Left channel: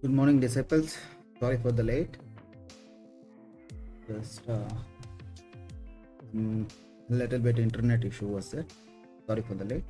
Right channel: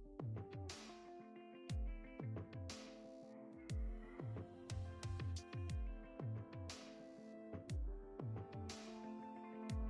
Good morning, disciples. Sorry for the late. Just little bit internet issue was there. Sorry for the late.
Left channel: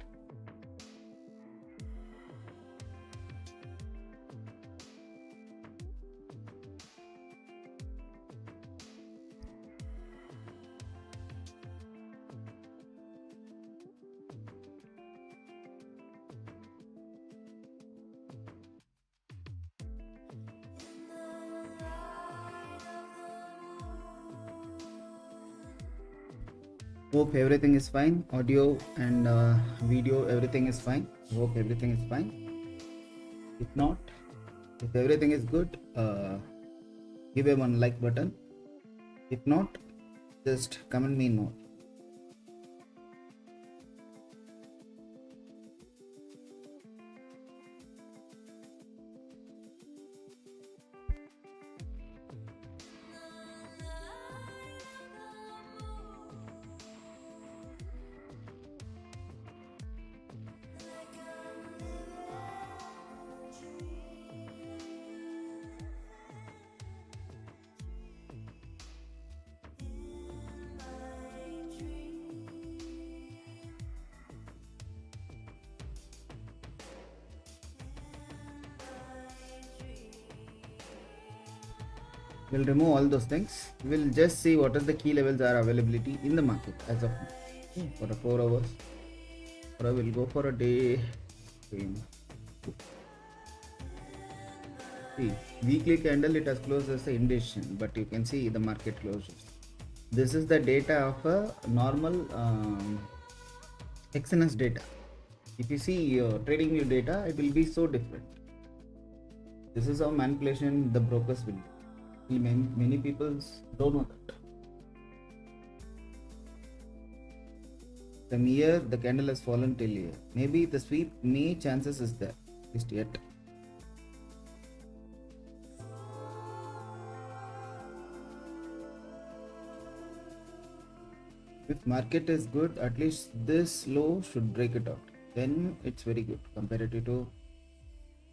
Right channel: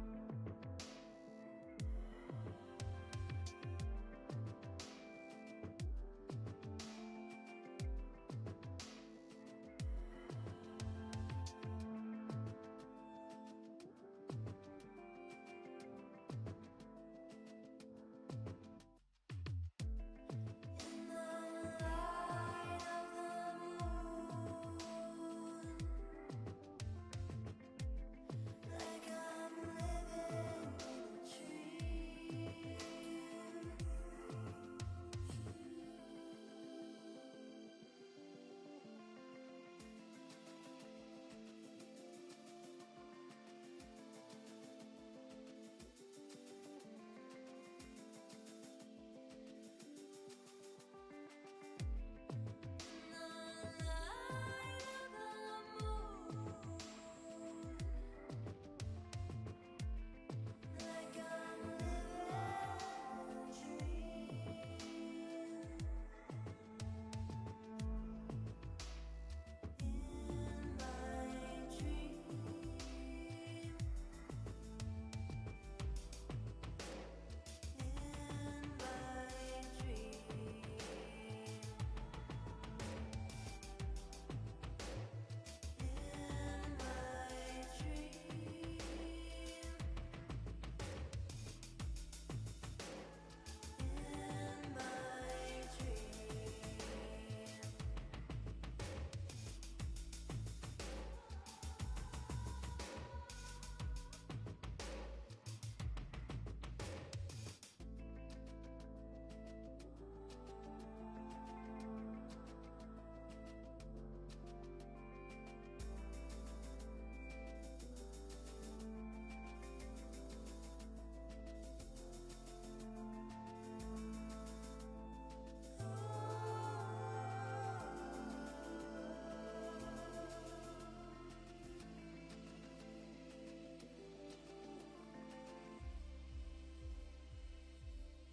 Hope everything is fine. Audio and video, everything is fine. Hope everything is fine. If not, if everything is good, give a one like button. If not, just comment me no. We'll remove all those things. We'll just see what are the key levels are availability in the market as of now. For 4 hours. Or I will go for a day. See, weekly candle it has closed as an indecision, but you can see the market closures. This is the data of a normal XNS data. If you see your trading view data, it will be so different. This is how manipulation the brokers will do. Many people don't know that. From here, the candle has fallen till here. Maybe the sweep may chances is there, at least yet. If market is good, at least this low should break it out. Then it's very good comparative to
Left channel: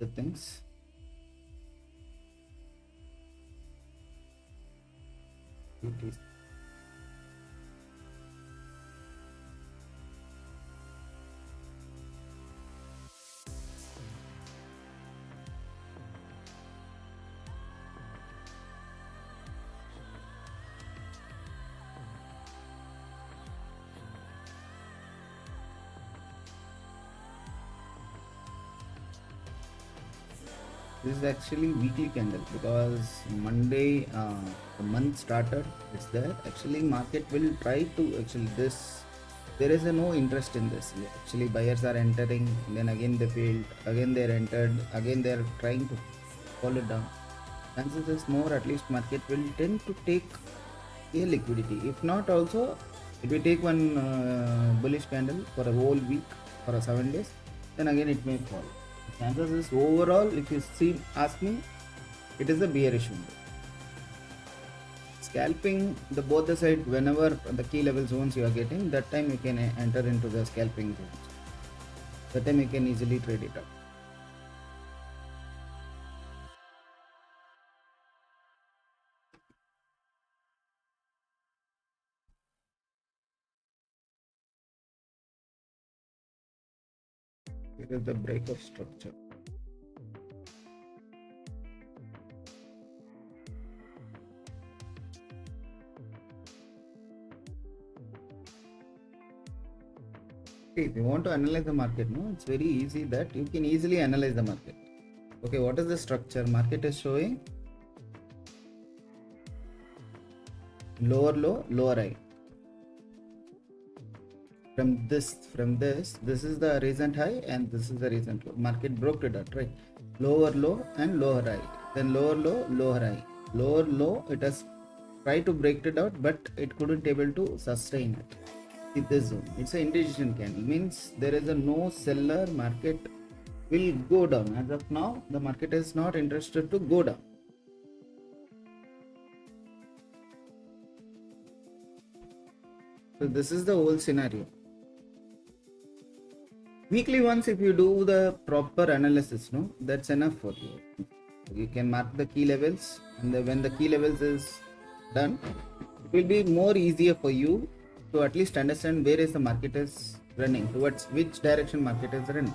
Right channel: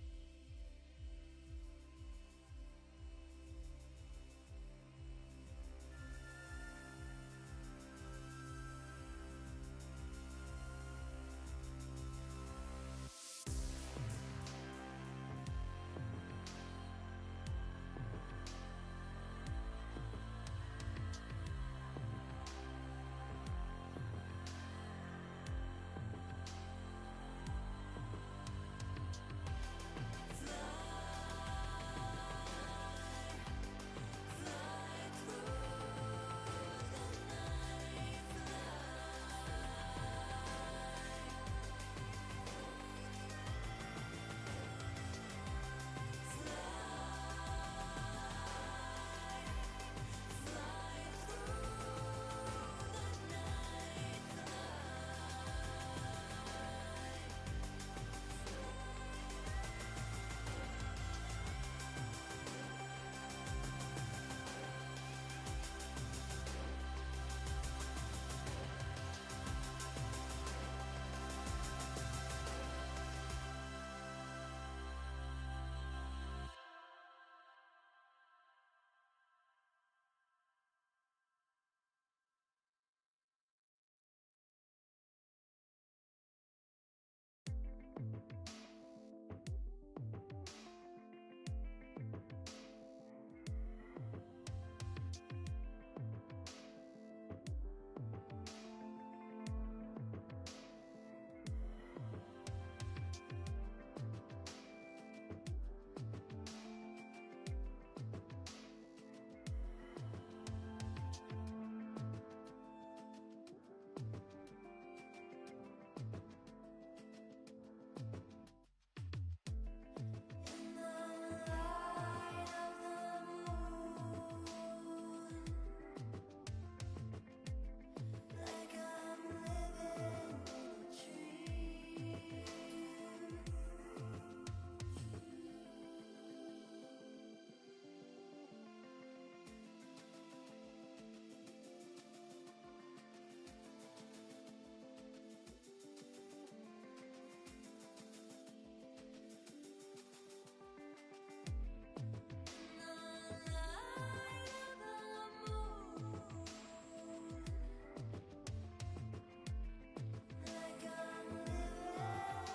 the things. This is actually weekly candle because Monday the month starter is there. Actually market will try to this. There is no interest in this. Actually buyers are entering, then again they failed, again they are entered, again they are trying to fall it down. Chances is more, at least market will tend to take a liquidity. If not also, if we take one bullish candle for a whole week for a 7 days, then again it may fall. Chances is overall, if you see, ask me, it is a bearish one. Scalping the both the side, whenever the key level zones you are getting, that time you can enter into the scalping zones. That time you can easily trade it out. It is the breakup structure. If you want to analyze the market, no, it's very easy that you can easily analyze the market. Okay, what is the structure? Market is showing lower low, lower high. From this, this is the recent high and this is the recent low. Market broke it out, right? Lower low and lower high. Then lower low, lower high. Lower low, it has tried to break it out, but it couldn't able to sustain it. This zone, it's an indecision candle, means there is a no seller, market will go down. As of now, the market is not interested to go down. So this is the whole scenario. Weekly once, if you do the proper analysis, no, that's enough for you. You can mark the key levels, and when the key levels is done, it will be more easier for you to at least understand where is the market is running, towards which direction market is running.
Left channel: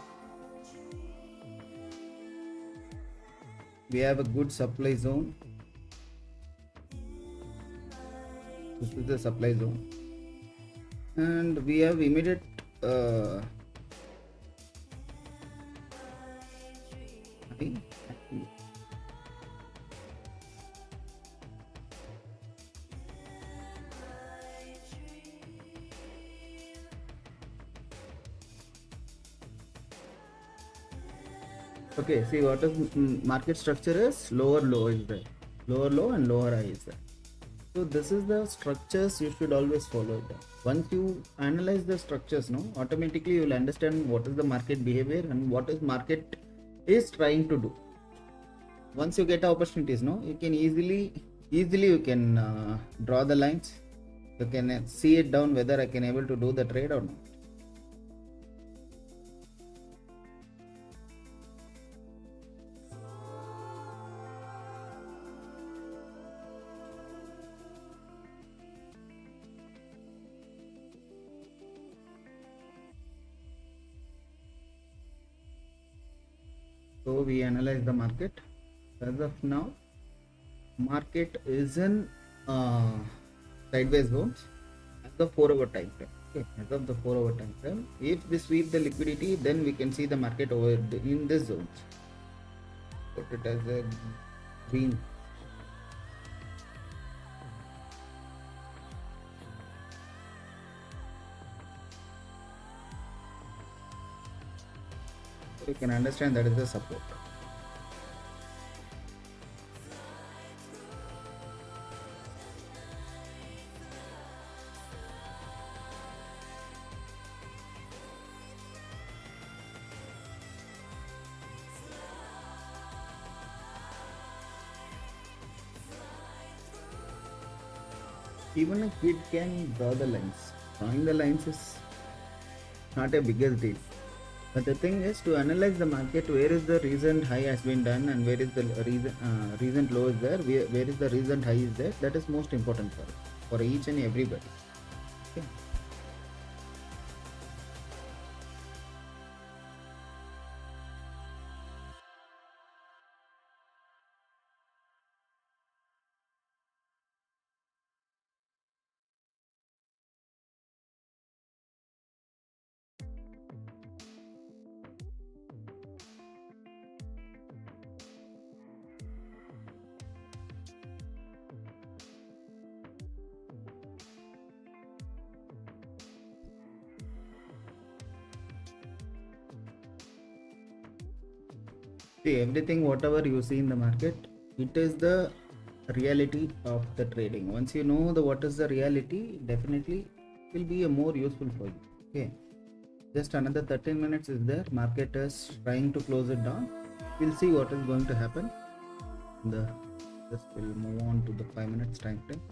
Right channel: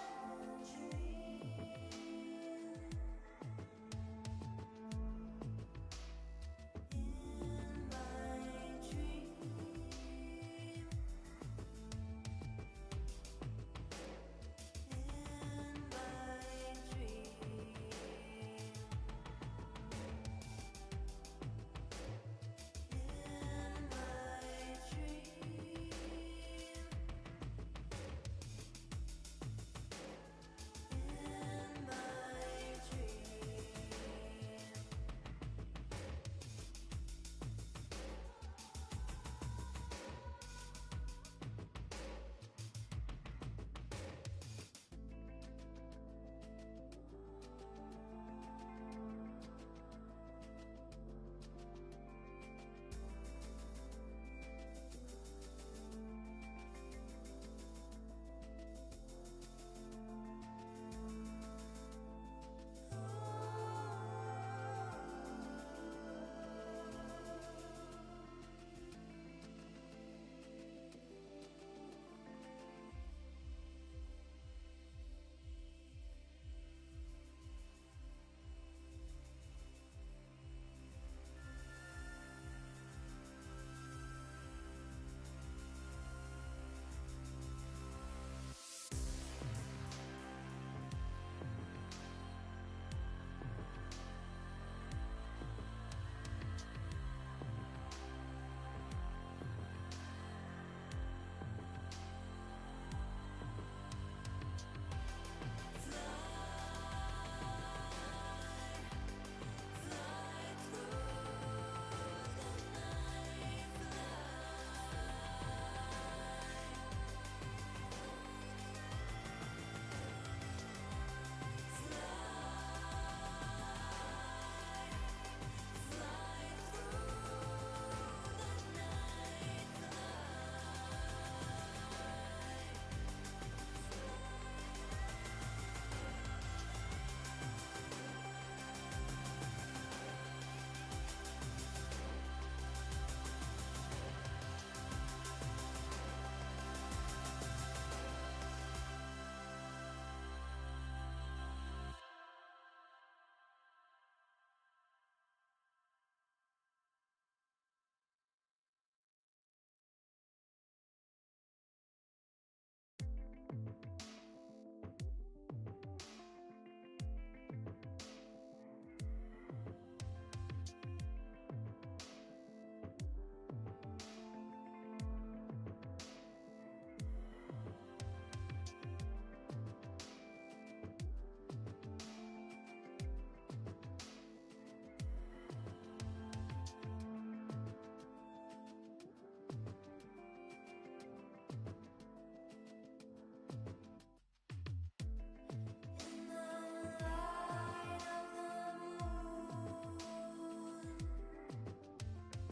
We have a good supply zone. This is the supply zone, and we have immediate okay, see what is market structure is lower low is there, lower low and lower high is there. So this is the structures you should always follow them. Once you analyze the structures, no, automatically you will understand what is the market behavior and what is market is trying to do. Once you get opportunities, no, you can easily you can draw the lines. You can see it down whether I can able to do the trade or not. So we analyze the market. As of now, market is in sideways zones at the 4-hour time frame. Okay, as of the 4-hour time frame, if we sweep the liquidity, then we can see the market over in this zones. Put it as a green. You can understand that is the support. Even if we can draw the lines, drawing the lines is not a bigger deal. But the thing is to analyze the market, where is the recent high has been done and where is the recent low is there, where is the recent high is there. That is most important for each and everybody. Okay. See, everything whatever you see in the market, it is the reality of the trading. Once you know the what is the reality, definitely it will be a more useful for you. Okay, just another 13 minutes is there. Market is trying to close it down. We'll see what is going to happen. Just will move on to the 5 minutes time frame.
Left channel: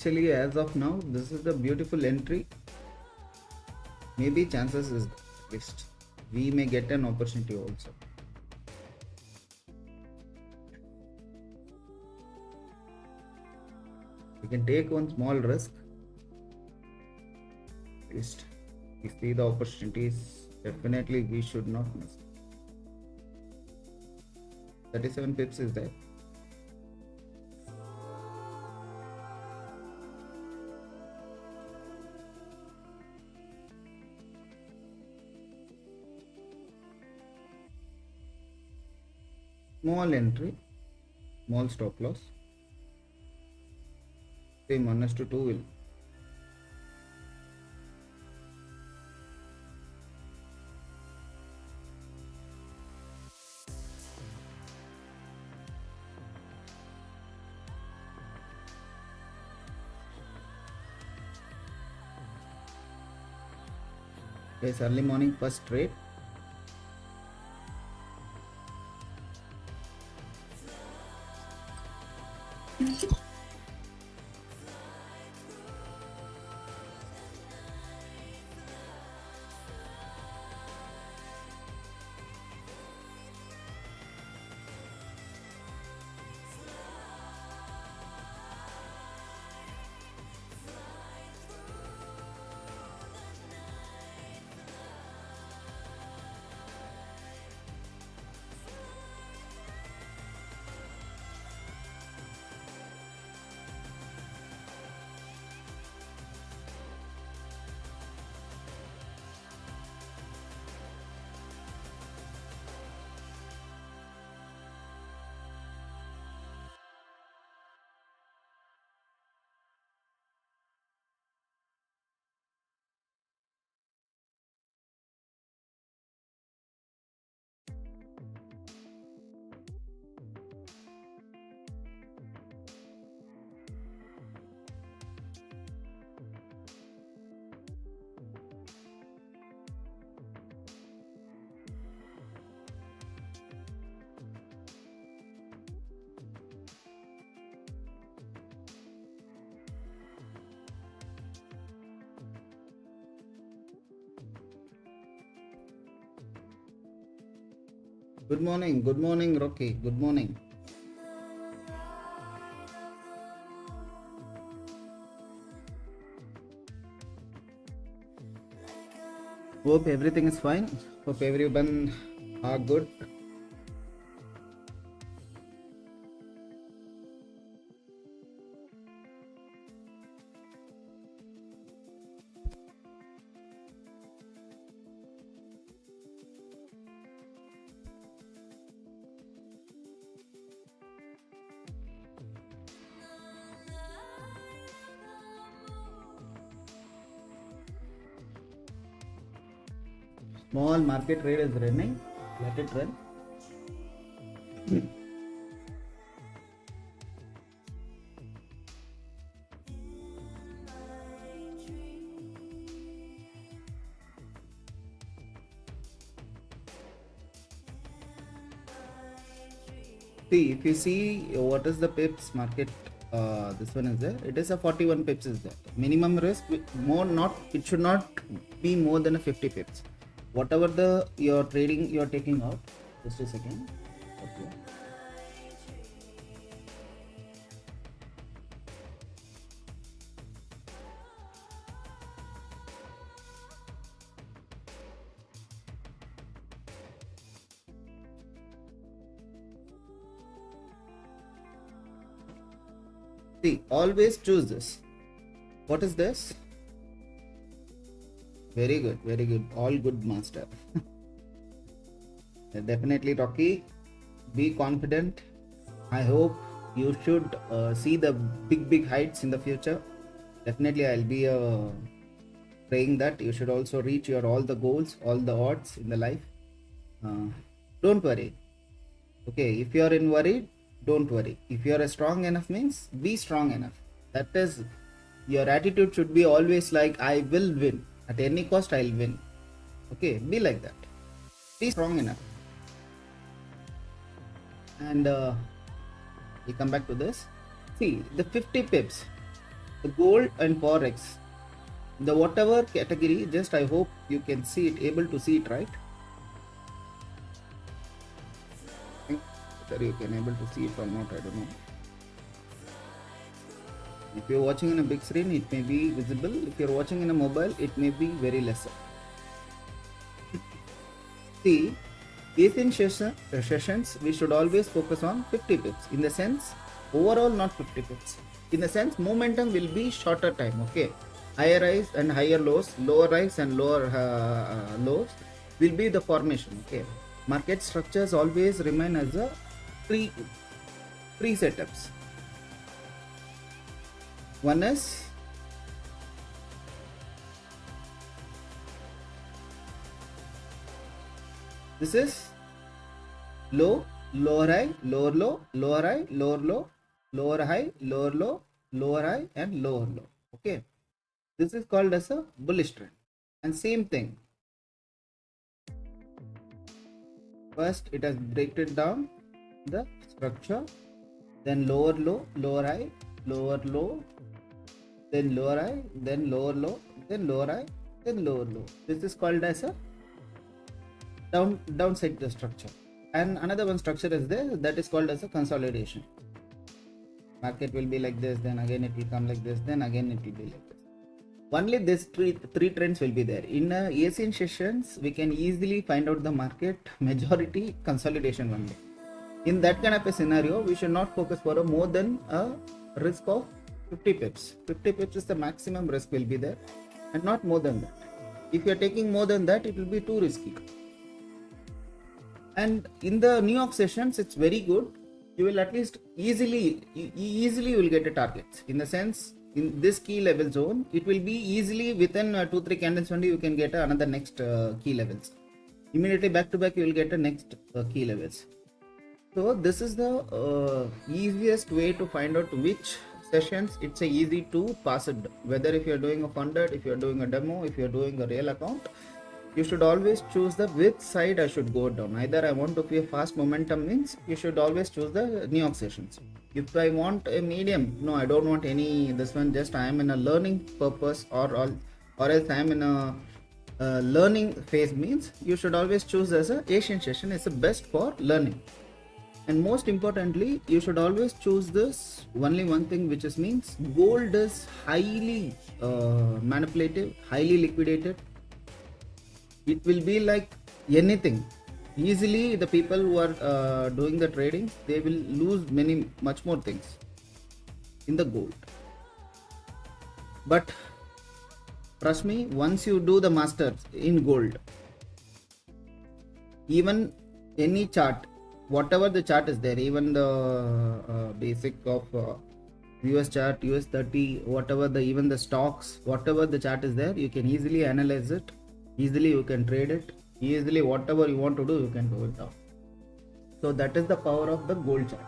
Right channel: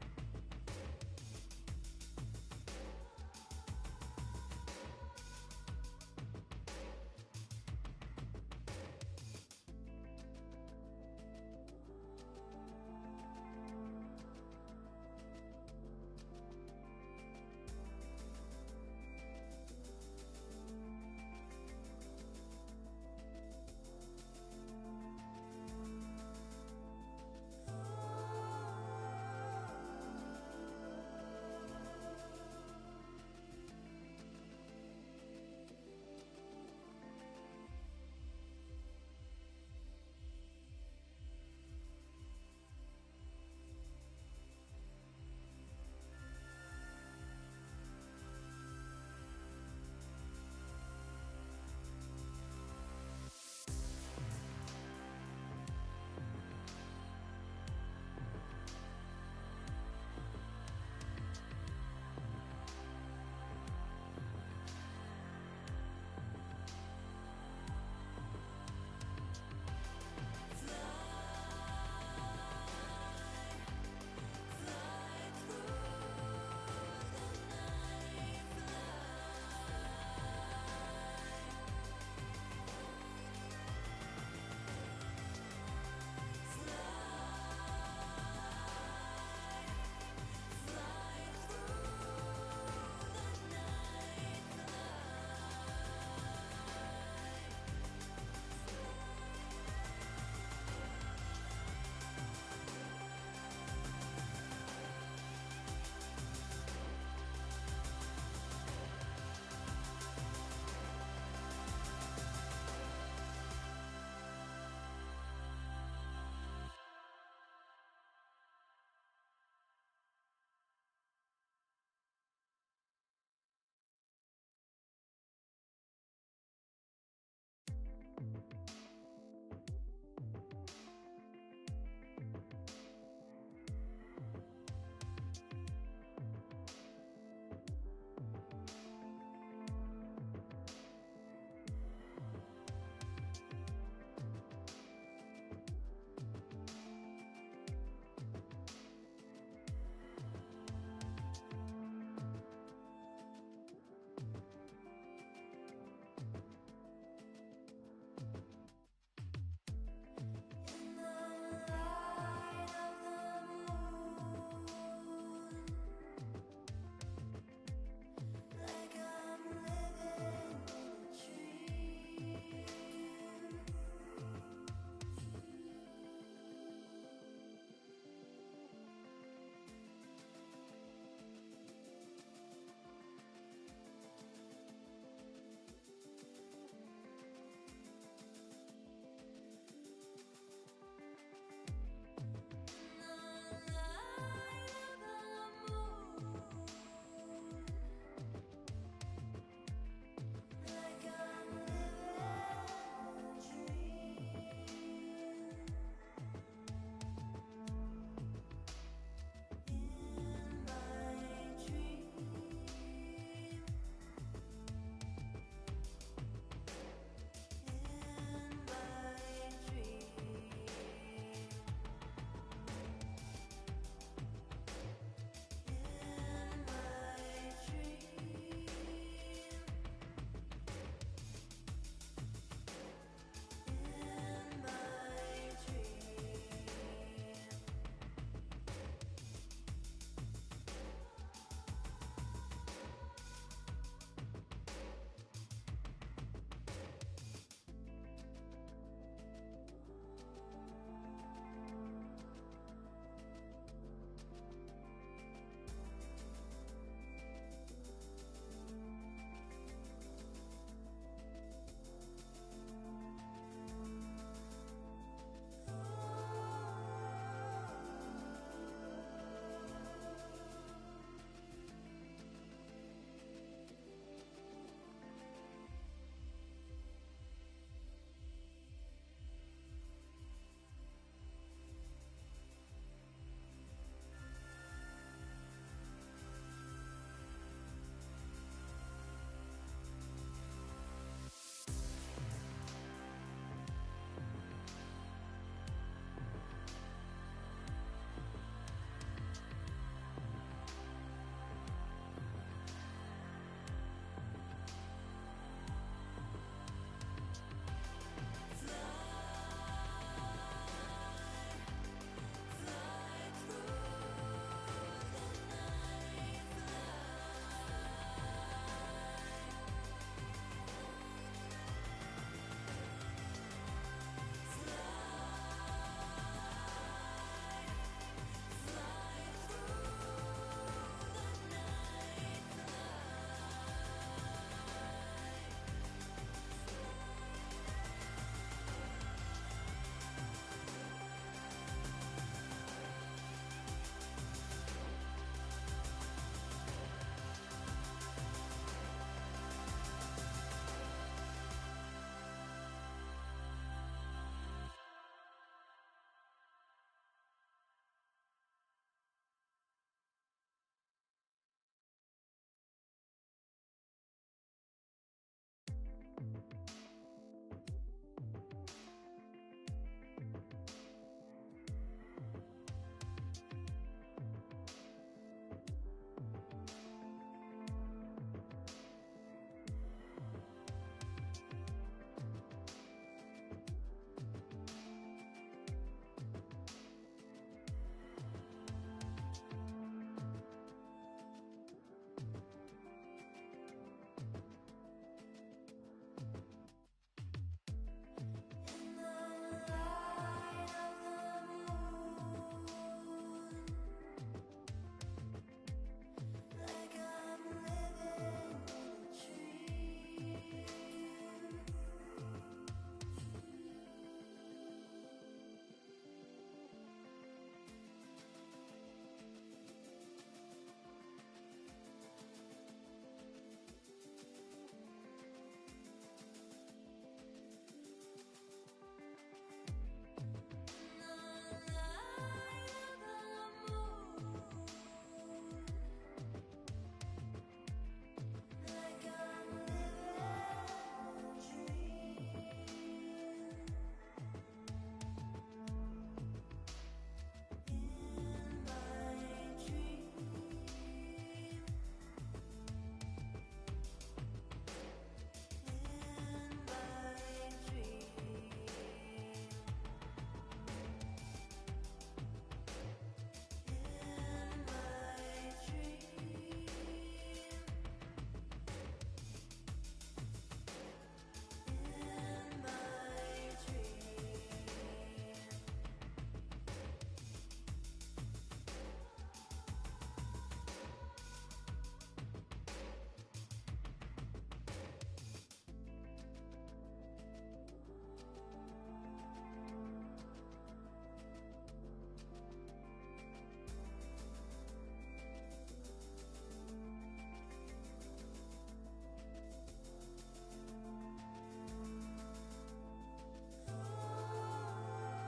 Actually, as of now, this is the beautiful entry. Maybe chances is best. We may get an opportunity also. You can take one small risk. At least we see the opportunities. Definitely we should not miss. 37 pips is there. Small entry, small stop loss. Same 1:2 will. Yes, early morning first trade. Good morning, Rocky. Good morning. Hope everything is fine. Hope everyone are good. Small market trade is running. Let it run. See, if you see what is the pips market, this one is there. It is a 41 pips is there. Minimum risk more not. It should not be more than a 50 pips. Whatever the your trading you're taking out. Just a second. See, always choose this. What is this? Very good, very good. All good, master. Definitely, Rocky. Be confident. I hope you should see the big heights in the future. Definitely, I'll be praying that you should also reach your all the goals, all the odds in the life. Don't worry. Okay, if you are in worried, don't worry. If you are strong enough means be strong enough. That is, your attitude should be always like I will win at any cost. I'll win. Okay, be like that. Be strong enough. And we come back to this. See the 50 pips, the gold and forex, the whatever category. Just I hope you can see it, able to see it, right? Whether you can able to see it or not, I don't know. If you're watching in a big screen, it may be visible. If you're watching in a mobile, it may be very lesser. See, within sessions, we should always focus on 50 pips. In the sense, overall not 50 pips. In the sense, momentum will be shorter time. Okay, higher highs and higher lows, lower highs and lower lows will be the formation. Okay, market structures always remain as a pre setups. One is this is low, lower high, lower low, lower high, lower low, lower high, lower low, lower high, and lower low. Okay, this is called as a bullish trend. And same thing. First, it has break it down the structure, then lower low, lower high, lower low, then lower high, then lower low, then lower high, then lower low. This is called as a downside the structure. And another one structure is there, that is called as a consolidation. Market will be like this, then again it will come like this, then again it will be like this. Only these three trends will be there. In Asian sessions, we can easily find out the market majority consolidation only. In that kind of a scenario, we should not focus for a more than a risk of 50 pips. 50 pips is the maximum risk will be there, and not more than that. If you are taking more than that, it will be too risky. And in the New York sessions, it's very good. You will at least easily you will get a target. In the sense, in this key level zone, it will be easily within 2-3 candles only you can get another next key levels. Immediately back to back you will get a next key levels. So this is the easiest way to find out which sessions it's a easy to pass it. Whether if you're doing a funded, if you're doing a demo, if you're doing a real account, you should always choose the which side I should go down. Either I want to be a fast momentum means you should always choose the New York sessions. If I want a medium, no, I don't want any this one, just I am in a learning purpose, or else I am in a learning phase means you should always choose as a Asian session is the best for learning. And most importantly, you should always choose this only one thing, which is means gold is highly manipulative, highly liquidated. It will be like anything. Easily the people who are doing the trading, they will lose much more things in the gold. But trust me, once you do the masters in gold, even any chart, whatever the chart is there, even the basic of US chart, US 30, whatever even the stocks, whatever the chart is there, you can easily analyze it, easily you can trade it, easily whatever you want to do, you can do it now. So that is the power of the gold chart.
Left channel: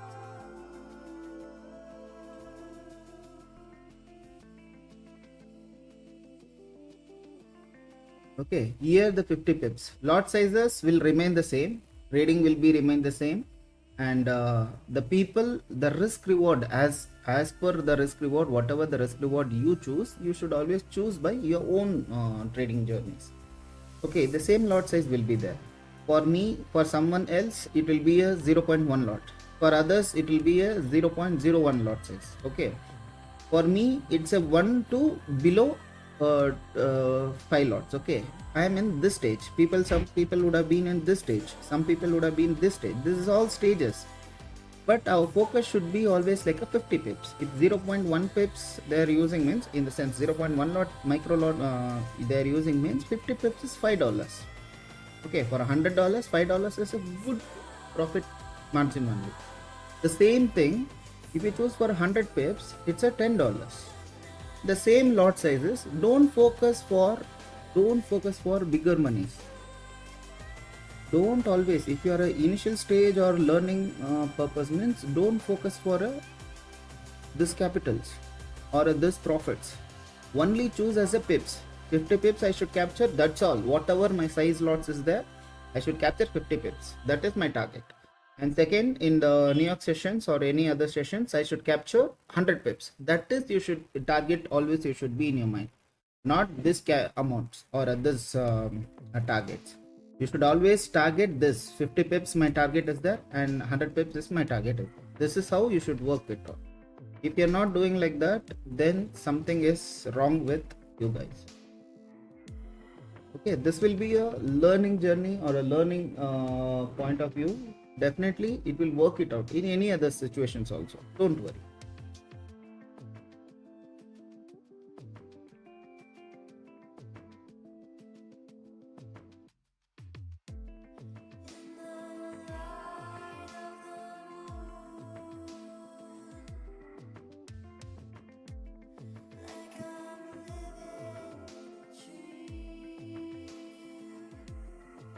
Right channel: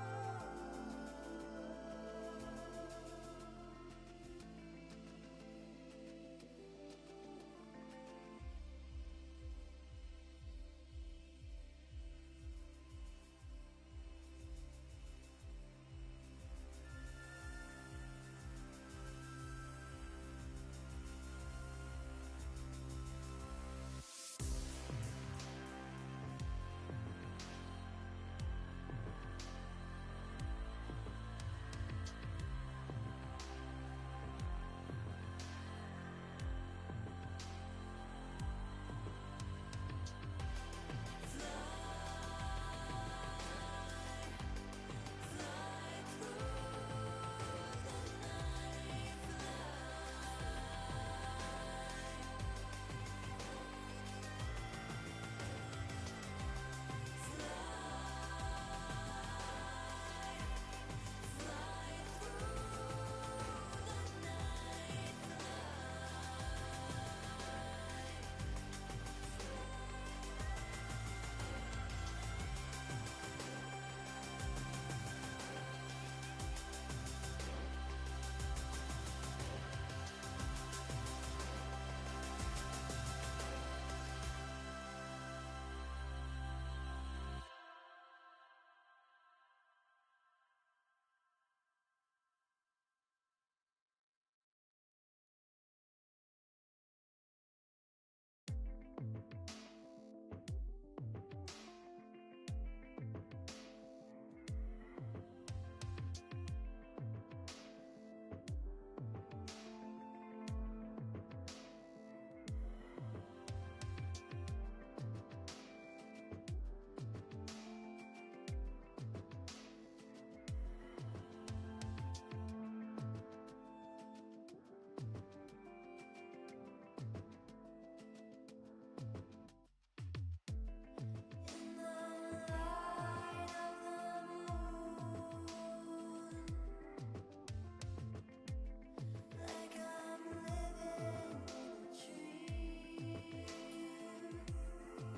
Okay, here the 50 pips. Lot sizes will remain the same, trading will be remain the same, and the people, the risk reward, as per the risk reward, whatever the risk reward you choose, you should always choose by your own trading journeys. Okay, the same lot size will be there. For me, for someone else, it will be a 0.1 lot. For others, it will be a 0.01 lot size. Okay, for me, it's a 1 to below 5 lots. Okay, I am in this stage. Some people would have been in this stage. Some people would have been this stage. This is all stages. But our focus should be always like a 50 pips. If 0.1 pips they are using means, in the sense 0.1 lot, micro lot they are using means 50 pips is $5. Okay, for $100, $5 is a good profit margin only. The same thing, if you choose for 100 pips, it's a $10. The same lot sizes. Don't focus for bigger money. Don't always, if you are an initial stage or learning purpose means, don't focus for this capitals or this profits. Only choose as a pips. 50 pips I should capture, that's all. Whatever my size lots is there, I should capture 50 pips. That is my target. And second, in the New York sessions or any other sessions, I should capture 100 pips. That is, you should target always, you should be in your mind. Not this amounts or this targets. You should always target this. 50 pips my target is there, and 100 pips is my target. This is how you should work it out. If you're not doing like that, then something is wrong with you guys. Okay, this will be a learning journey or a learning point of view. Definitely it will work it out in any other situations also, don't worry.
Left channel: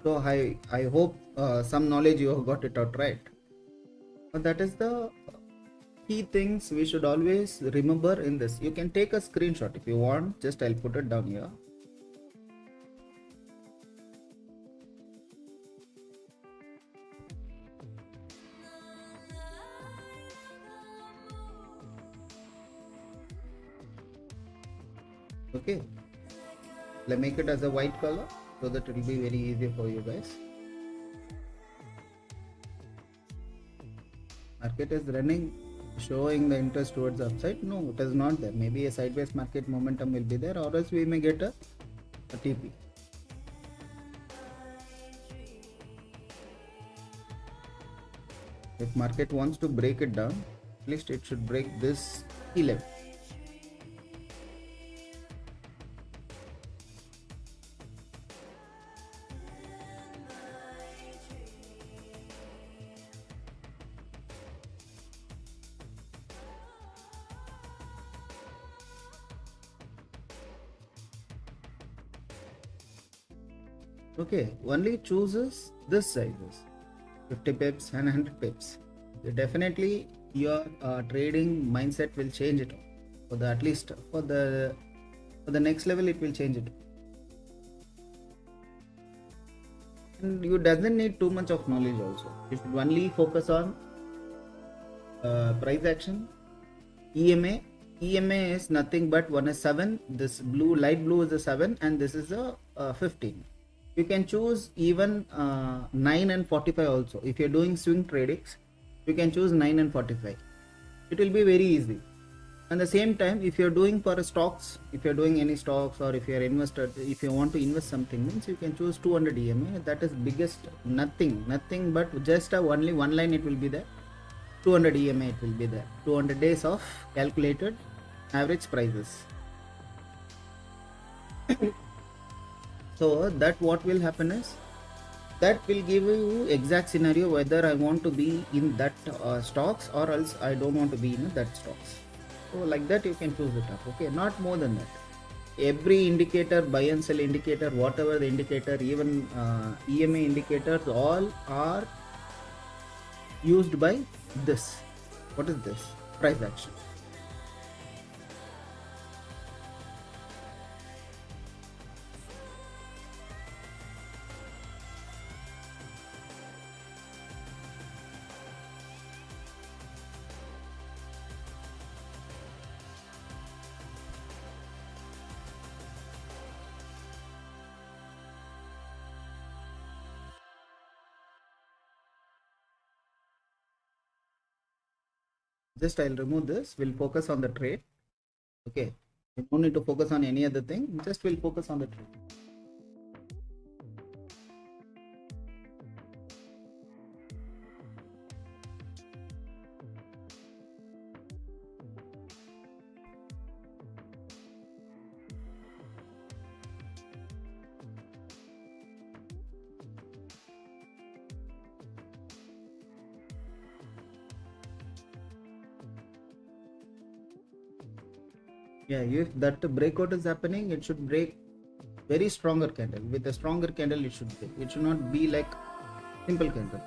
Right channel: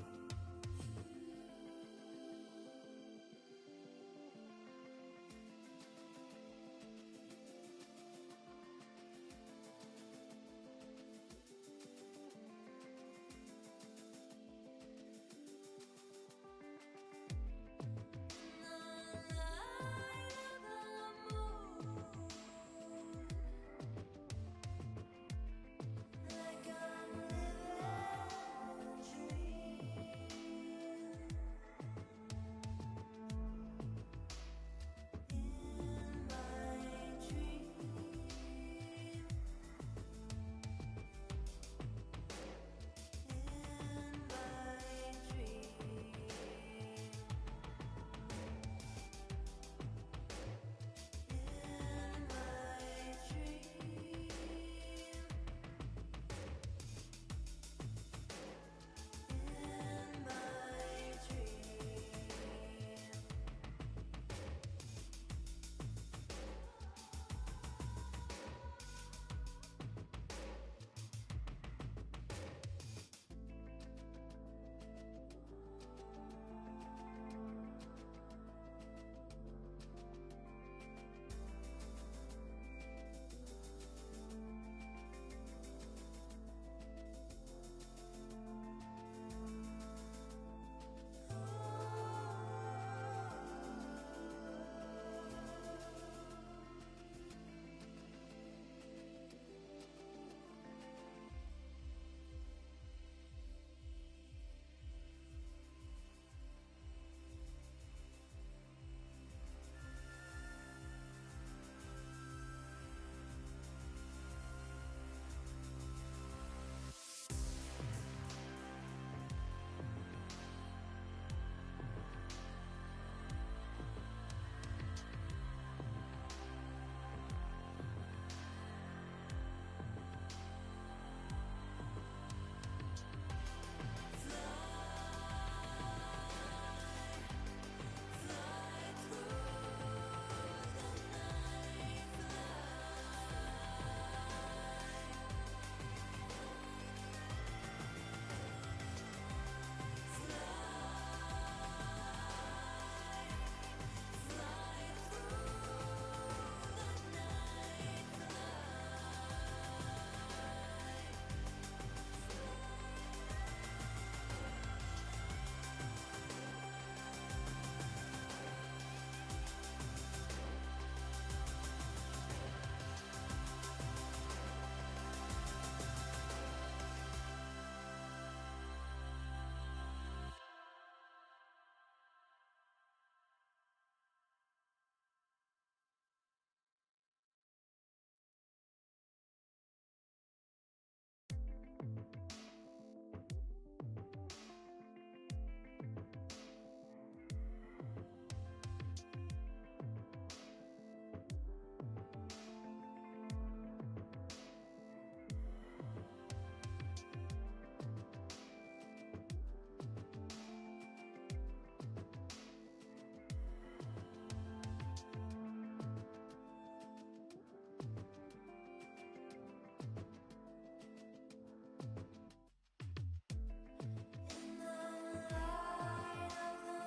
So I hope some knowledge you have got it out right. That is the key things we should always remember in this. You can take a screenshot if you want, just I'll put it down here. Okay, let's make it as a white color so that it will be very easy for you guys. Market is running, showing the interest towards the upside. No, it is not there. Maybe a sideways market momentum will be there, or else we may get a TP. If market wants to break it down, at least it should break this key level. Okay, only chooses this sizes, 50 pips and 100 pips. Definitely your trading mindset will change it for the, at least for the next level it will change it. And you doesn't need too much of knowledge also. You should only focus on price action. EMA is nothing but one is 7, this blue light blue is a 7 and this is a 15. You can choose even 9 and 45 also. If you're doing swing tradings, you can choose 9 and 45. It will be very easy. And the same time, if you're doing for stocks, if you're doing any stocks, or if you're invested, if you want to invest something, means you can choose 200 EMA. That is biggest, nothing but just only one line it will be there. 200 EMA it will be there. 200 days of calculated average prices. So that what will happen is, that will give you exact scenario whether I want to be in that stocks or else I don't want to be in that stocks. So like that you can choose it up. Okay, not more than that. Every indicator, buy and sell indicator, whatever the indicator, even EMA indicators, all are used by this. What is this? Price action. Just I'll remove this. We'll focus on the trade. Okay, you don't need to focus on any other thing. Just we'll focus on the trade. Yeah, if that breakout is happening, it should break very stronger candle. With a stronger candle, it should break. It should not be like simple candle.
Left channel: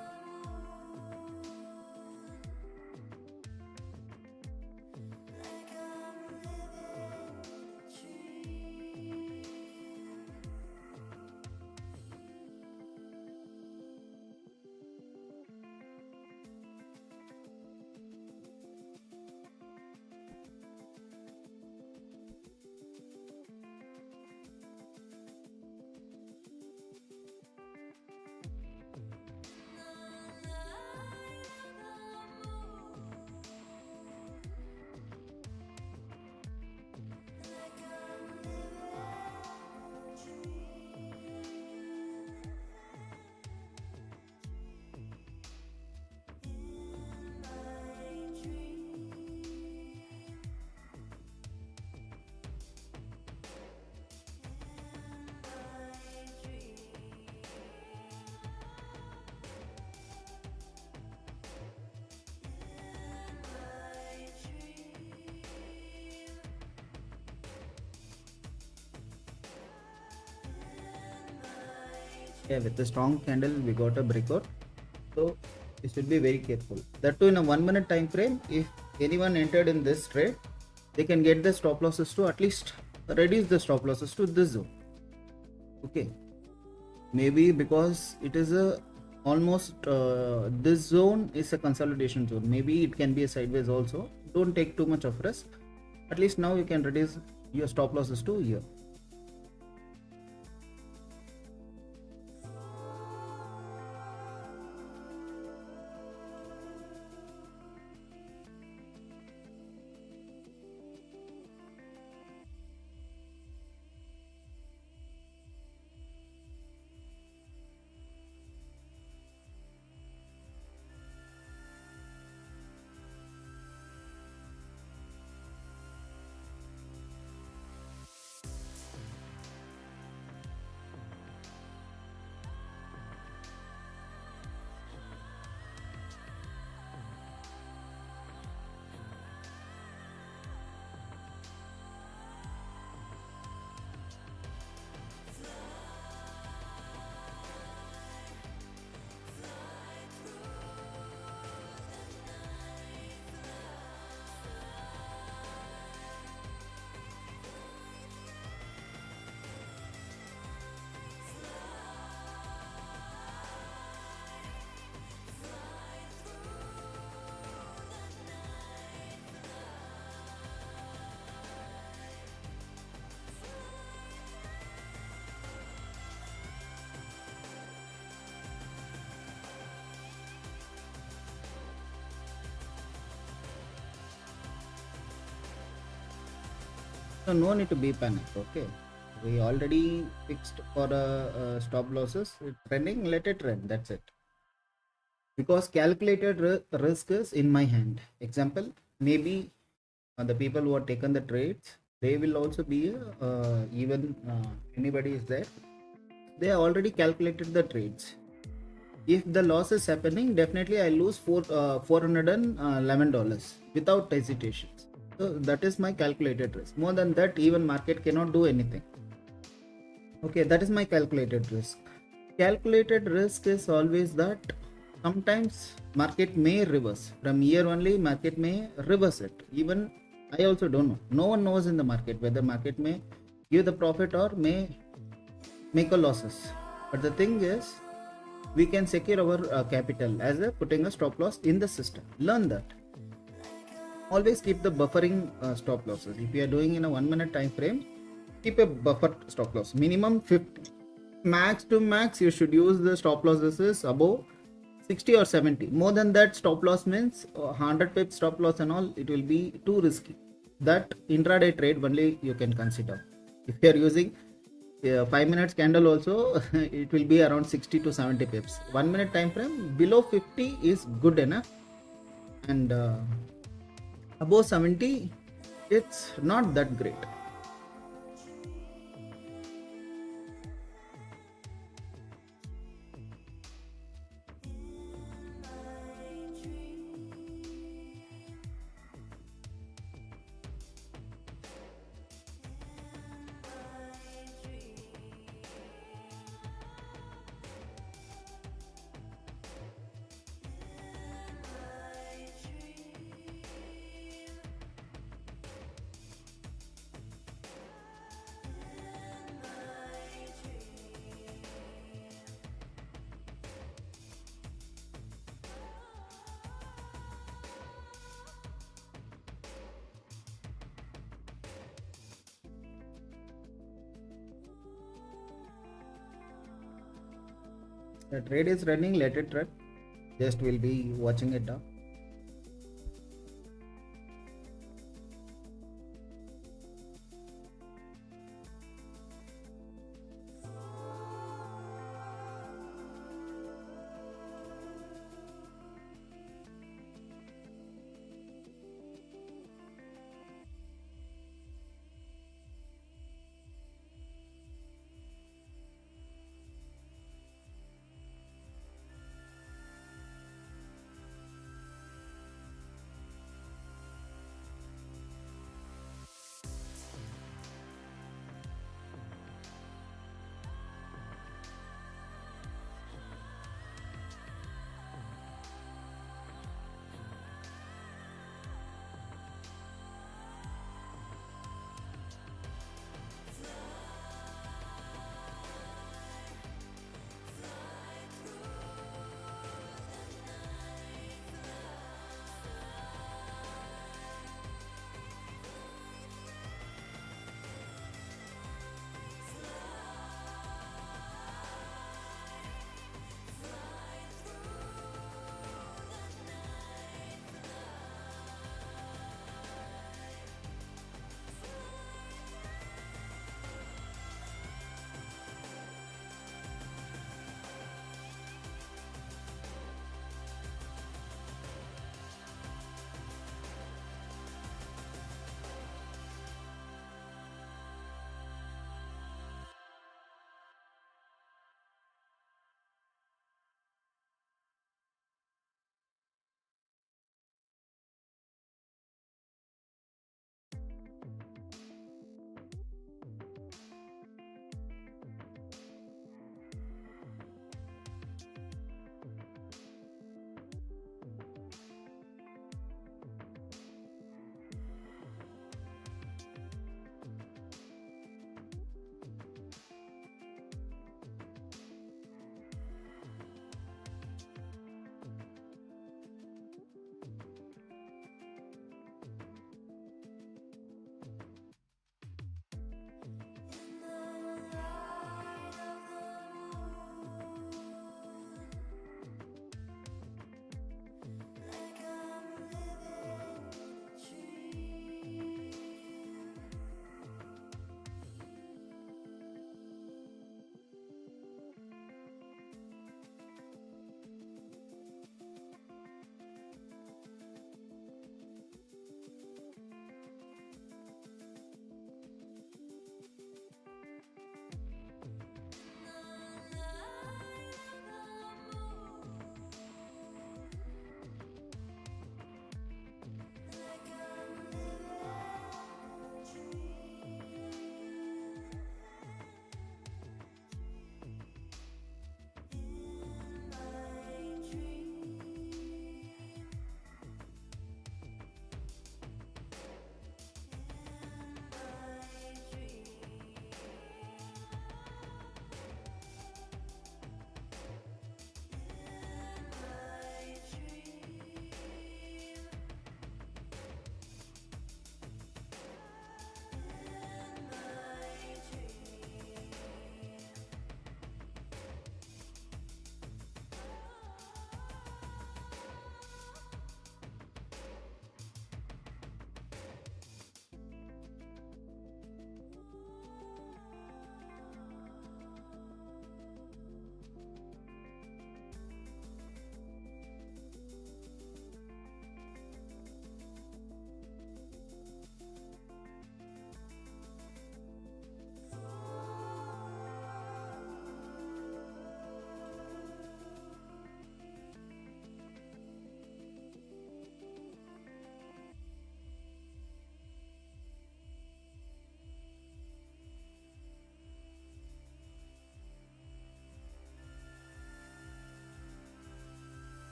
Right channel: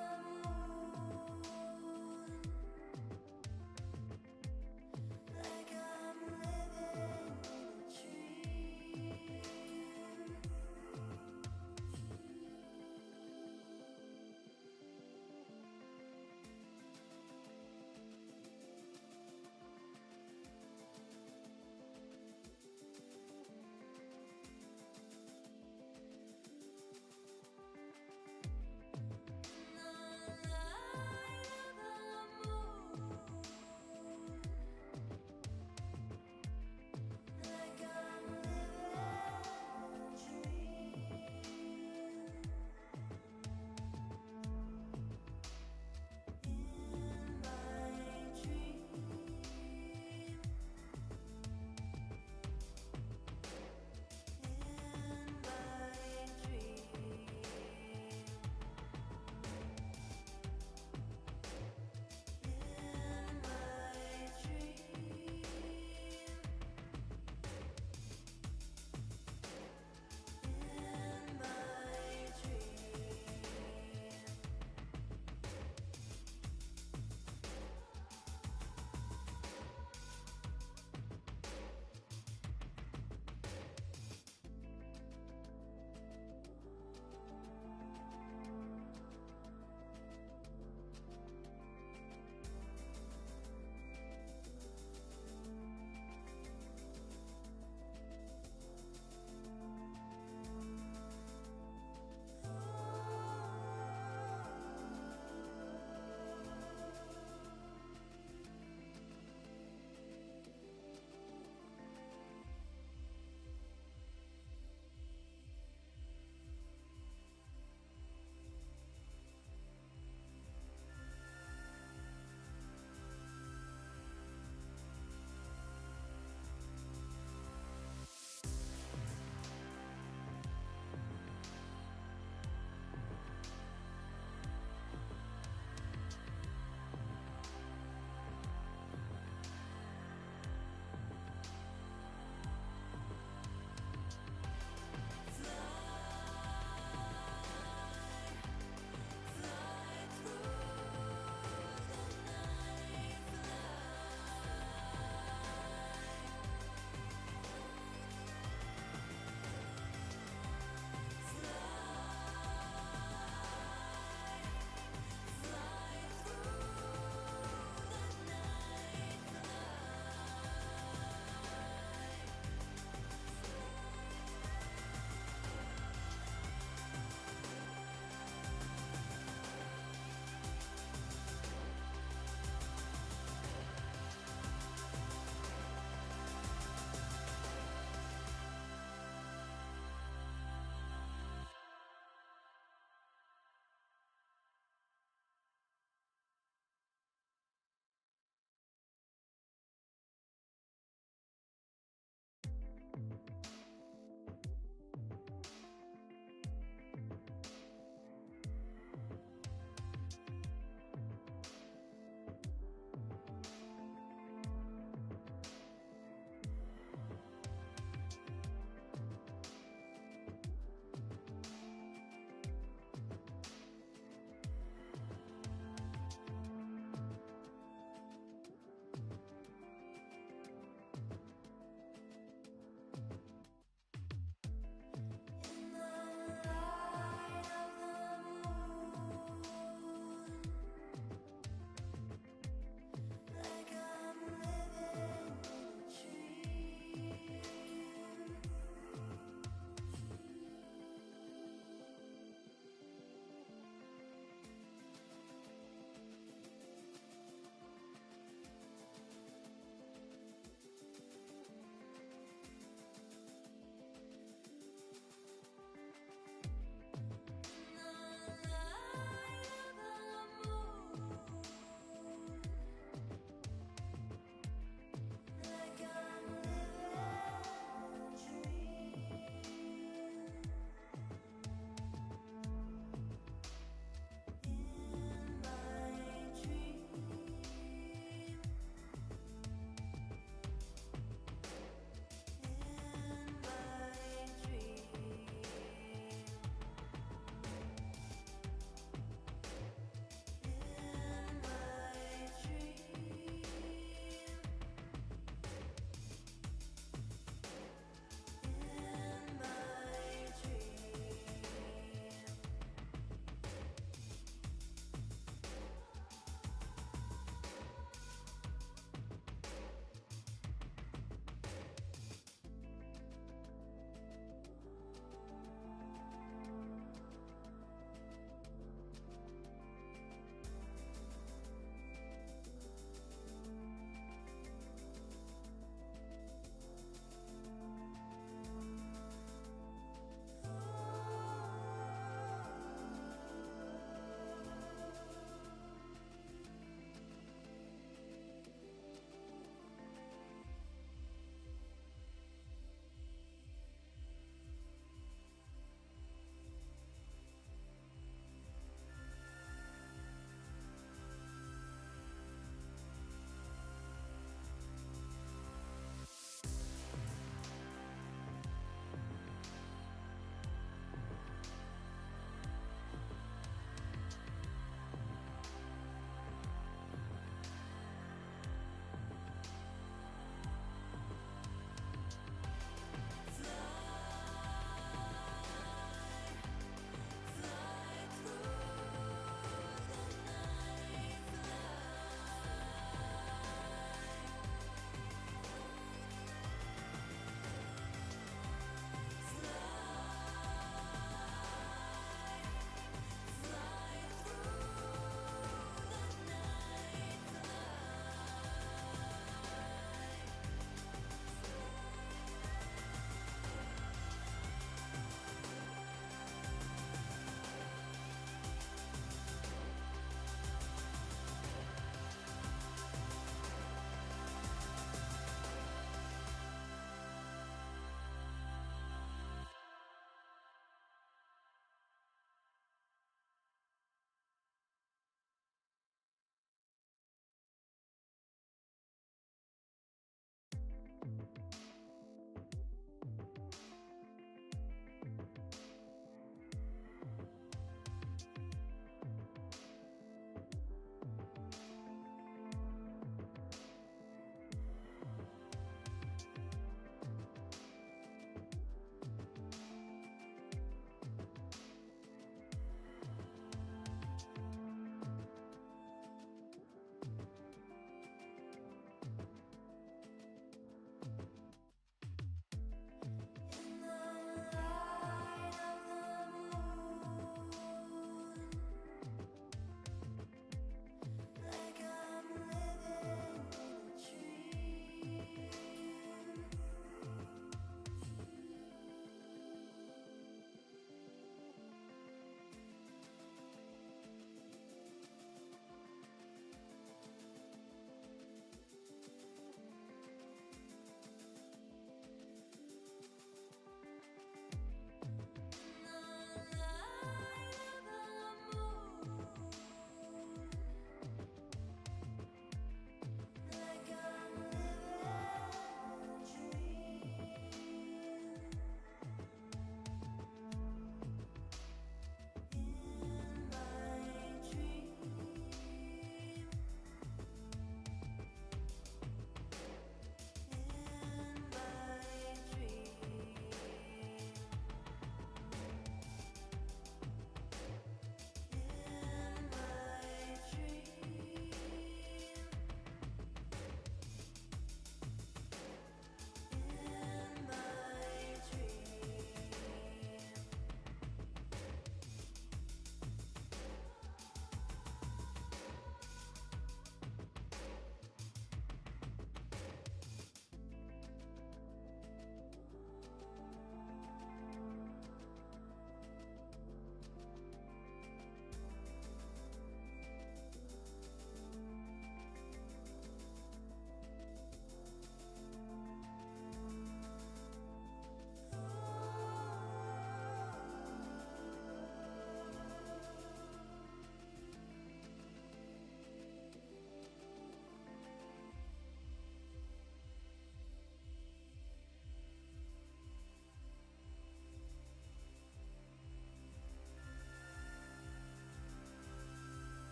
Yeah, with a strong candle, we got a breakout. So you should be very careful. That too in a 1 minute time frame. If anyone entered in this trade, they can get the stop losses to at least reduce the stop losses to this zone. Okay, maybe because it is a almost this zone is a consolidation zone. Maybe it can be a sideways also. Don't take too much of risk. At least now you can reduce your stop losses to here. So no need to be panicked. Okay, we already fixed for stop losses. It's trending, let it trend. That's it. Because calculated risk is in my hand. Example, maybe the people who have taken the trades, they will also be even anybody is there. They have already calculated the trades. If the loss is happening, definitely I lose $411 without hesitation. So that is my calculated risk. More than that, even market cannot do anything. Okay, that is my calculated risk. Calculated risk is always that sometimes market may reverse. From here only, market may reverse it. Even I also don't know. No one knows in the market whether market may give the profit or may make a losses. But the thing is, we can secure our capital as a putting a stop loss in the system. Learn that. Always keep the buffering stop losses. If you are doing in a 1 minute time frame, keep a buffer stop loss minimum 50. Max to max you should use the stop losses above 60 or 70. More than that, stop loss means 100 pips stop loss and all, it will be too risky. That intraday trade only you can consider. If you are using 5 minutes candle also, it will be around 60 to 70 pips. 1 minute time frame below 50 is good enough, and above 70 it's not that great. The trade is running, let it run. Just we'll be watching it now.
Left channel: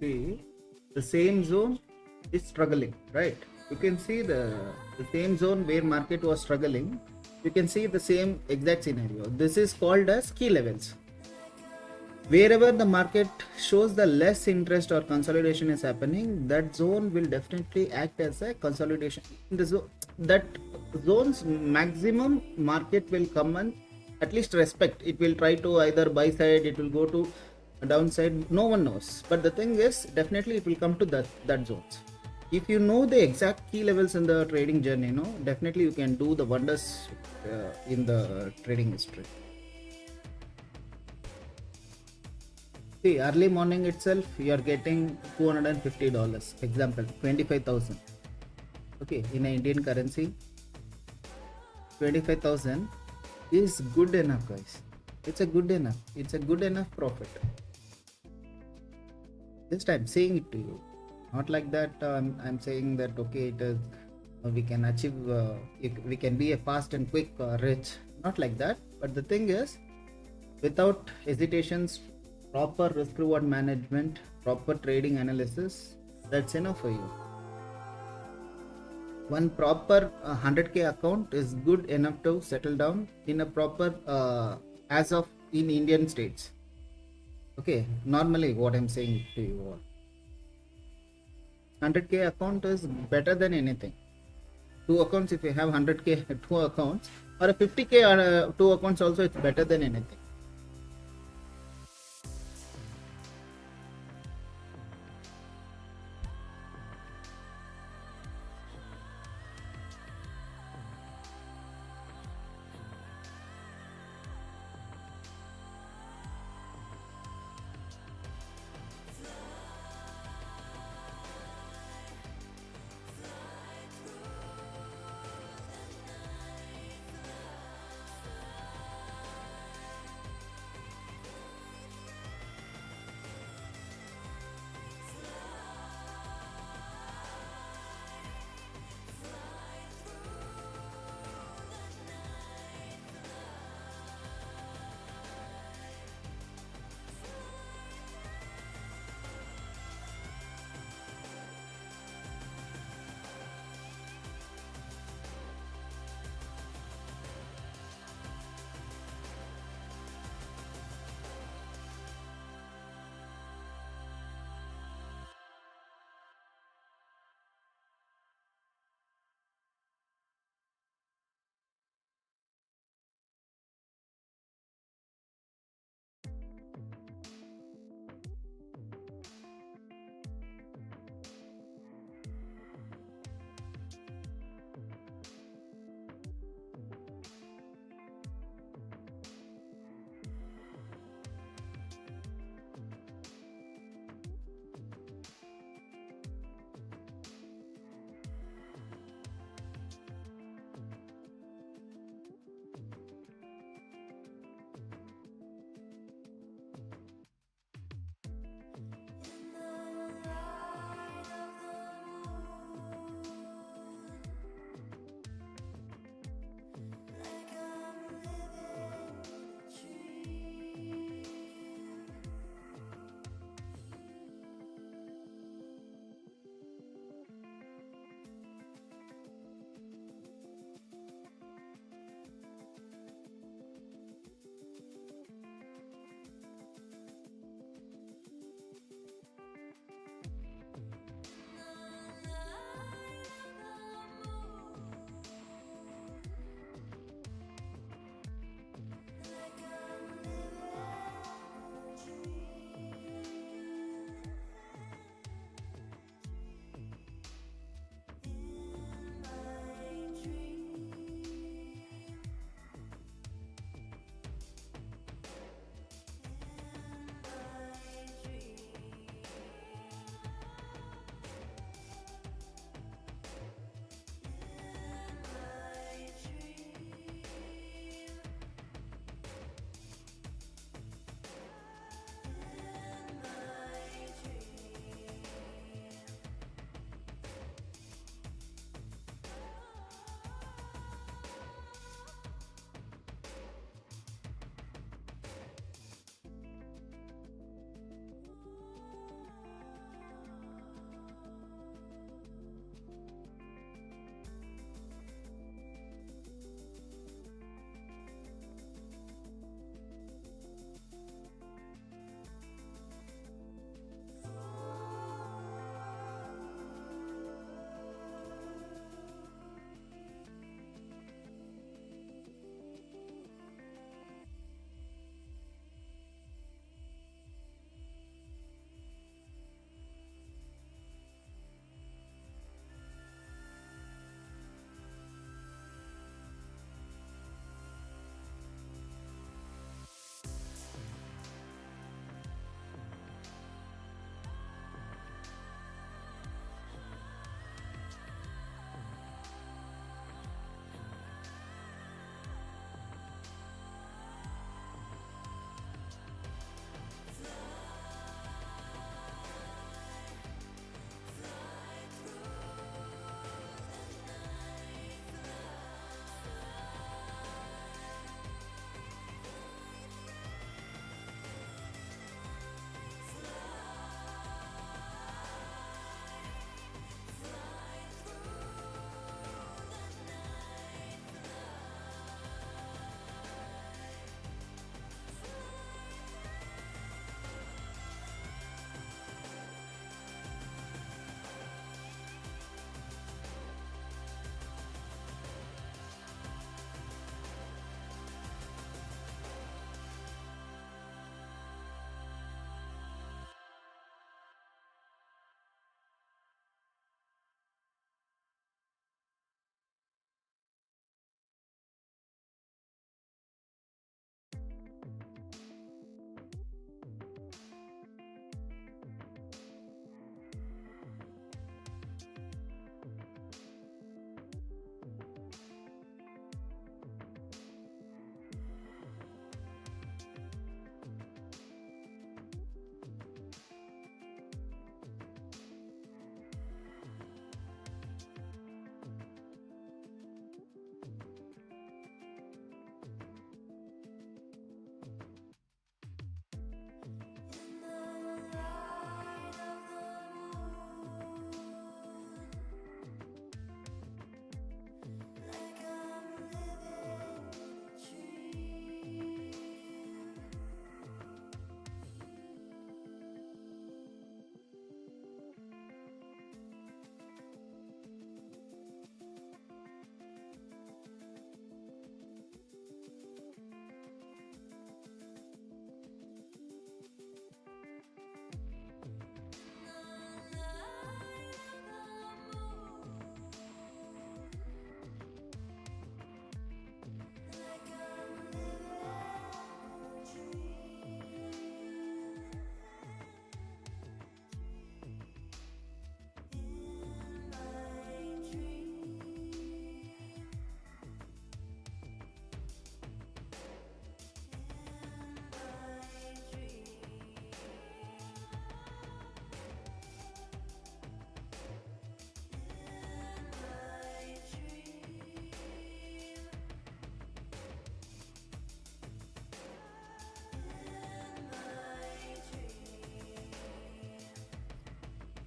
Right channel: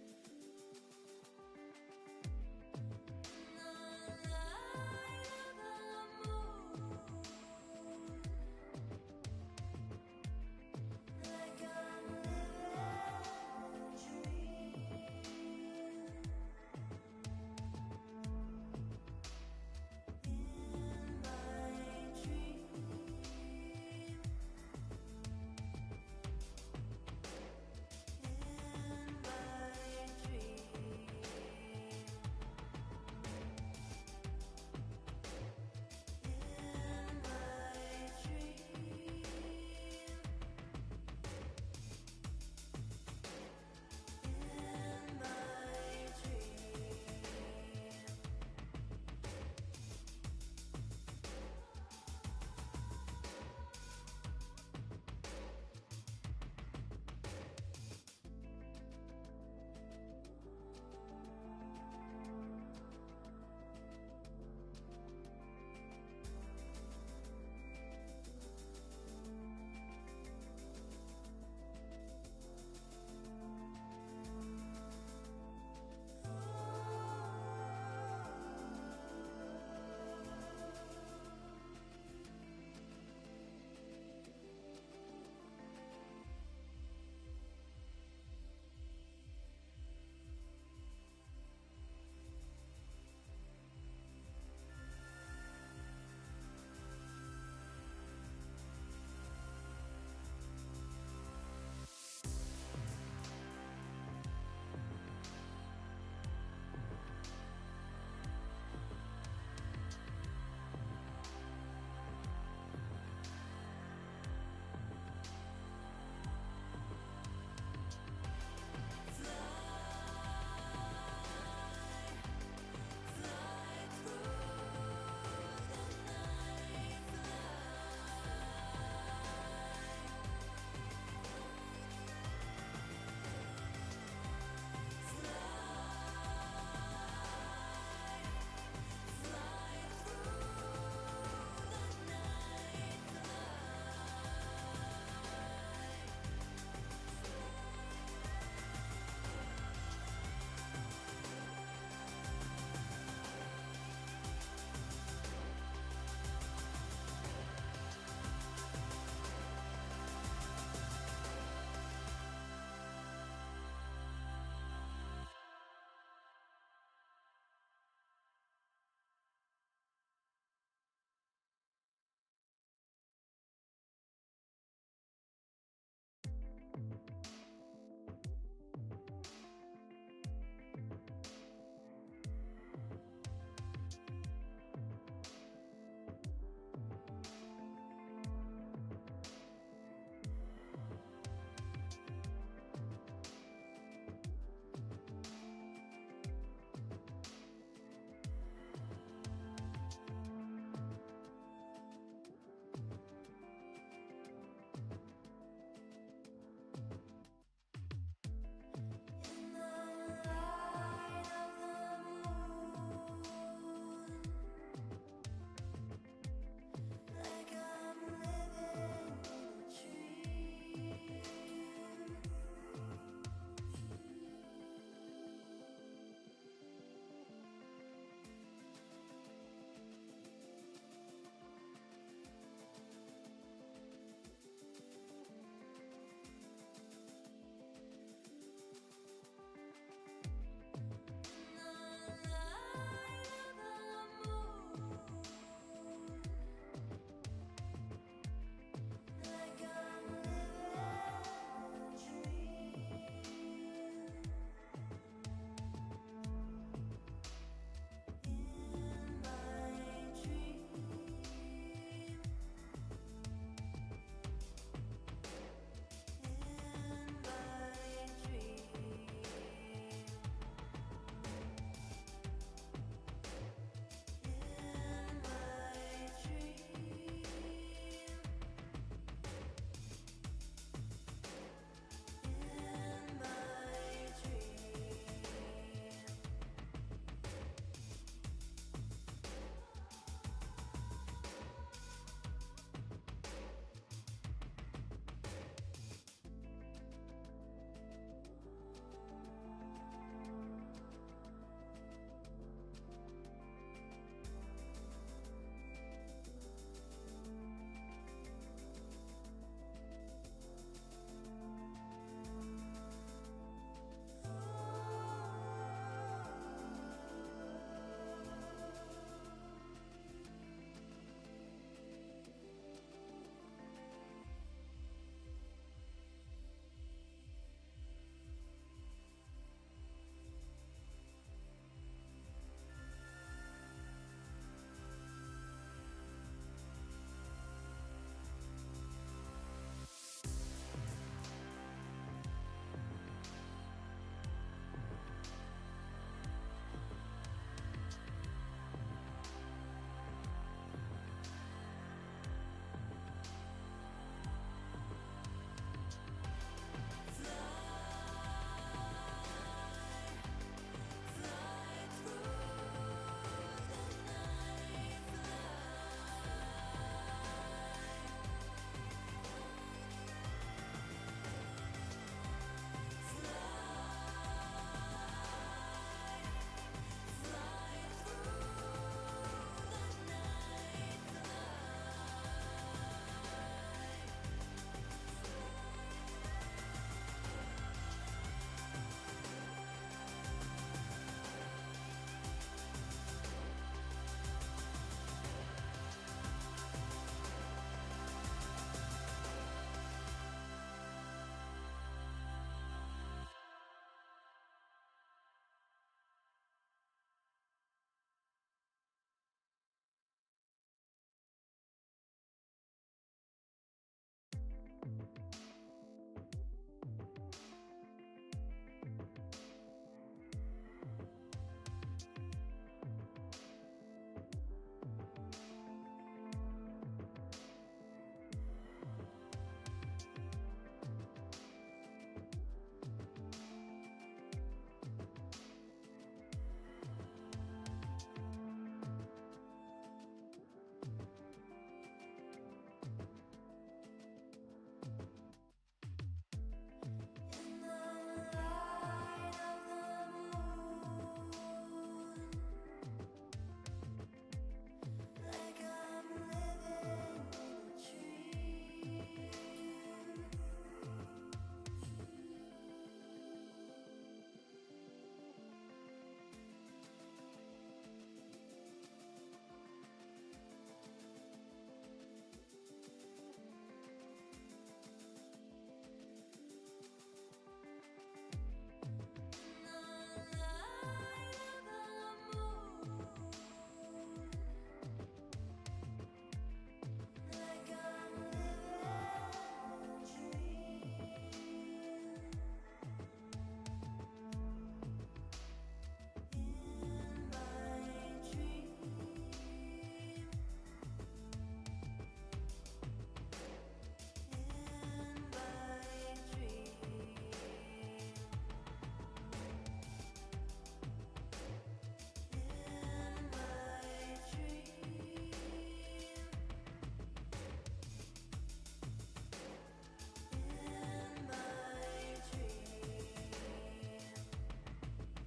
See, the same zone is struggling, right? You can see the same zone where market was struggling. You can see the same exact scenario. This is called as key levels. Wherever the market shows the less interest or consolidation is happening, that zone will definitely act as a consolidation. That zone's maximum market will come and at least respect. It will try to either buy side, it will go to downside. No one knows. But the thing is, definitely it will come to that zones. If you know the exact key levels in the trading journey, definitely you can do the wonders in the trading history. See, early morning itself, you are getting $250. Example, 25,000. Okay, in a Indian currency, 25,000 is good enough, guys. It's a good enough. It's a good enough profit. Just I'm saying it to you. Not like that. I'm saying that okay, it is. We can achieve. We can be a fast and quick rich. Not like that. But the thing is, without hesitations, proper risk reward management, proper trading analysis, that's enough for you. One proper 100k account is good enough to settle down in a proper as of in Indian states. Okay, normally what I'm saying to you all, 100k account is better than anything. Two accounts, if you have 100k two accounts, or a 50k two accounts also, it's better than anything.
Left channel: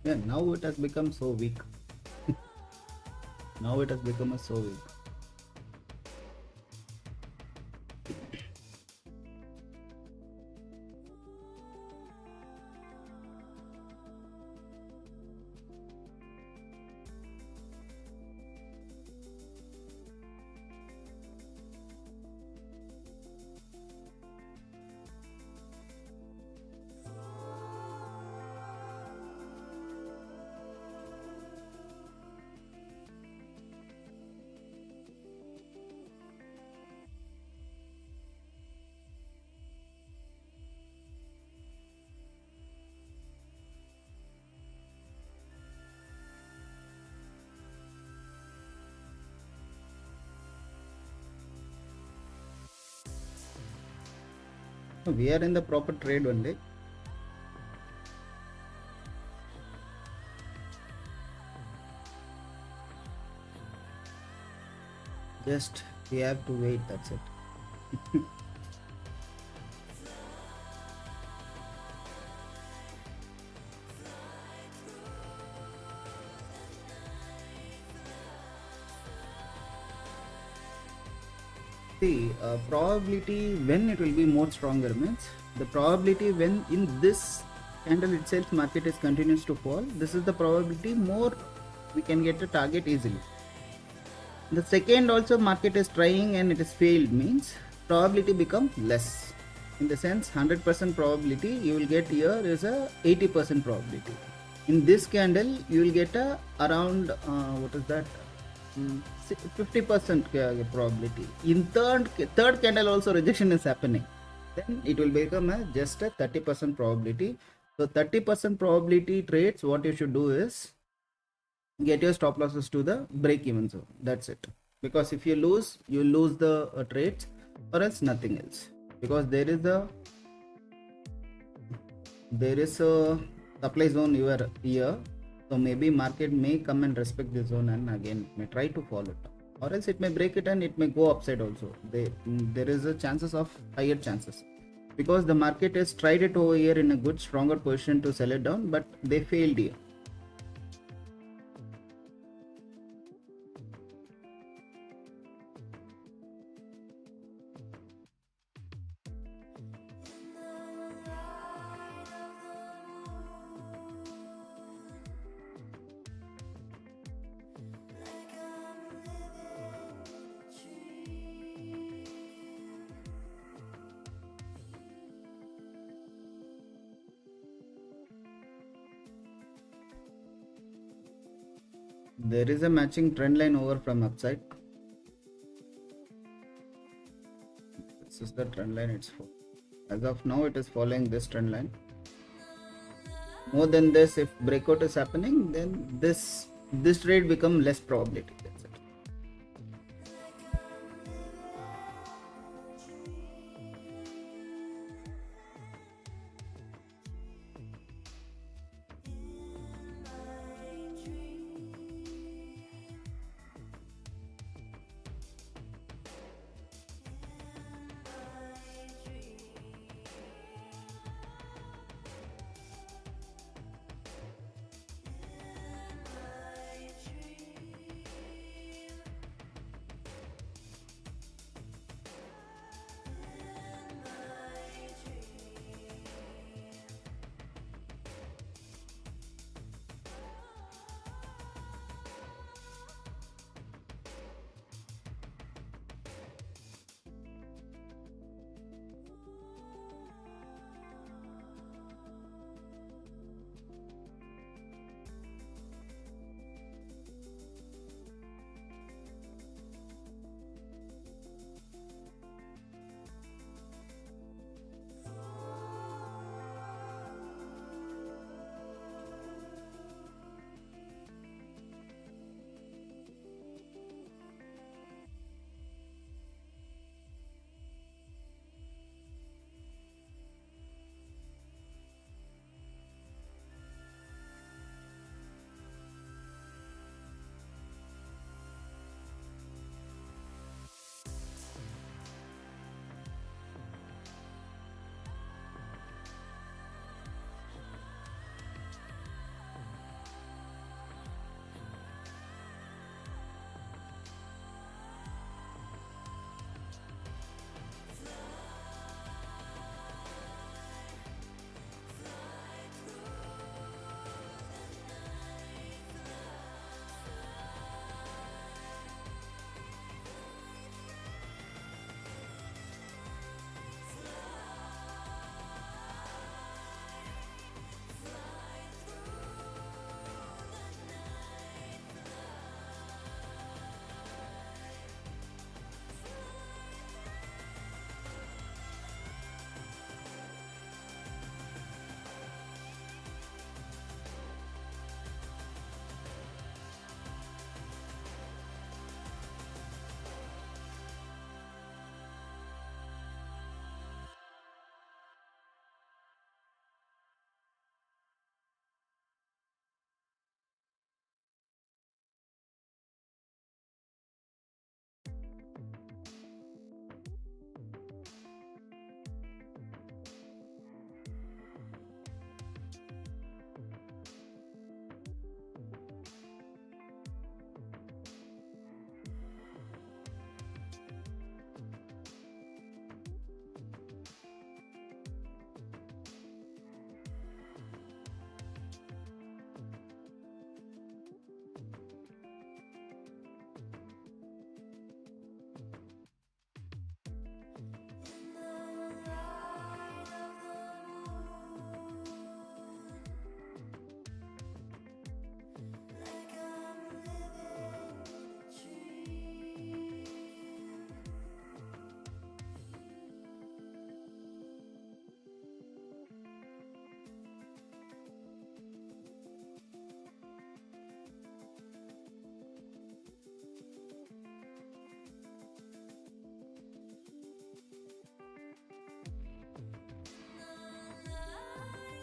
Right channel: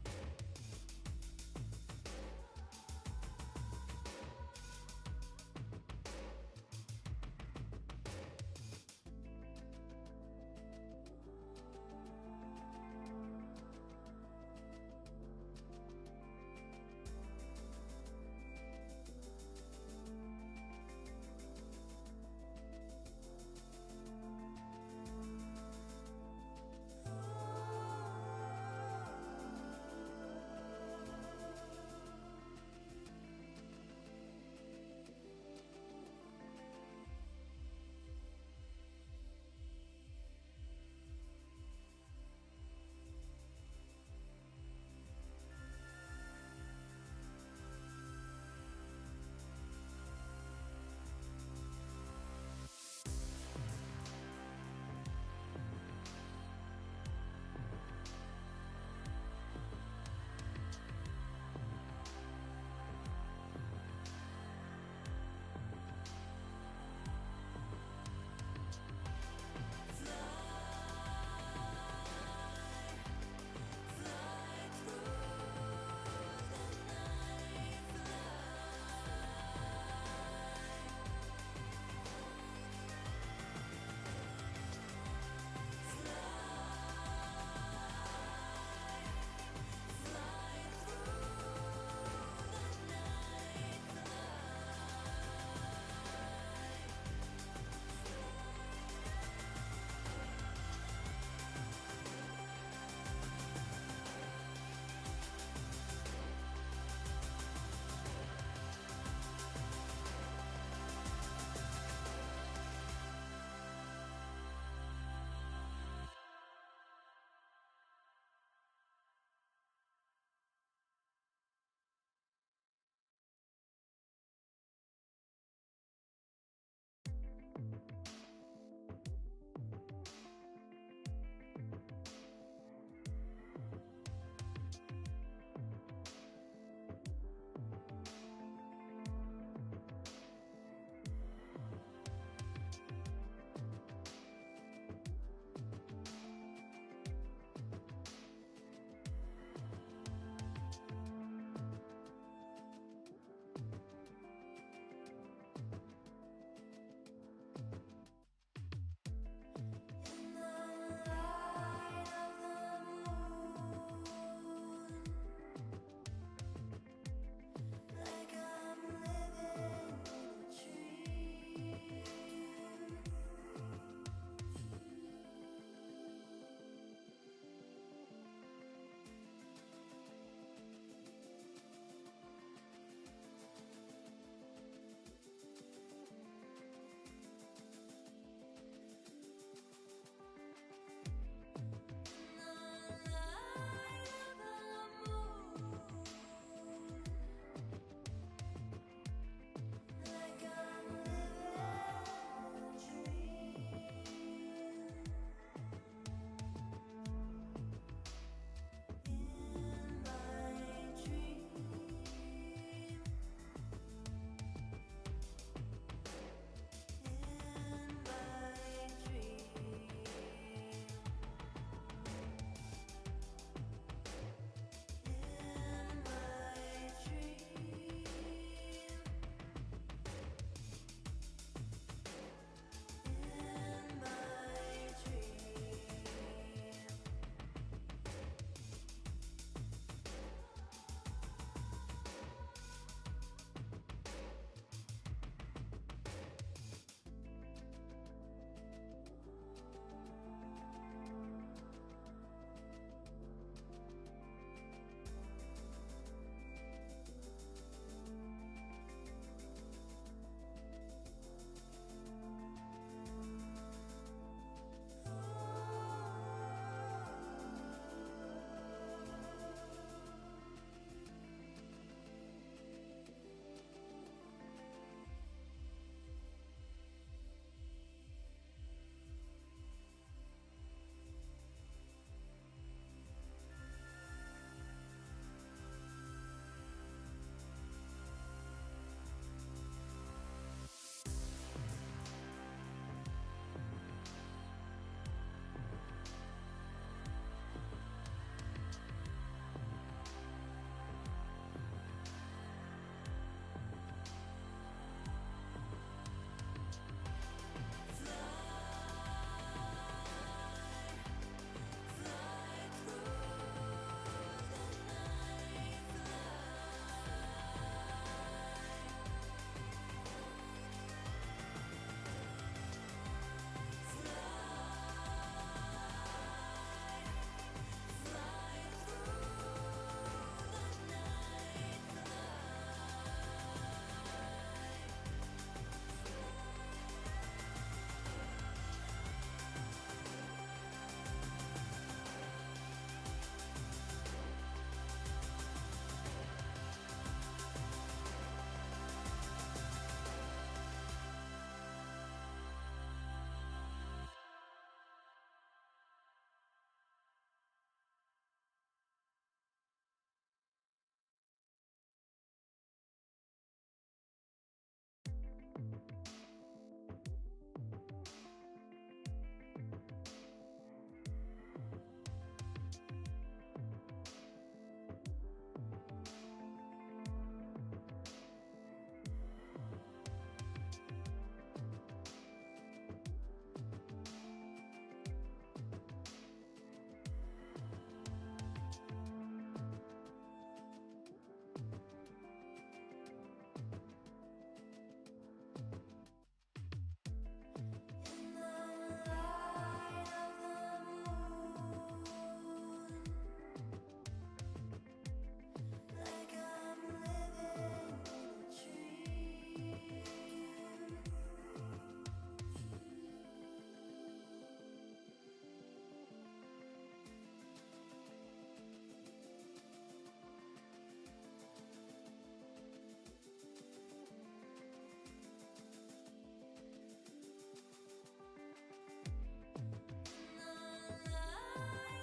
Yeah, now it has become so weak. Now it has become so weak. So we are in the proper trade only. Just we have to wait, that's it. See, probability when it will be more stronger means the probability when in this candle itself market is continues to fall, this is the probability more we can get a target easily. The second also market is trying and it is failed means probability become less. In the sense 100% probability you will get here is a 80% probability. In this candle you will get a around what is that 50% probability. In third candle also rejection is happening, then it will become just a 30% probability. So 30% probability trades, what you should do is get your stop losses to the break even zone. That's it. Because if you lose, you lose the trades, or else nothing else. Because there is a supply zone here, so maybe market may come and respect this zone and again may try to follow it, or else it may break it and it may go upside also. There is a chances of higher chances, because the market has tried it over here in a good stronger position to sell it down, but they failed here. There is a matching trend line over from upside. This is the trend line. As of now it is following this trend line. More than this, if breakout is happening, then this trade become less probability.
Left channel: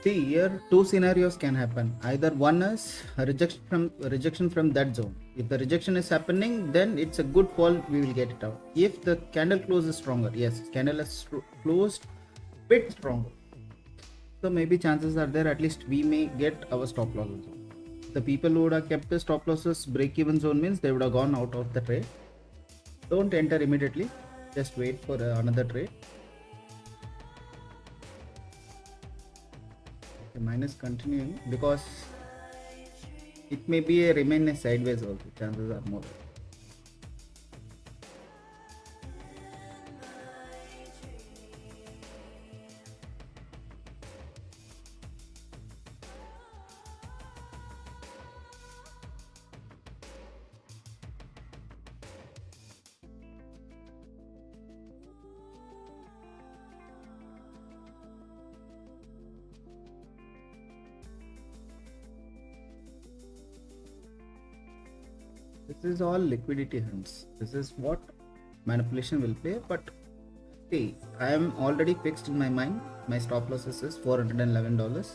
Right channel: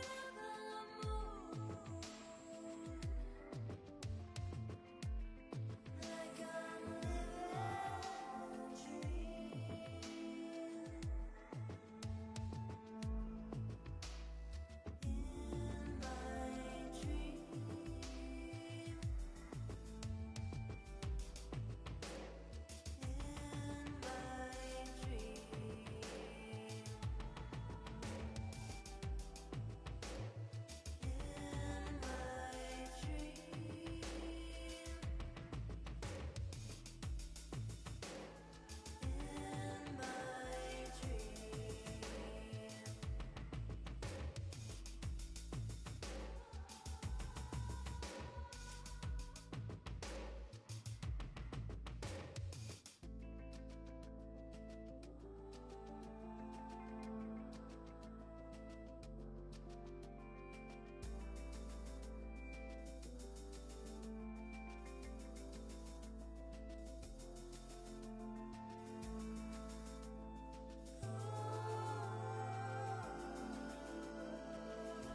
See, here two scenarios can happen. Either one is a rejection from that zone. If the rejection is happening, then it's a good call. We will get it out. If the candle closes stronger, yes, candle is closed bit stronger. So maybe chances are there. At least we may get our stop loss. The people who would have kept the stop losses break-even zone means they would have gone out of the trade. Don't enter immediately. Just wait for another trade. Minus continuing because it may be a remain a sideways also. Chances are more. This is all liquidity hunts. This is what manipulation will play. But see, I am already fixed in my mind. My stop losses is $411.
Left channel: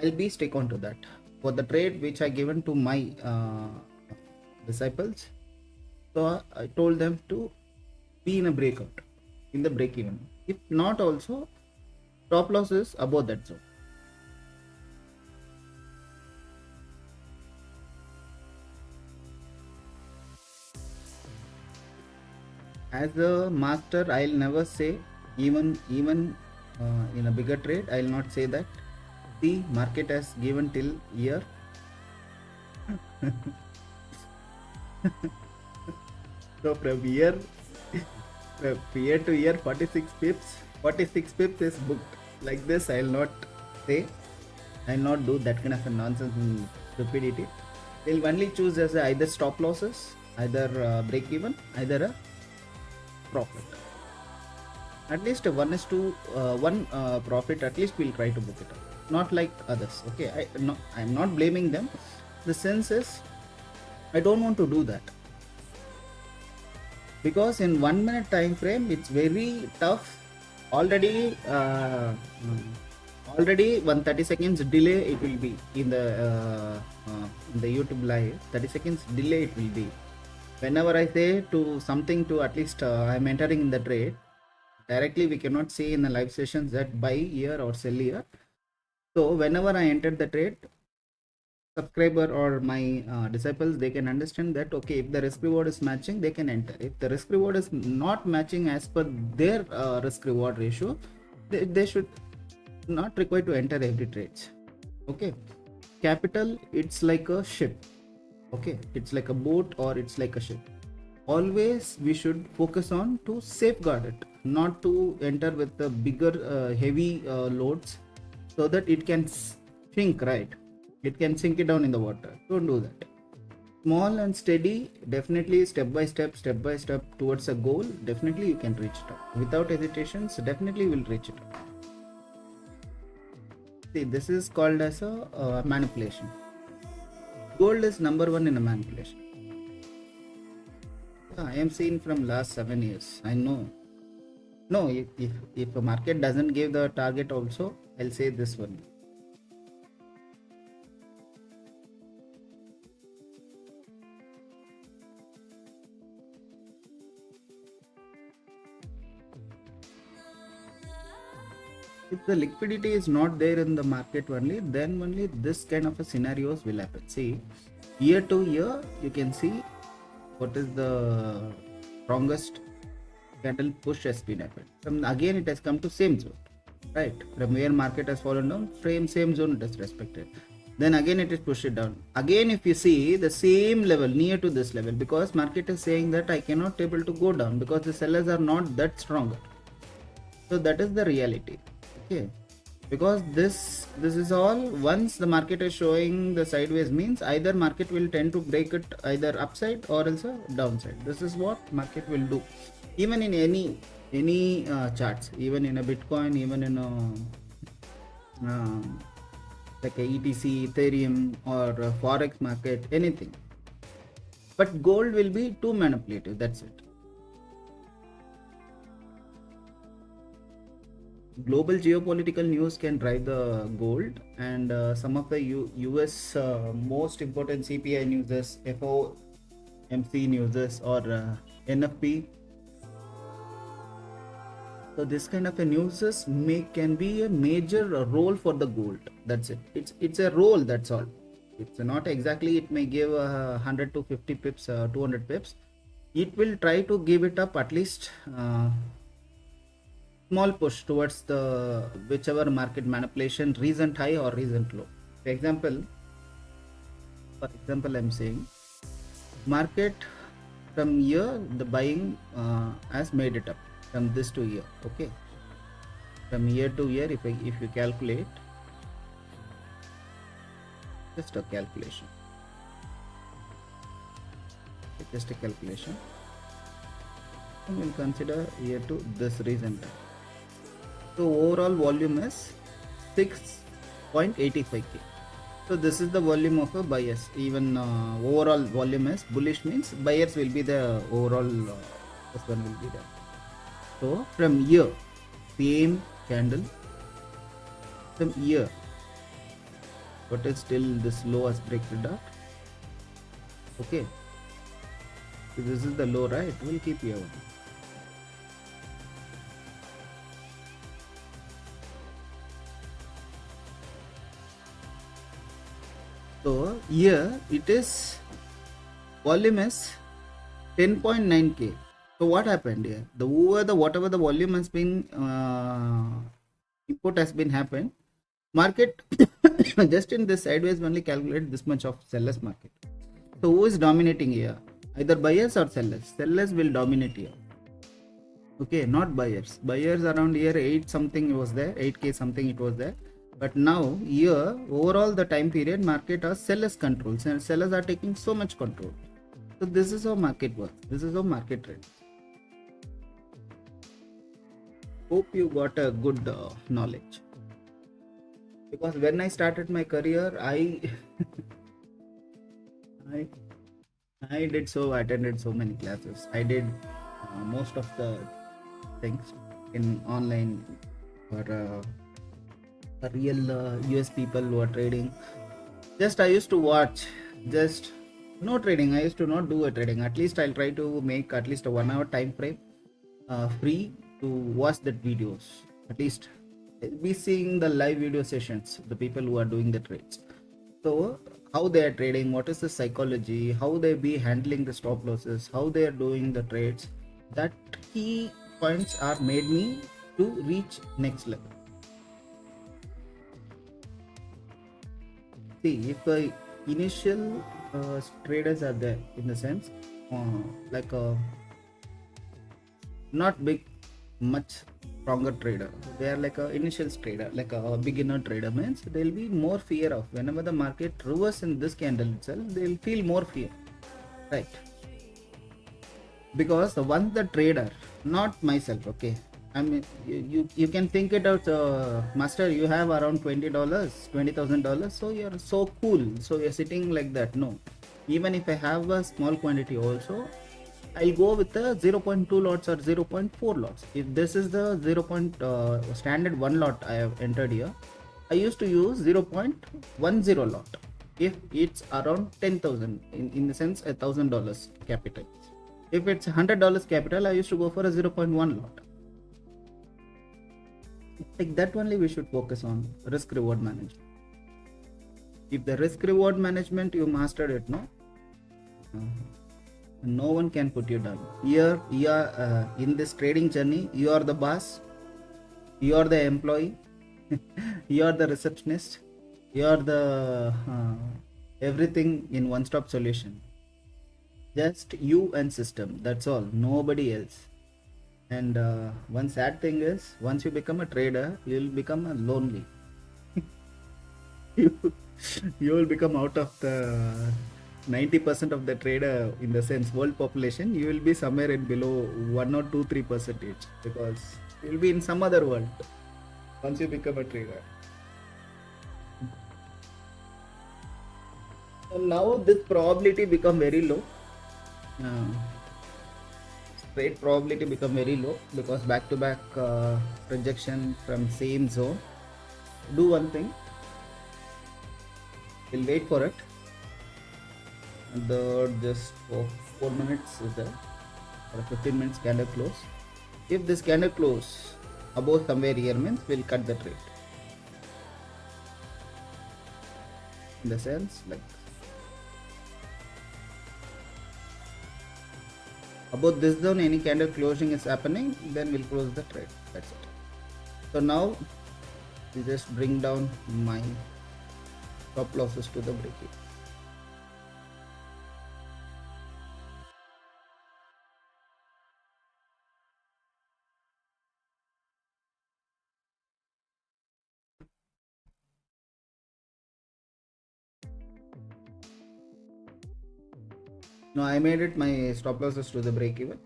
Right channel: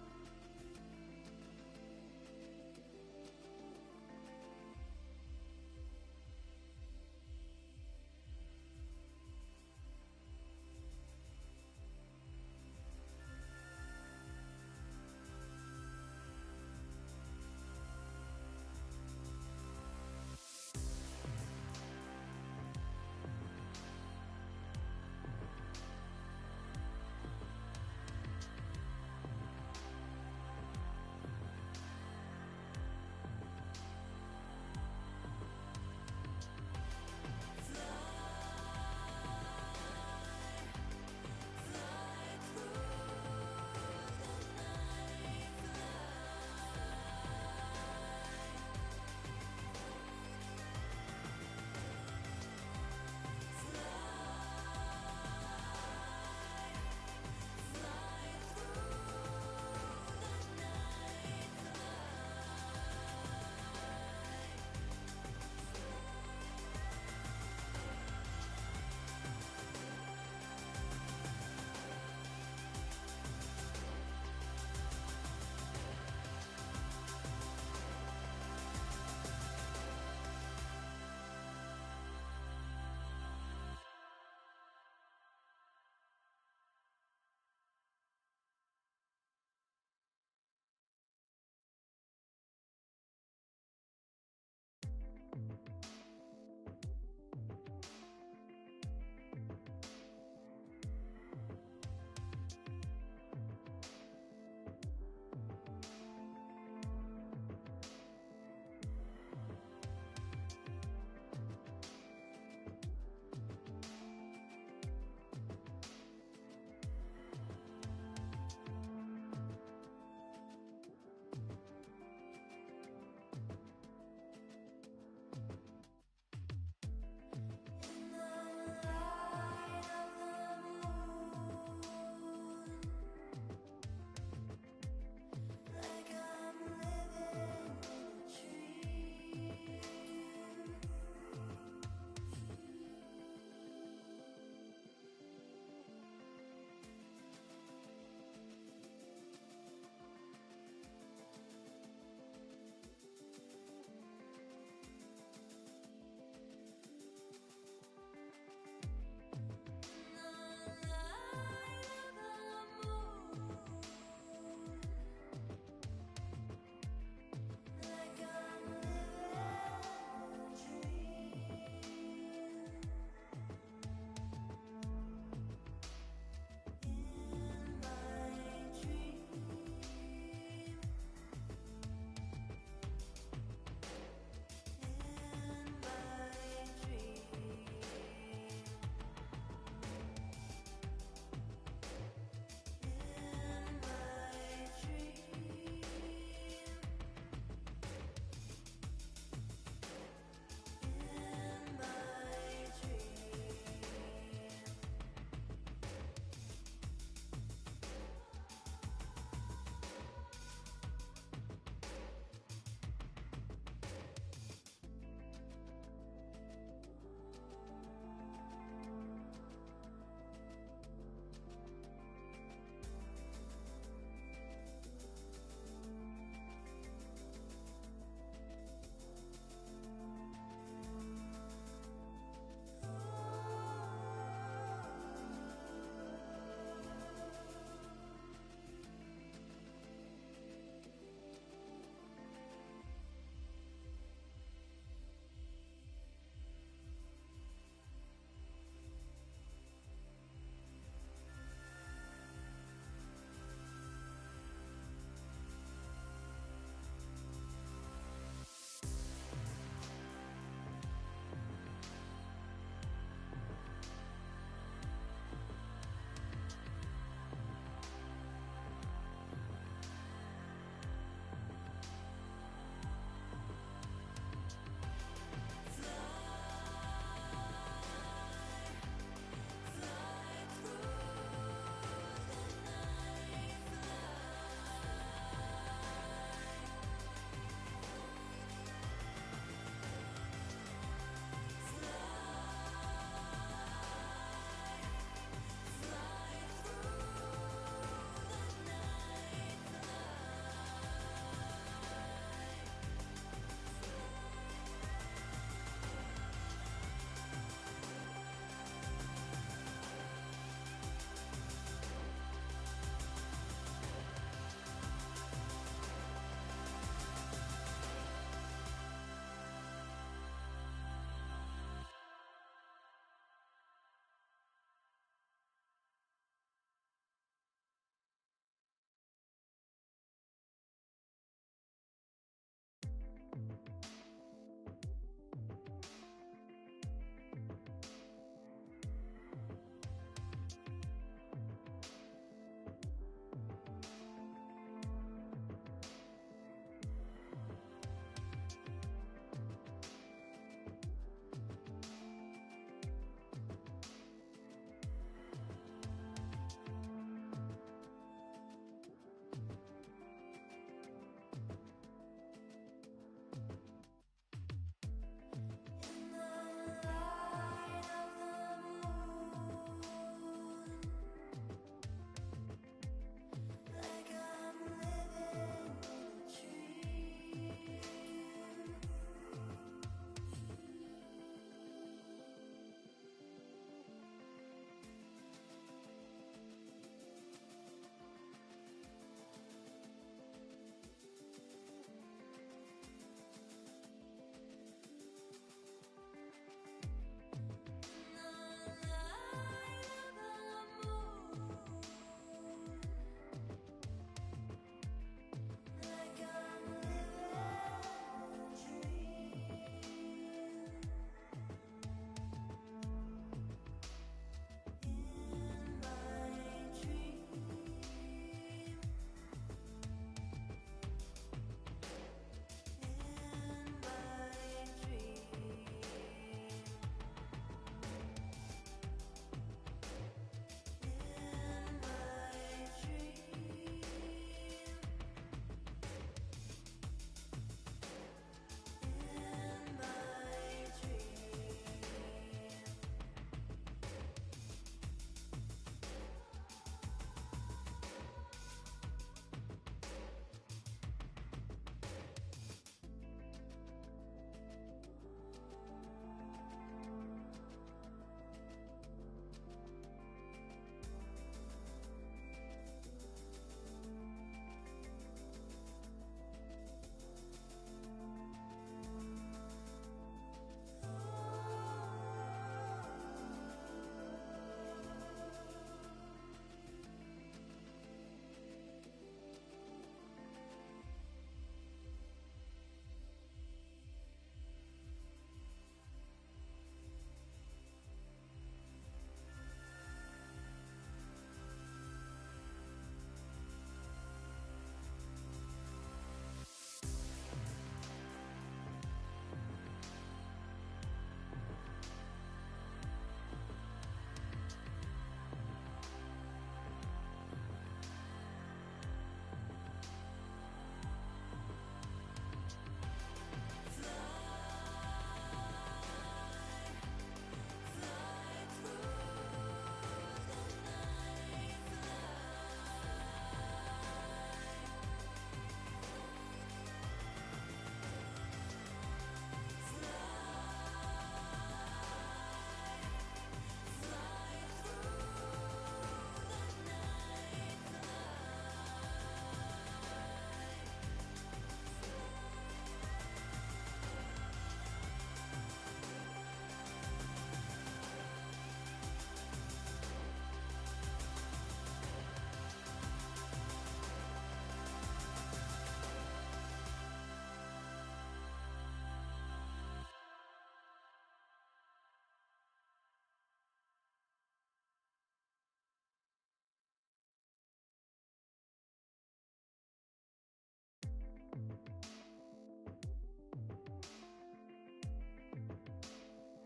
I'll be stick on to that for the trade which I given to my disciples. So I told them to be in a breakout, in the break even. If not, also stop loss is above that zone. As a master, I'll never say, even in a bigger trade, I'll not say that the market has given till year. So from year to year, 46 pips is booked. Like this, I'll not say. I'll not do that kind of a nonsense and stupidity. They'll only choose as either stop losses, either break even, either a profit. At least 1:1 profit. At least we'll try to book it. Not like others. Okay, I'm not blaming them. The sense is, I don't want to do that because in 1 minute time frame, it's very tough. Already 130 seconds delay it will be in the YouTube live. 30 seconds delay it will be. Whenever I say to something to at least I'm entering in the trade, directly we cannot say in the live sessions that buy here or sell here. So whenever I enter the trade, subscriber or my disciples, they can understand that okay, if the risk reward is matching, they can enter. If the risk reward is not matching as per their risk reward ratio, they should not required to enter every trades. Okay, capital, it's like a ship. Okay, it's like a boat or it's like a ship. Always we should focus on to safeguard it, not to enter with the bigger heavy loads so that it can sink, right? It can sink it down in the water. Don't do that. Small and steady, definitely step by step towards a goal, definitely you can reach it up. Without hesitations, definitely will reach it up. See, this is called as a manipulation. Gold is number one in a manipulation. I am seeing from last 7 years. I know. No, if a market doesn't give the target also, I'll say this one. If the liquidity is not there in the market only, then only this kind of a scenarios will happen. See, year to year, you can see what is the strongest candle push has been happened. From again, it has come to same zone, right? From where market has fallen down, same zone it is respected. Then again it is pushed it down. Again, if you see the same level near to this level, because market is saying that I cannot able to go down because the sellers are not that stronger. So that is the reality. Okay, because this is all, once the market is showing the sideways means either market will tend to break it either upside or also downside. This is what market will do, even in any charts, even in a Bitcoin, even in a like a ETC, Ethereum or a Forex market, anything. But gold will be too manipulative. That's it. global geopolitical news can drive the gold, and some of the US most important CPI news, FOMC news, or NFP. So this kind of a news can be a major role for the gold. That's it. It's a role. That's all. It's not exactly. It may give 100 to 50 pips, 200 pips. It will try to give it up at least. Small push towards the whichever market manipulation, recent high or recent low. For example, I'm saying market from here the buying has made it up from this to here. Okay, from year to year, if you calculate, just a calculation, and we'll consider year to this reason. So overall volume is 6.85k. So this is the volume of a buyers. Even overall volume is bullish, means buyers will be the overall. This one will be there. So from here, same candle. From here, what is still this low as breaking up. Okay. So this is the low, right? We'll keep here. So here it is, volume is 10.9k. So what happened here? Whatever the volume has been input has been happened, market just in this sideways only calculate this much of sellers market. So who is dominating here? Either buyers or sellers. Sellers will dominate here. Okay, not buyers. Buyers around here 8 something was there, 8k something it was there. But now here overall the time period market are sellers controls, and sellers are taking so much control. So this is how market works. This is how market trade. Hope you got a good knowledge. Because when I started my career, I attended so many classes. I did most of the things in online for real US people who are trading. Just I used to watch, just no trading. I used to not do a trading. At least I'll try to make at least a 1 hour time frame free to watch that videos. At least I'll be seeing the live video sessions, the people who are doing the trades. So how they are trading, what is the psychology, how they be handling the stop losses, how they are doing the trades. That key points are made me to reach next level. See, if initial traders are there, in the sense like not big, much stronger trader, they are like a initial trader, like a beginner trader, means there will be more fear of whenever the market reverse in this candle itself, they will feel more fear, right? Because once the trader, not myself, okay, I mean you can think it out, master, you have around $20,000, so you're so cool, so you're sitting like that. No, even if I have a small quantity also, I'll go with the 0.2 lots or 0.4 lots. If this is the standard 1 lot I have entered here, I used to use 0.10 lot if it's around 10,000, in the sense $1,000 capital. If it's $100 capital, I used to go for a 0.1 lot. Like that only we should focus on risk reward management. If the risk reward management you mastered it, no one can put you down. Here you are in this trading journey, you are the boss, you are the employee, you are the receptionist, you are the everything in one-stop solution. Just you and system, that's all, nobody else. And one sad thing is, once you become a trader, you will become a lonely. you will become out of the 90% of the trader, in the sense world population, you will be somewhere in below 1 or 2-3%, because you will be in some other world once you become a trader. And now this probability become very low. trade probability become very low because back to back projection from same zone. Do one thing, we'll wait for it. The just for 4 minutes is there, or 15 minutes candle close. If this candle close above somewhere here means we'll cut the trade. In the sense like above this zone any candle closing is happening, then we'll close the trade. That's it. So now we just bring down my stop losses to the break. Now I made it my stop losses to the break even.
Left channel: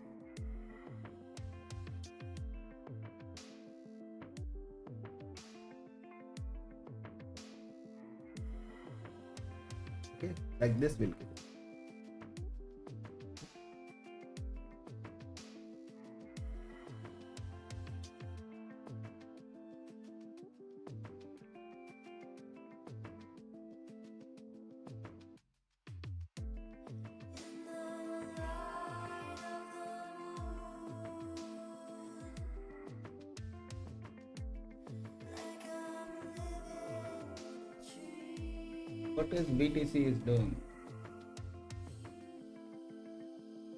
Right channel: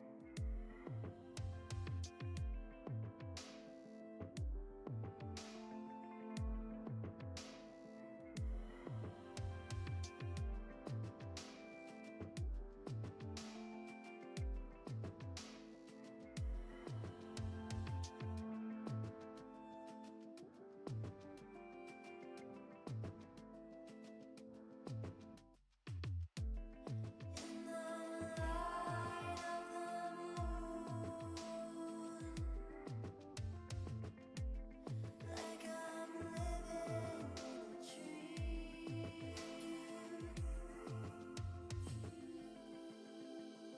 Okay, like this will go. What is BTC is doing?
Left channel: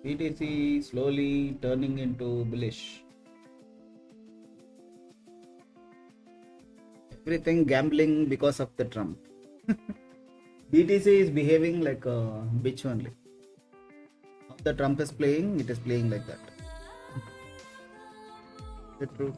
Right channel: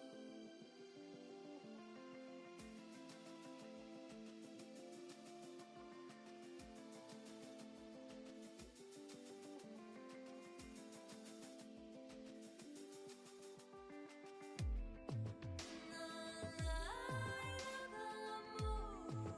BTC slowly turning into bullish. Everything gambling because of the Trump. BTC is behaving like a bitch only. How the Trump is playing, it is playing like that. Is it true?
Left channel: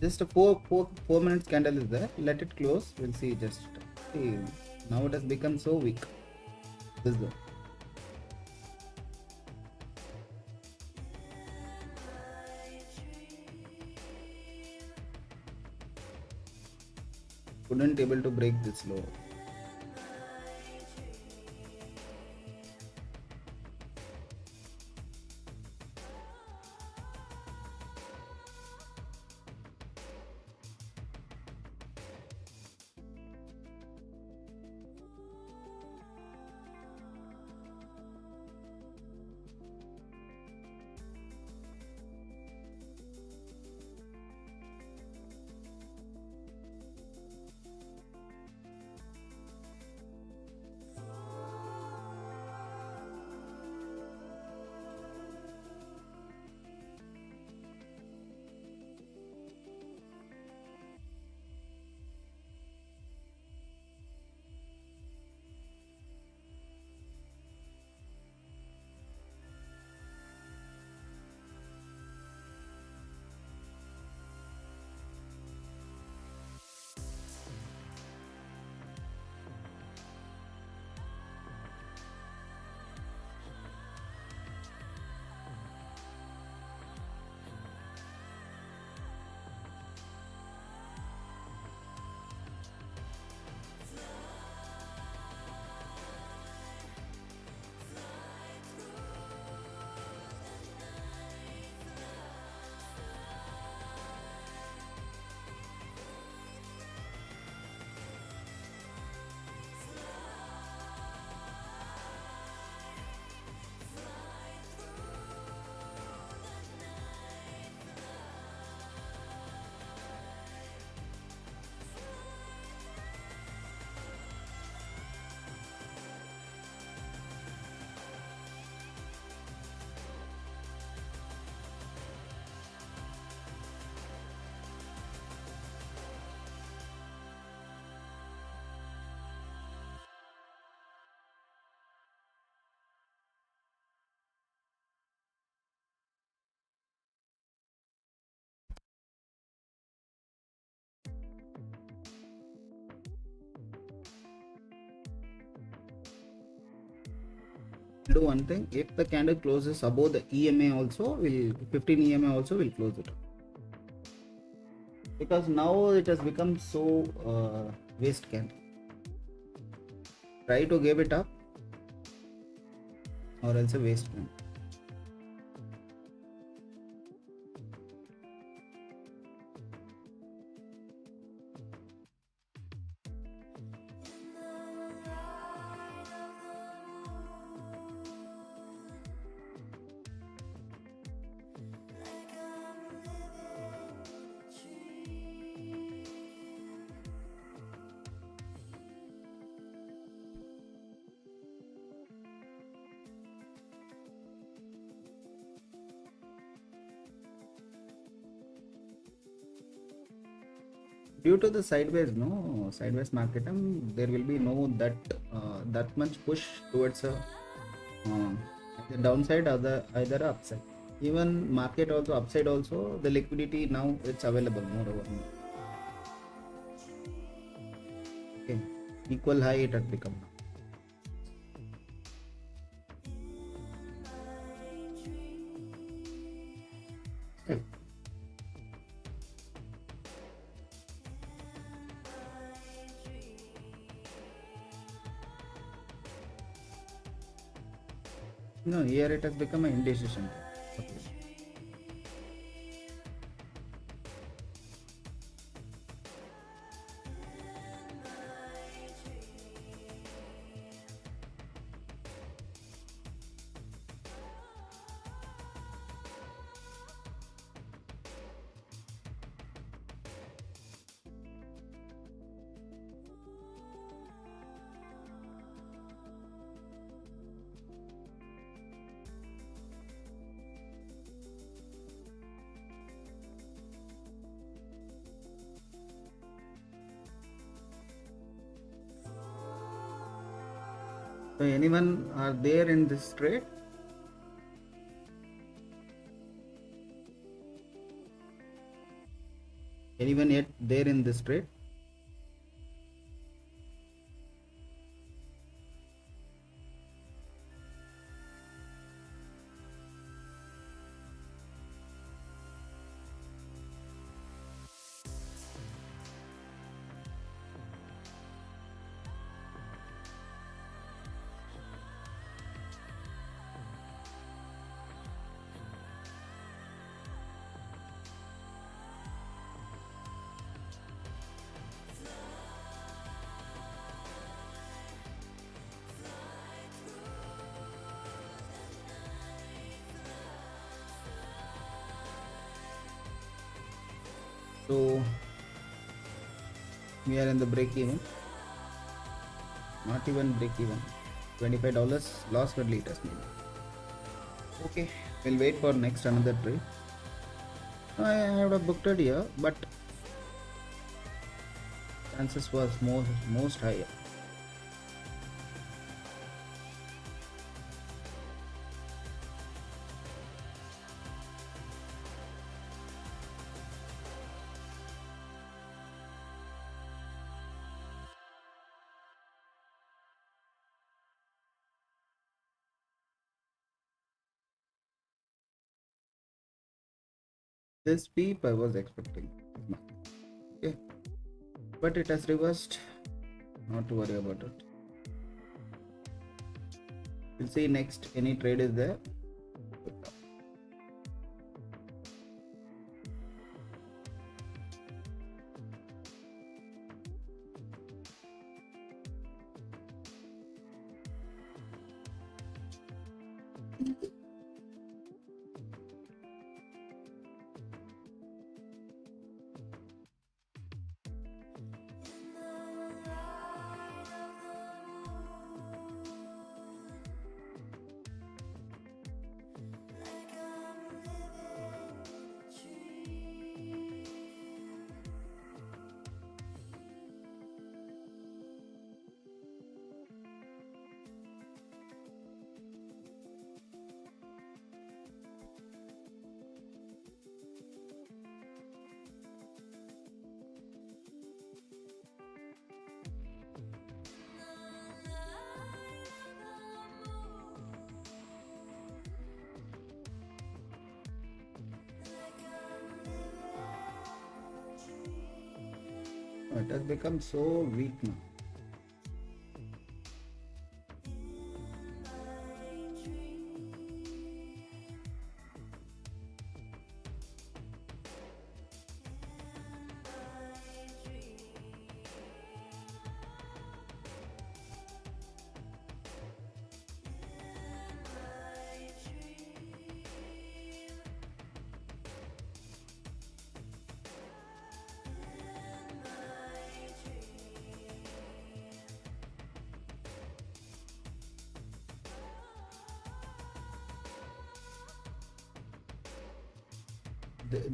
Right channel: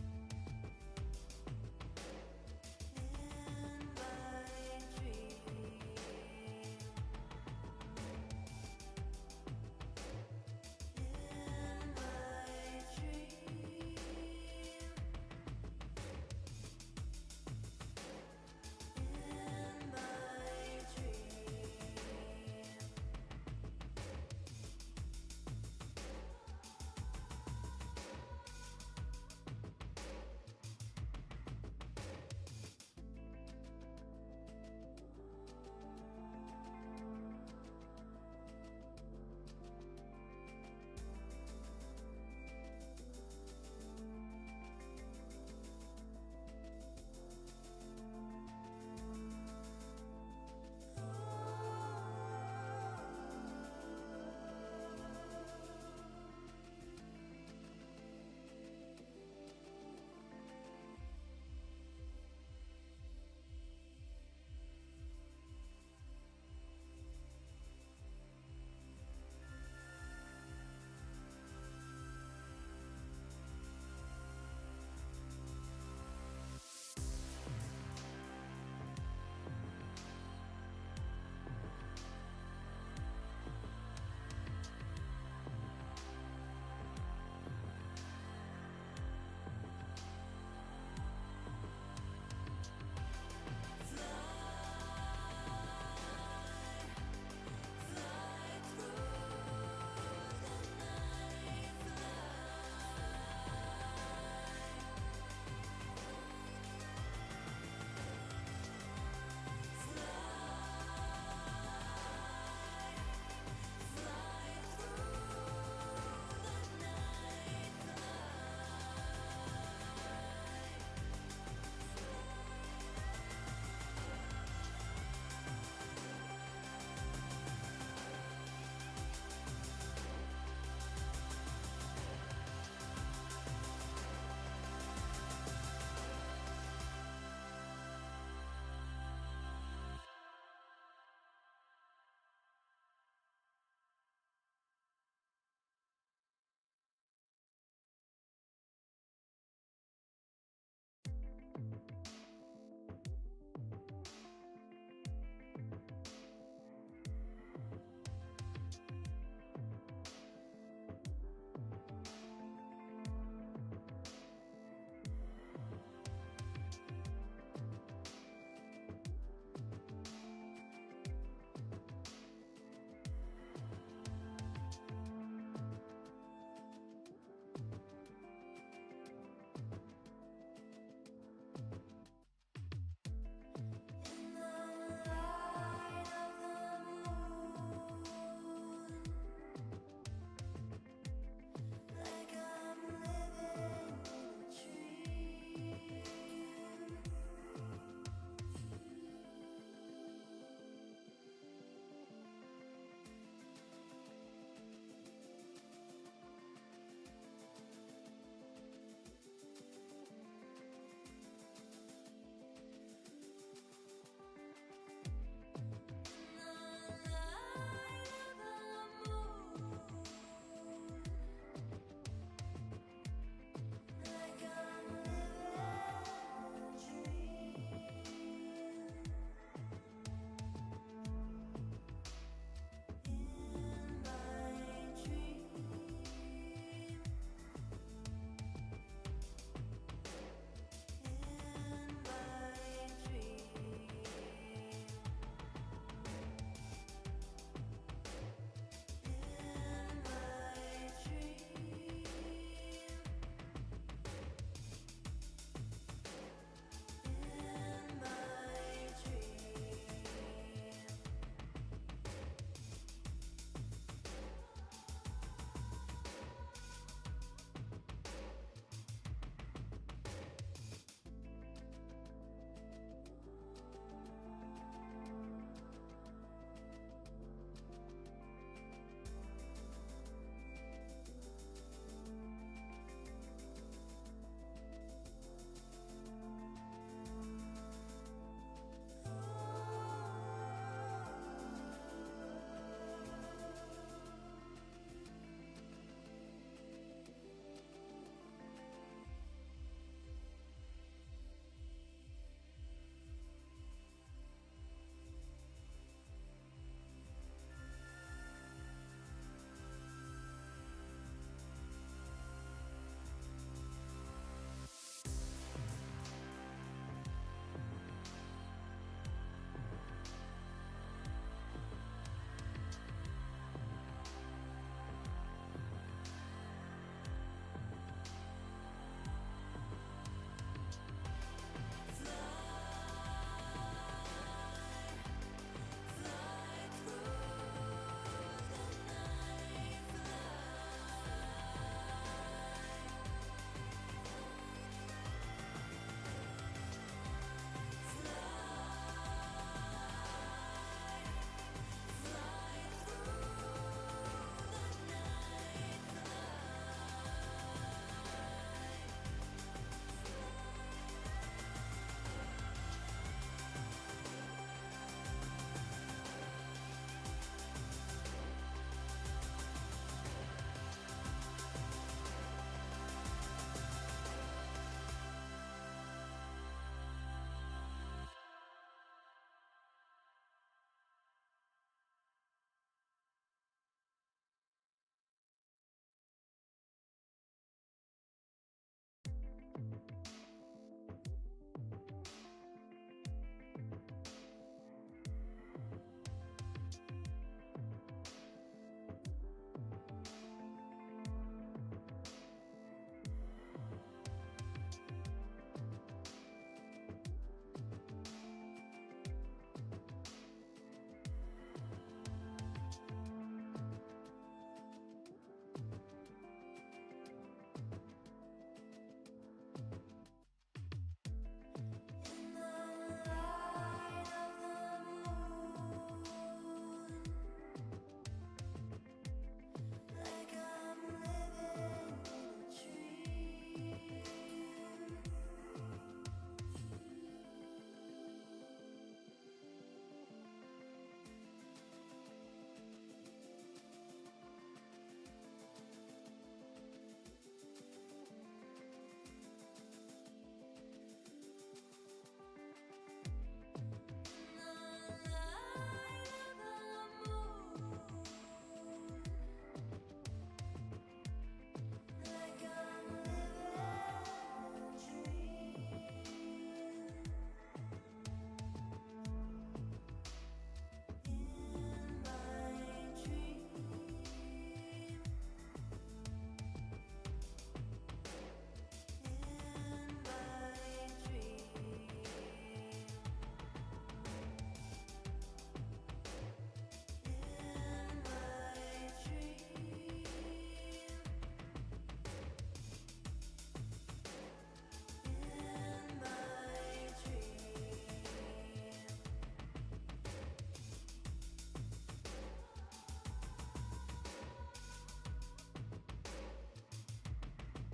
Just a 4 minutes candle is there. Let it close. We'll see. Just see. Now it has become so weak. This one. Couldn't able to break this low. do one thing. If the candle closes above the EMA also, will 15 EMA also will close it, because now it has become so waste candle. Try to give it up, or else a waste candle. Due to the sideways market, there will be no that much push towards the downside or the either upside. Even market also upside also, the liquidity now it's available moreover. Okay, equal high it had become. Okay. No, here it has become an indecision. So anyone are there in this trade? Anyone yet there in this trade? So we are in the break even. Not even break even. $25 loss per liter. Okay, we'll wait for next another trade. I have booked it here, but chances was most higher. This peep I was expecting. Okay, but it has reversed. Not to worry about it. We'll see next any trade is there. it has become so weak now.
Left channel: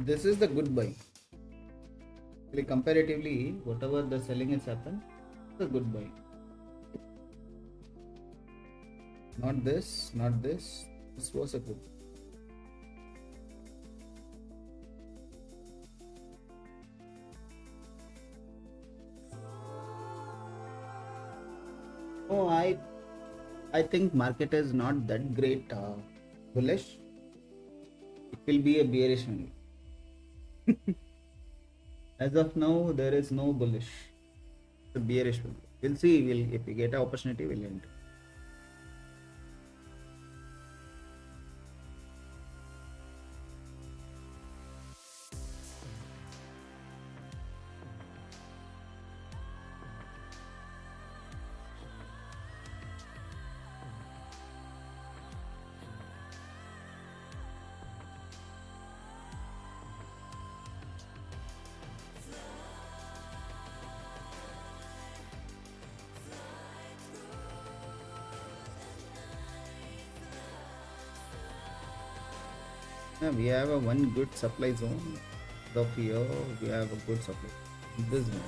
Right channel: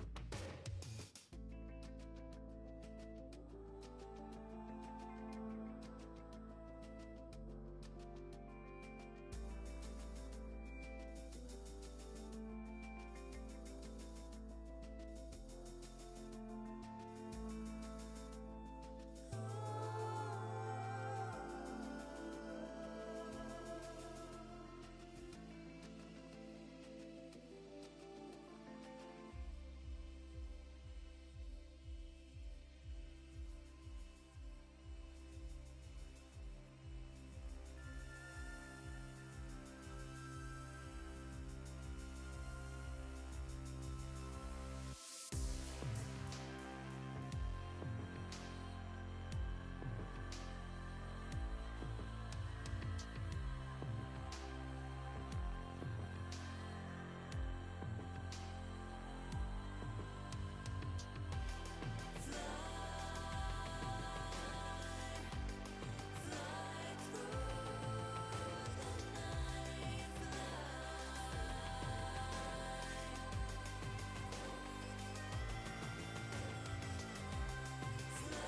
This is the good buy. Like comparatively, whatever the selling has happened, it's a good buy. Not this, not this. This was a good. Oh, I think market is not that great bullish. It will be a bearish only. As of now, there is no bullish. It's a bearish one. We'll see. If we get an opportunity, we'll enter. Yeah, we have a one good supply zone. Of here, we have a good supply. This one.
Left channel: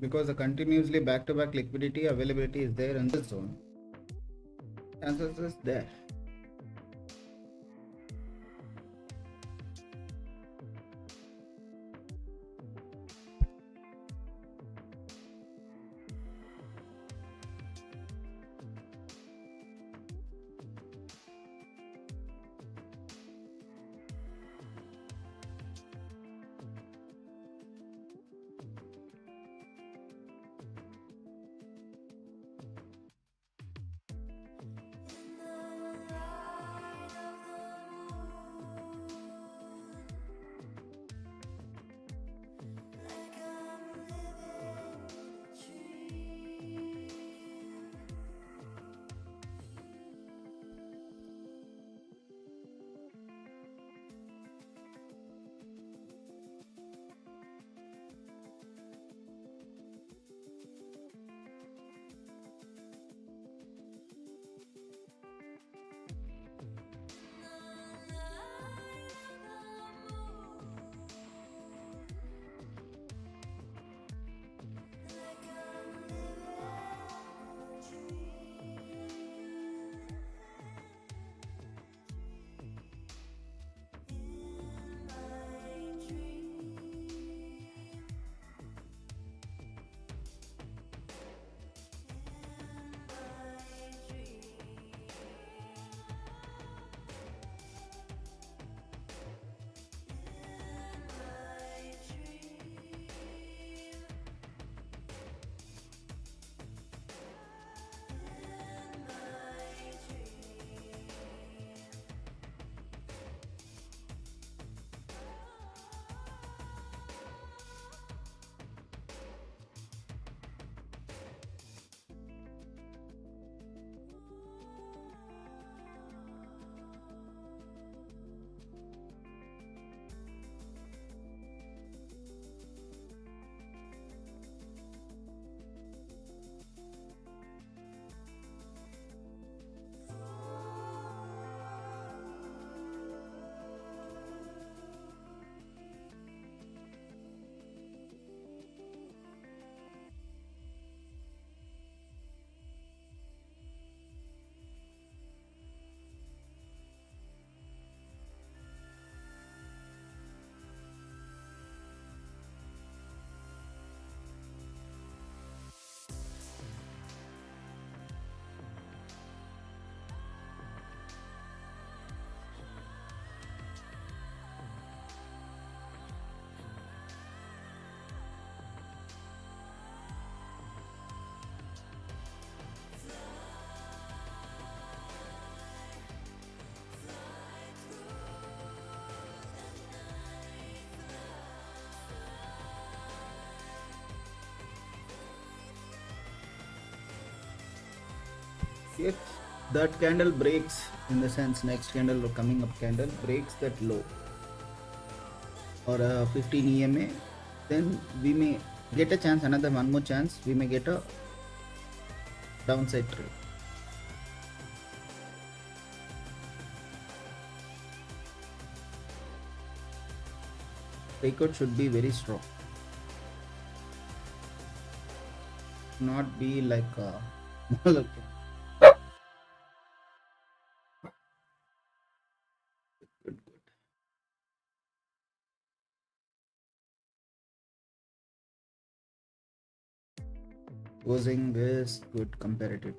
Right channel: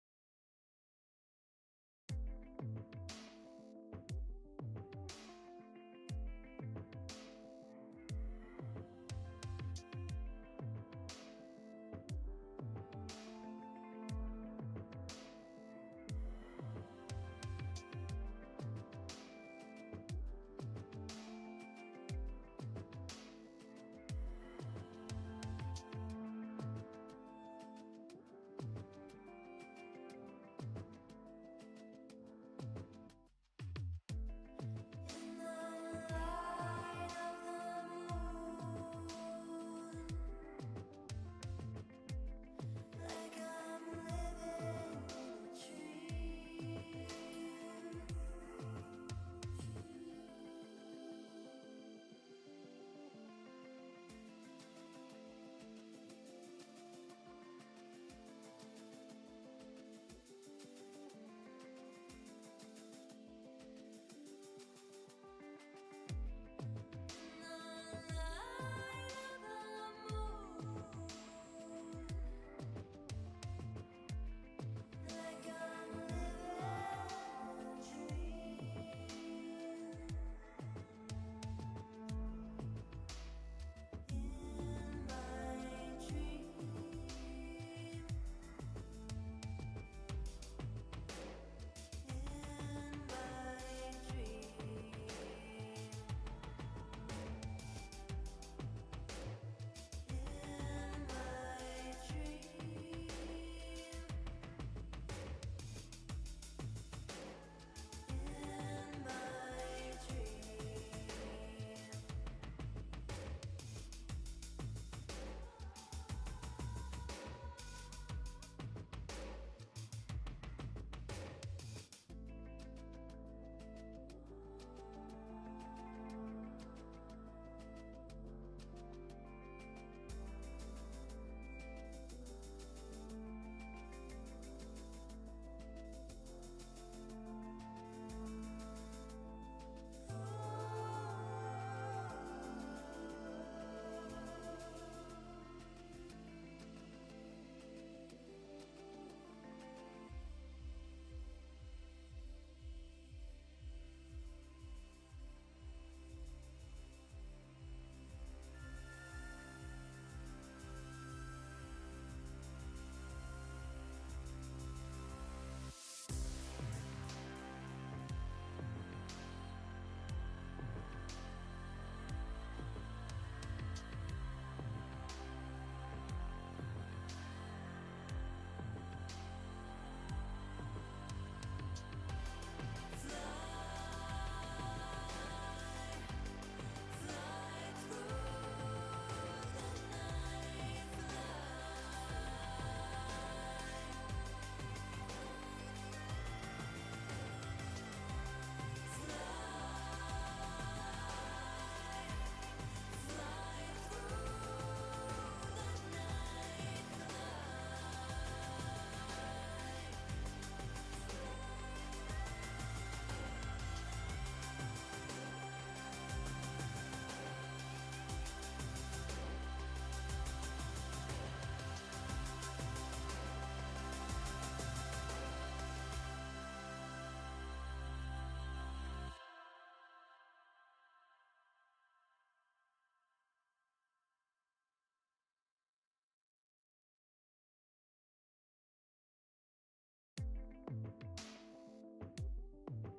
Because the continuously back-to-back liquidity availability is there in this zone. Chances is there. If that candle breaks, in the sense next candle or coming up candle breaks that low or a 15 EMA, then we may get a chance, another one more chance, we may get a downside trade. Takeout should be very strong, not be like good, good. Closing is good comparative.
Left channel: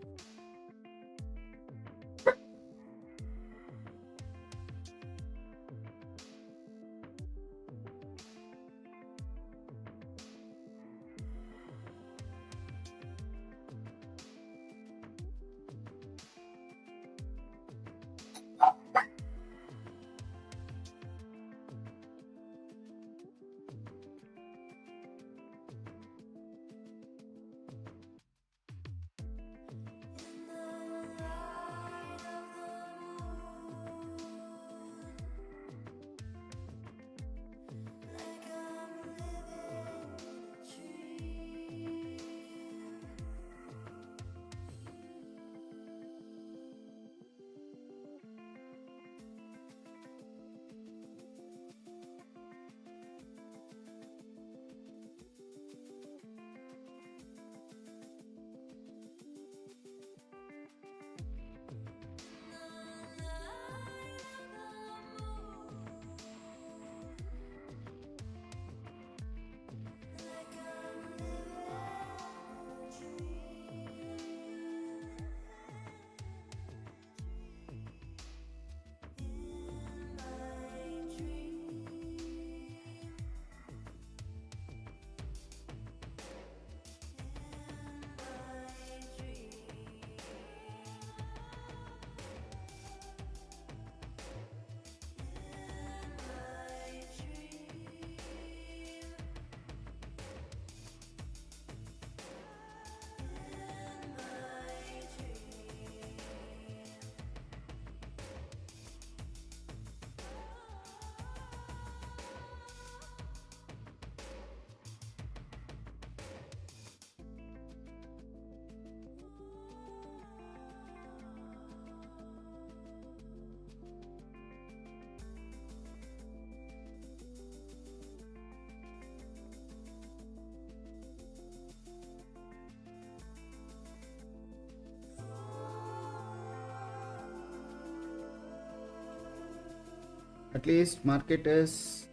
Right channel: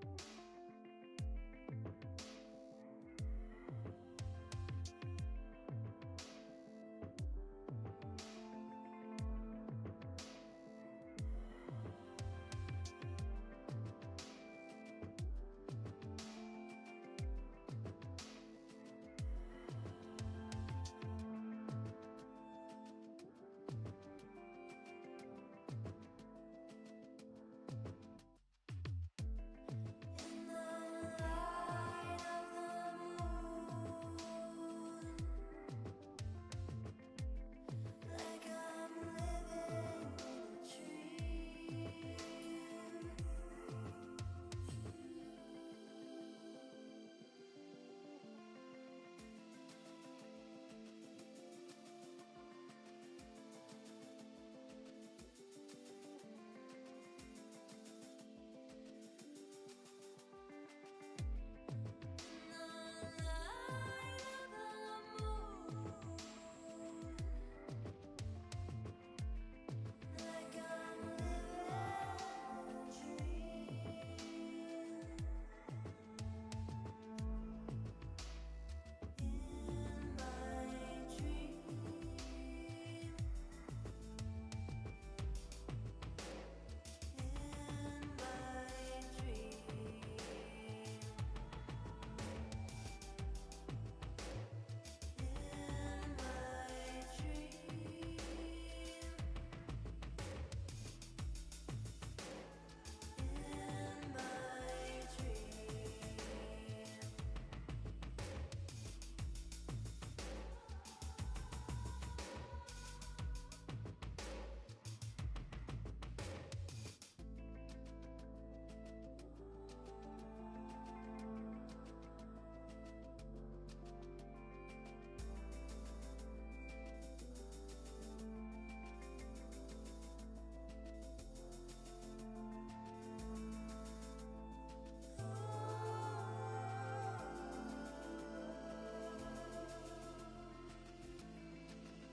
At least market is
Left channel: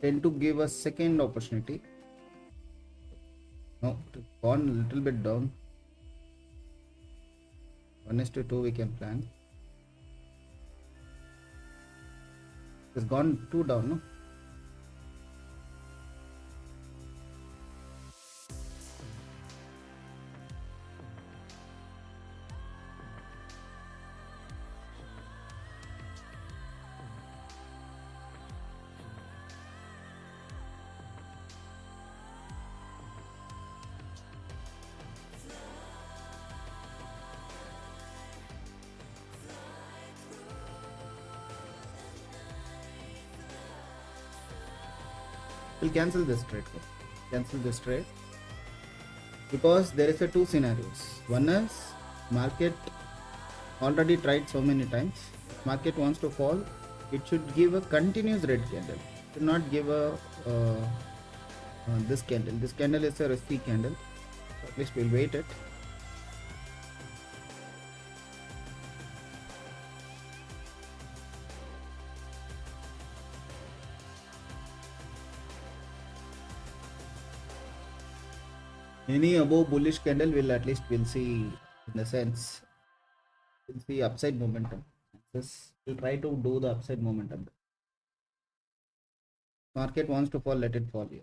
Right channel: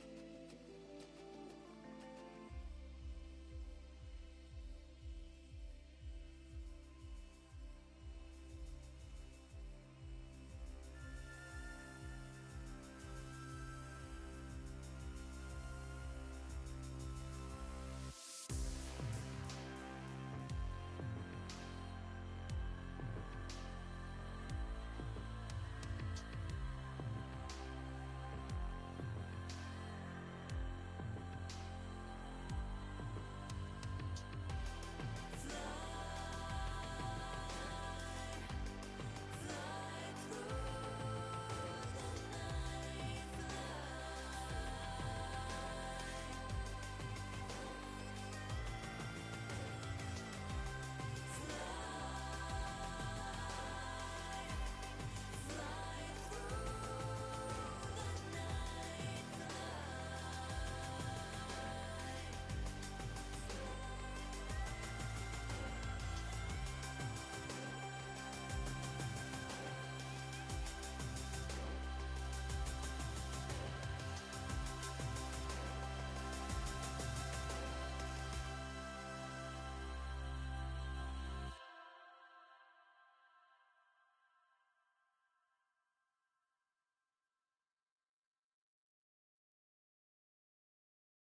tend to give a second opportunity. No, gone a little bit down. 1:2 we can plan. It's gone too down, no? We'll cancel this trade. Cancel this trade because there is a two scenarios. One is market already tried so many times. Market wants to fall. It should give a continuous red candle. It should not give a this candle. This candle is a risky candle. At least we'll wait it. Any above bullish candle will at least we'll see, in the sense we'll see upside momentum. We'll try to do the upside momentum. Market wants to fall, let it fall here.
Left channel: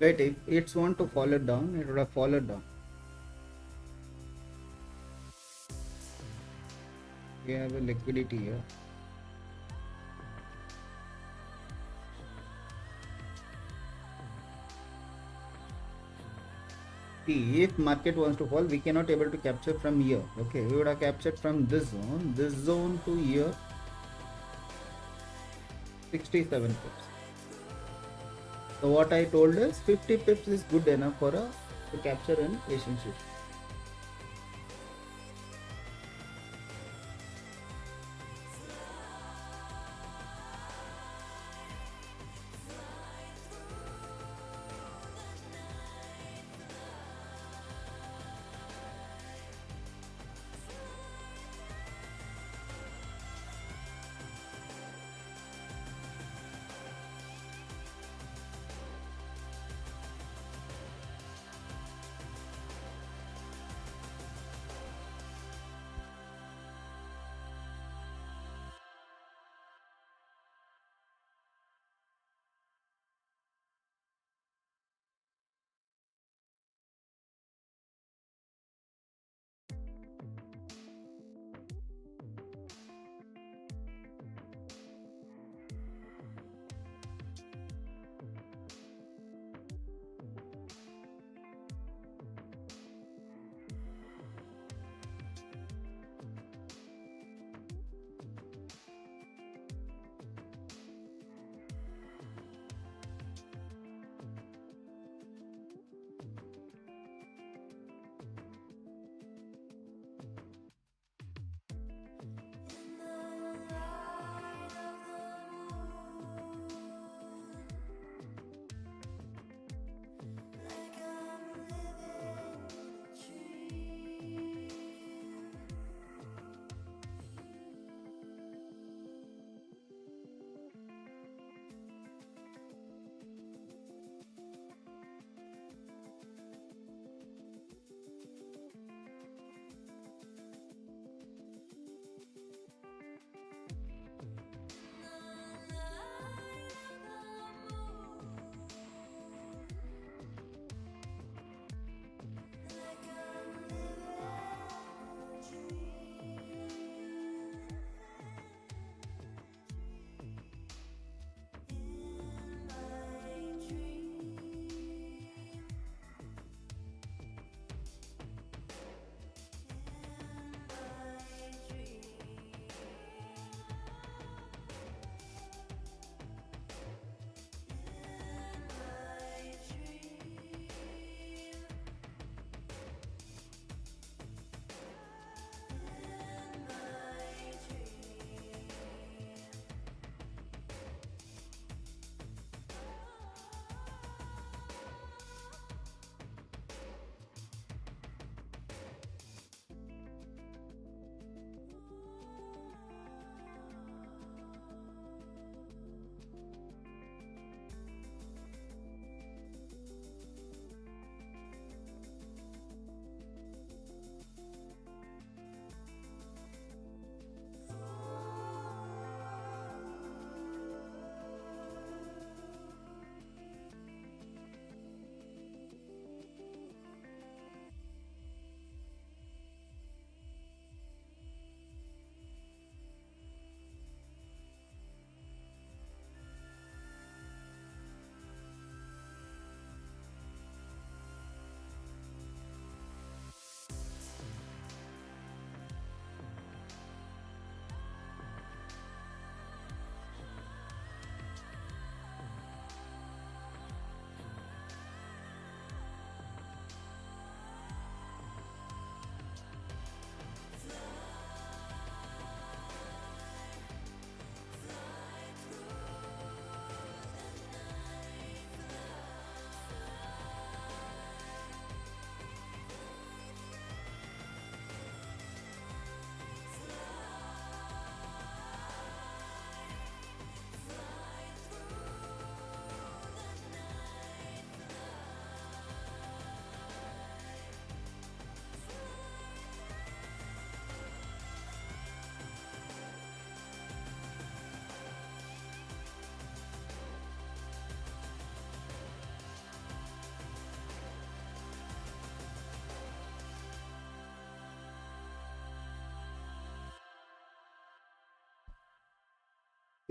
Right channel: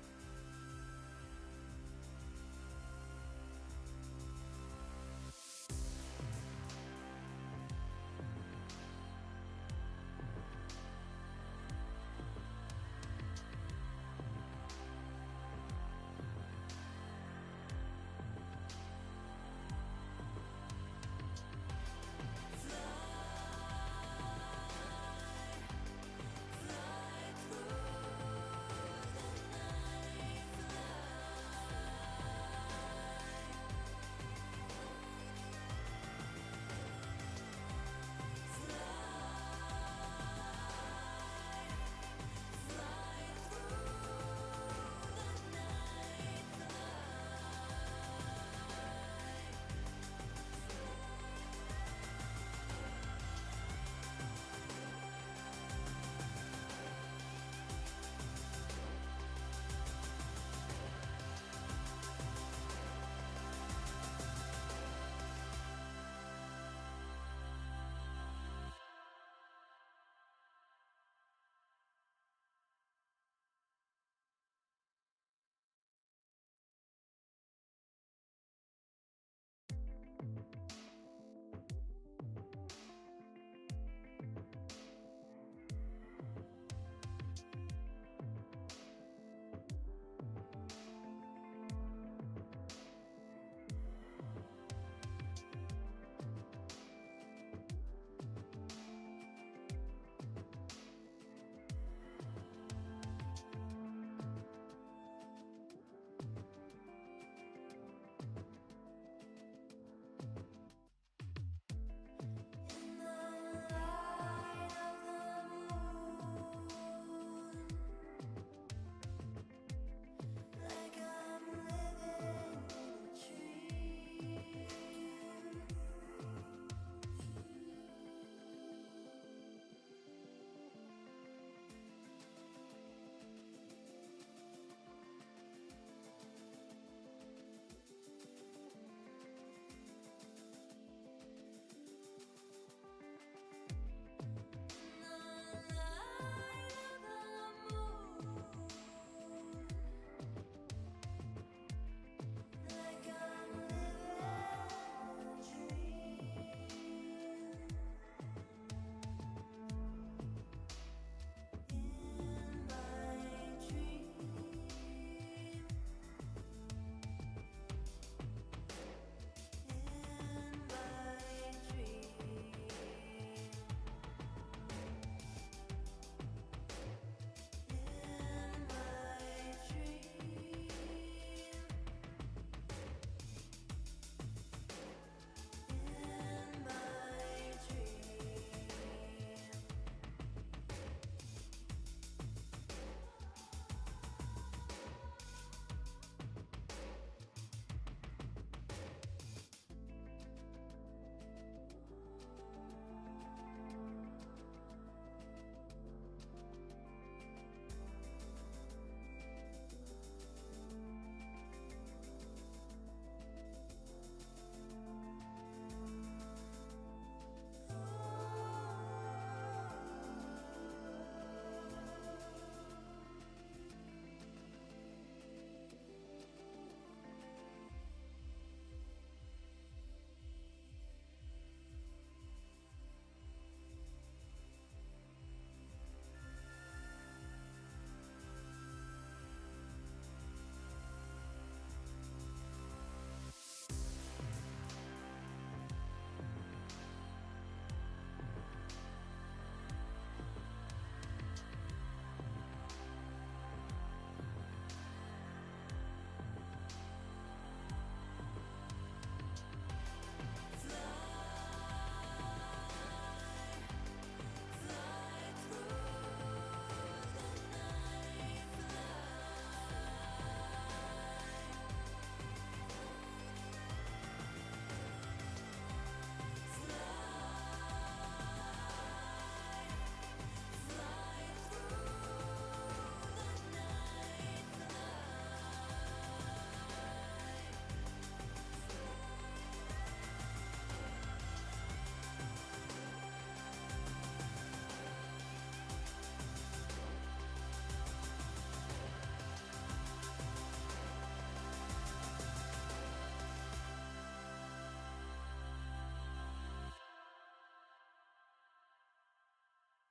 Right, if it's want to fall it down, it would have fallen down. We have a liquidity here. See, if market wants to fall, we cannot able to capture from here. Okay, we would have captured from this zone to here, 67 pips. So what I told is 50 pips is good enough for a to capture an Asian shift.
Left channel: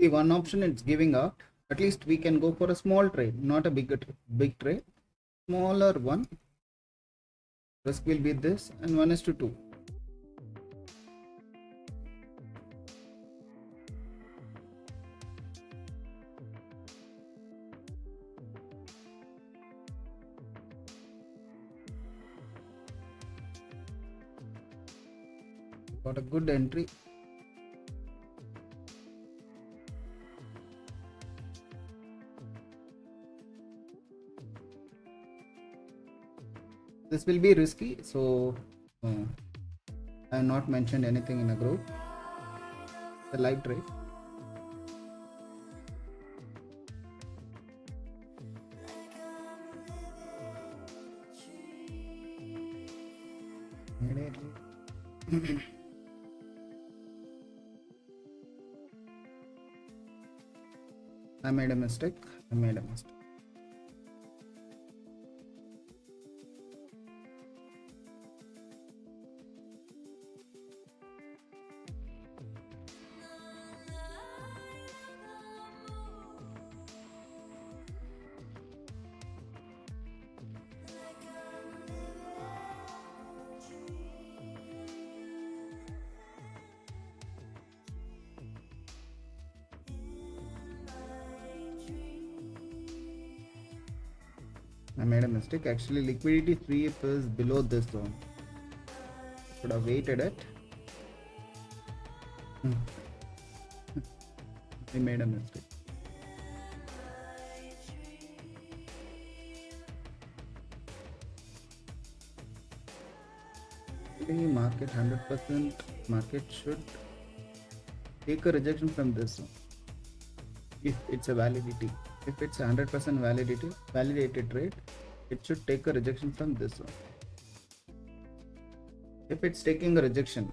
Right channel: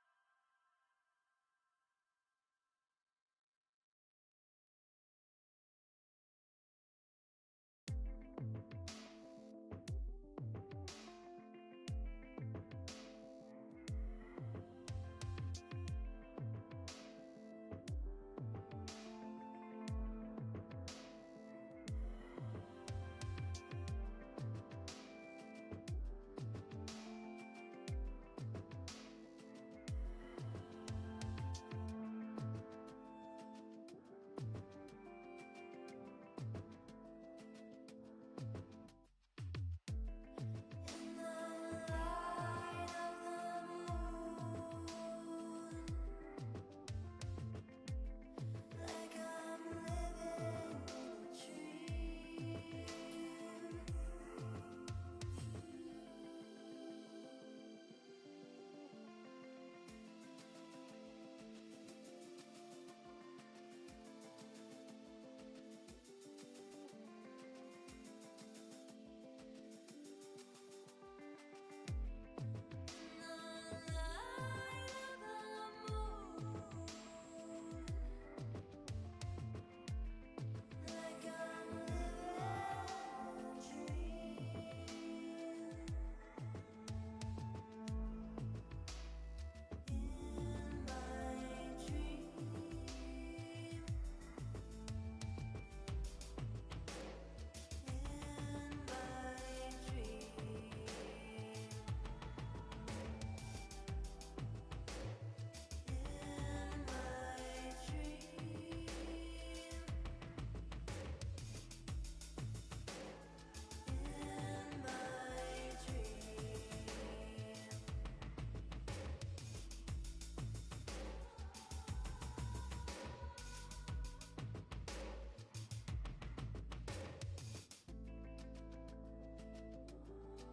See, one option it's giving out. At least we can go for a small trade, not a big trade. Smaller one. Risk will be this, and 1:2. Got a good entry. This will be risky, so I have not mentioned anything in a group. The live trade. I made a mistake. Actually, liquidity 3 is below this zone. Should have waited it. I made a mistake. Market 100%. Market should take a rejection from this zone if it's a validity. If it's 100% validated trade, it should take a rejection from this one. If it's taking a rejection,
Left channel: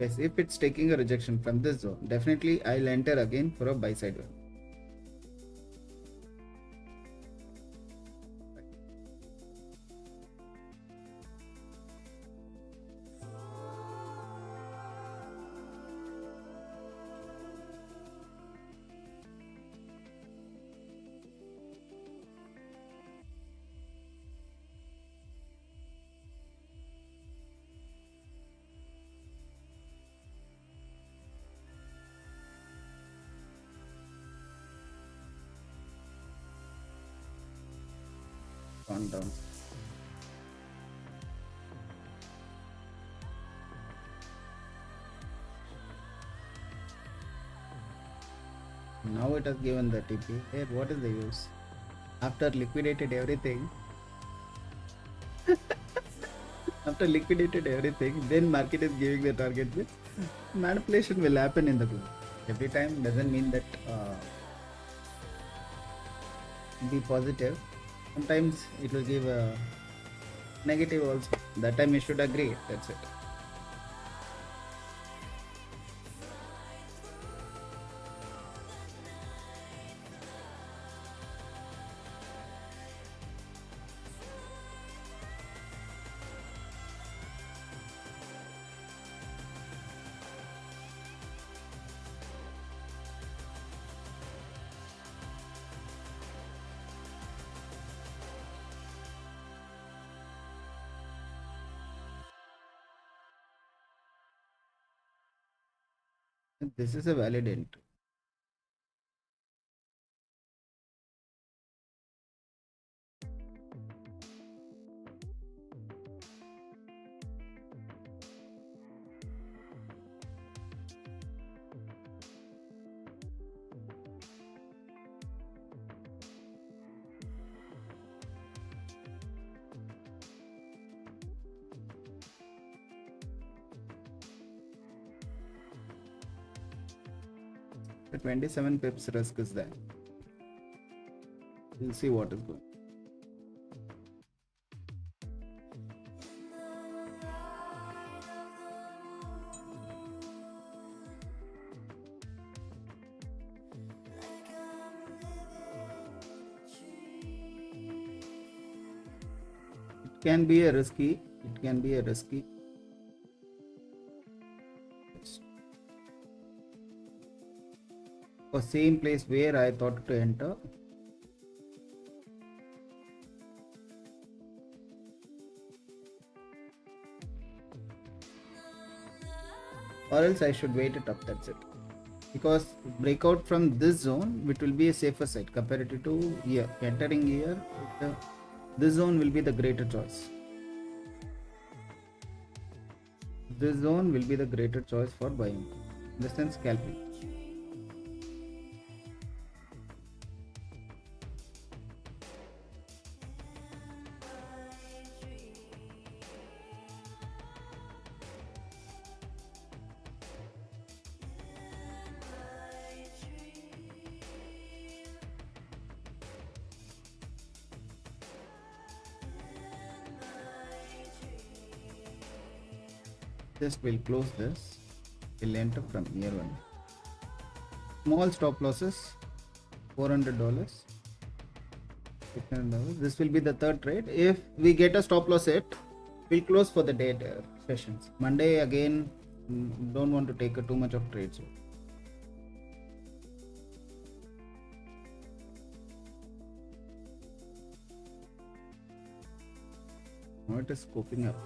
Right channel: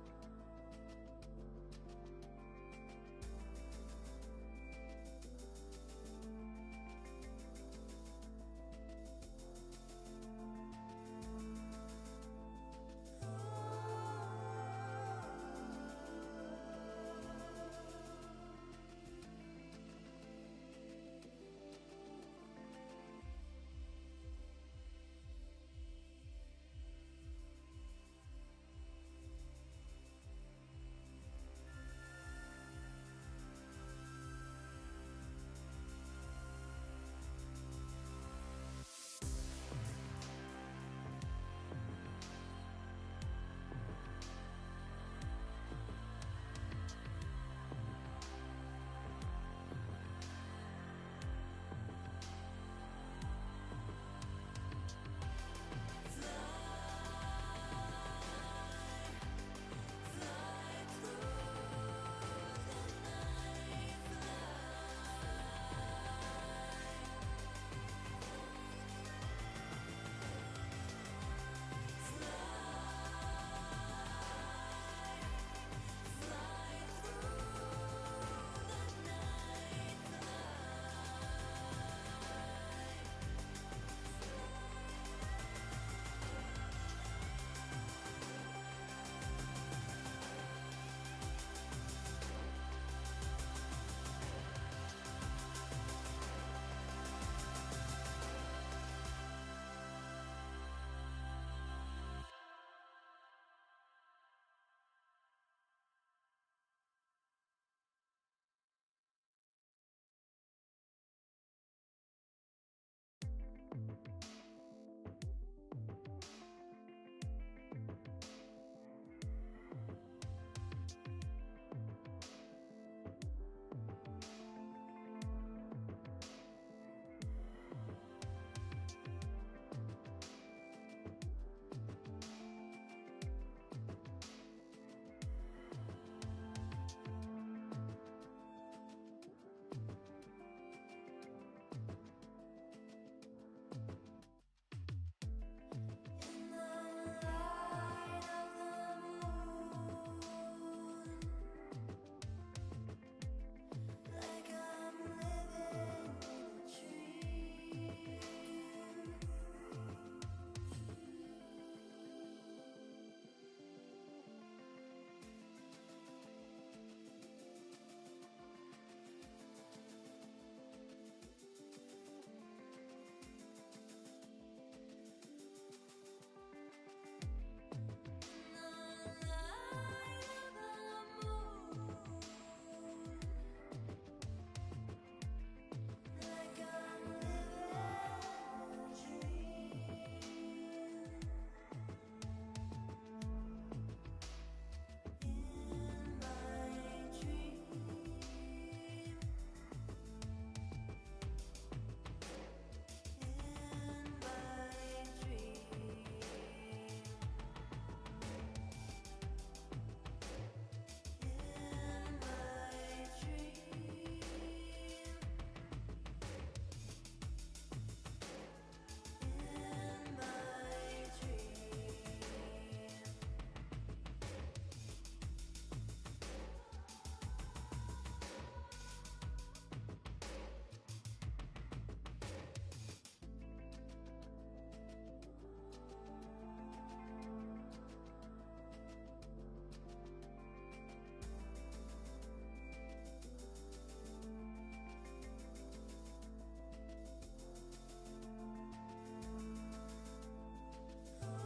yes, if it's taking a rejection from this zone, definitely I'll enter again for a buy side one. Down. Now it has given the TP. Hey, what is the use? After liquidated everything, then market is giving the target. Manipulation will happen in the group. Every time doesn't mean that be positive. Sometimes it will give a negative also. That time you should agree. That's it. This is a valid entry. The 27 pips risk is there. We'll see what is good. It can be a risky. or same place where I thought to enter. Or else I should wait it up, that's it. Because breakout from this zone, it will be a safer side comparative to here. Entering here, this zone will be the greater choice. This zone will be the greater choice for buying. Understand? Scalping. Just we'll close this. We'll enter from here one. Small stop losses, $400. $600. This will be the third trade. If we get a stop loss hit, we'll close for the day sessions. Monday again, don't want to take too much of trades. Now it is scoping up.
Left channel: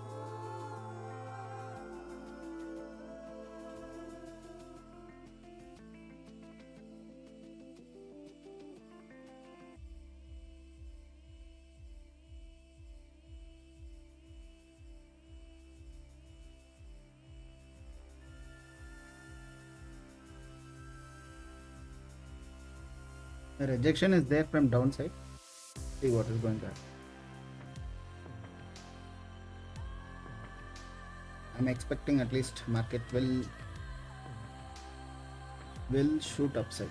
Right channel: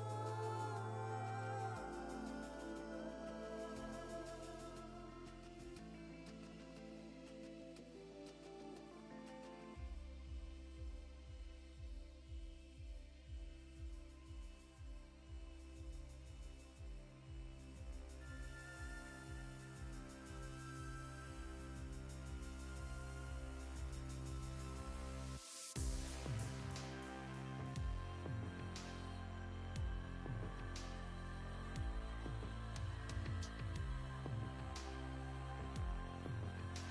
The rejection is there from downside. See what is going to happen. I'm expecting at least market will shoot upside.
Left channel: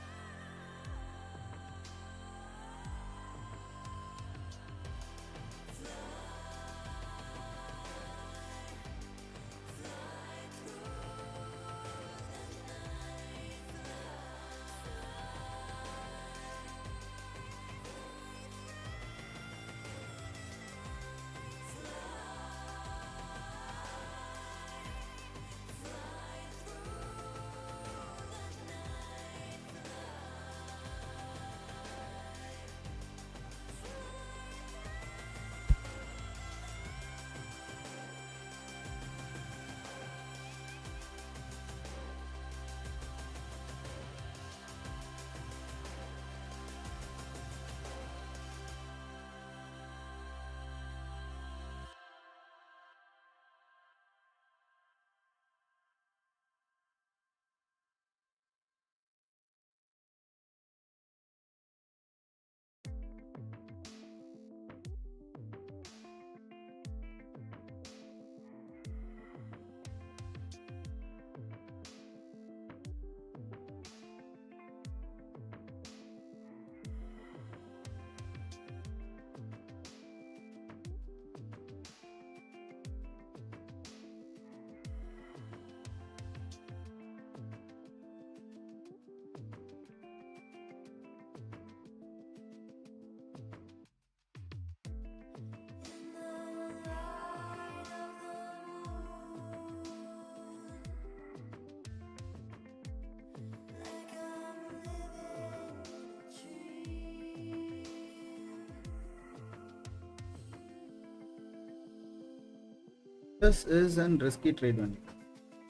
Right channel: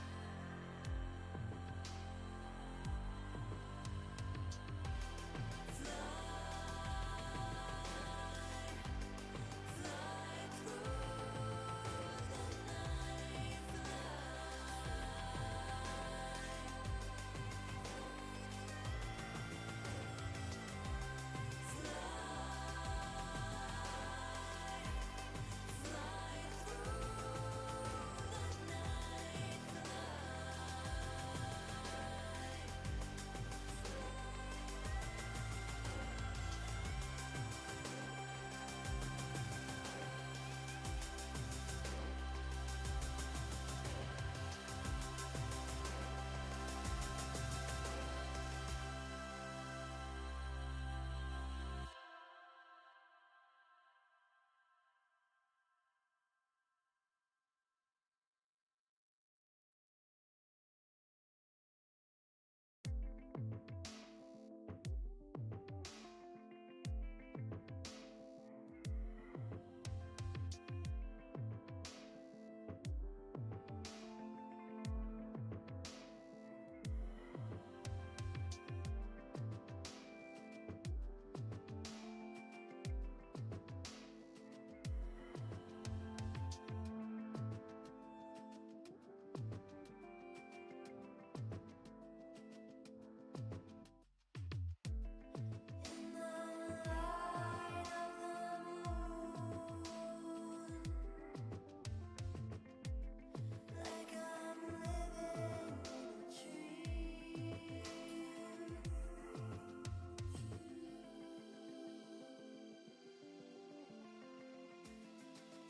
This is a risky trade one.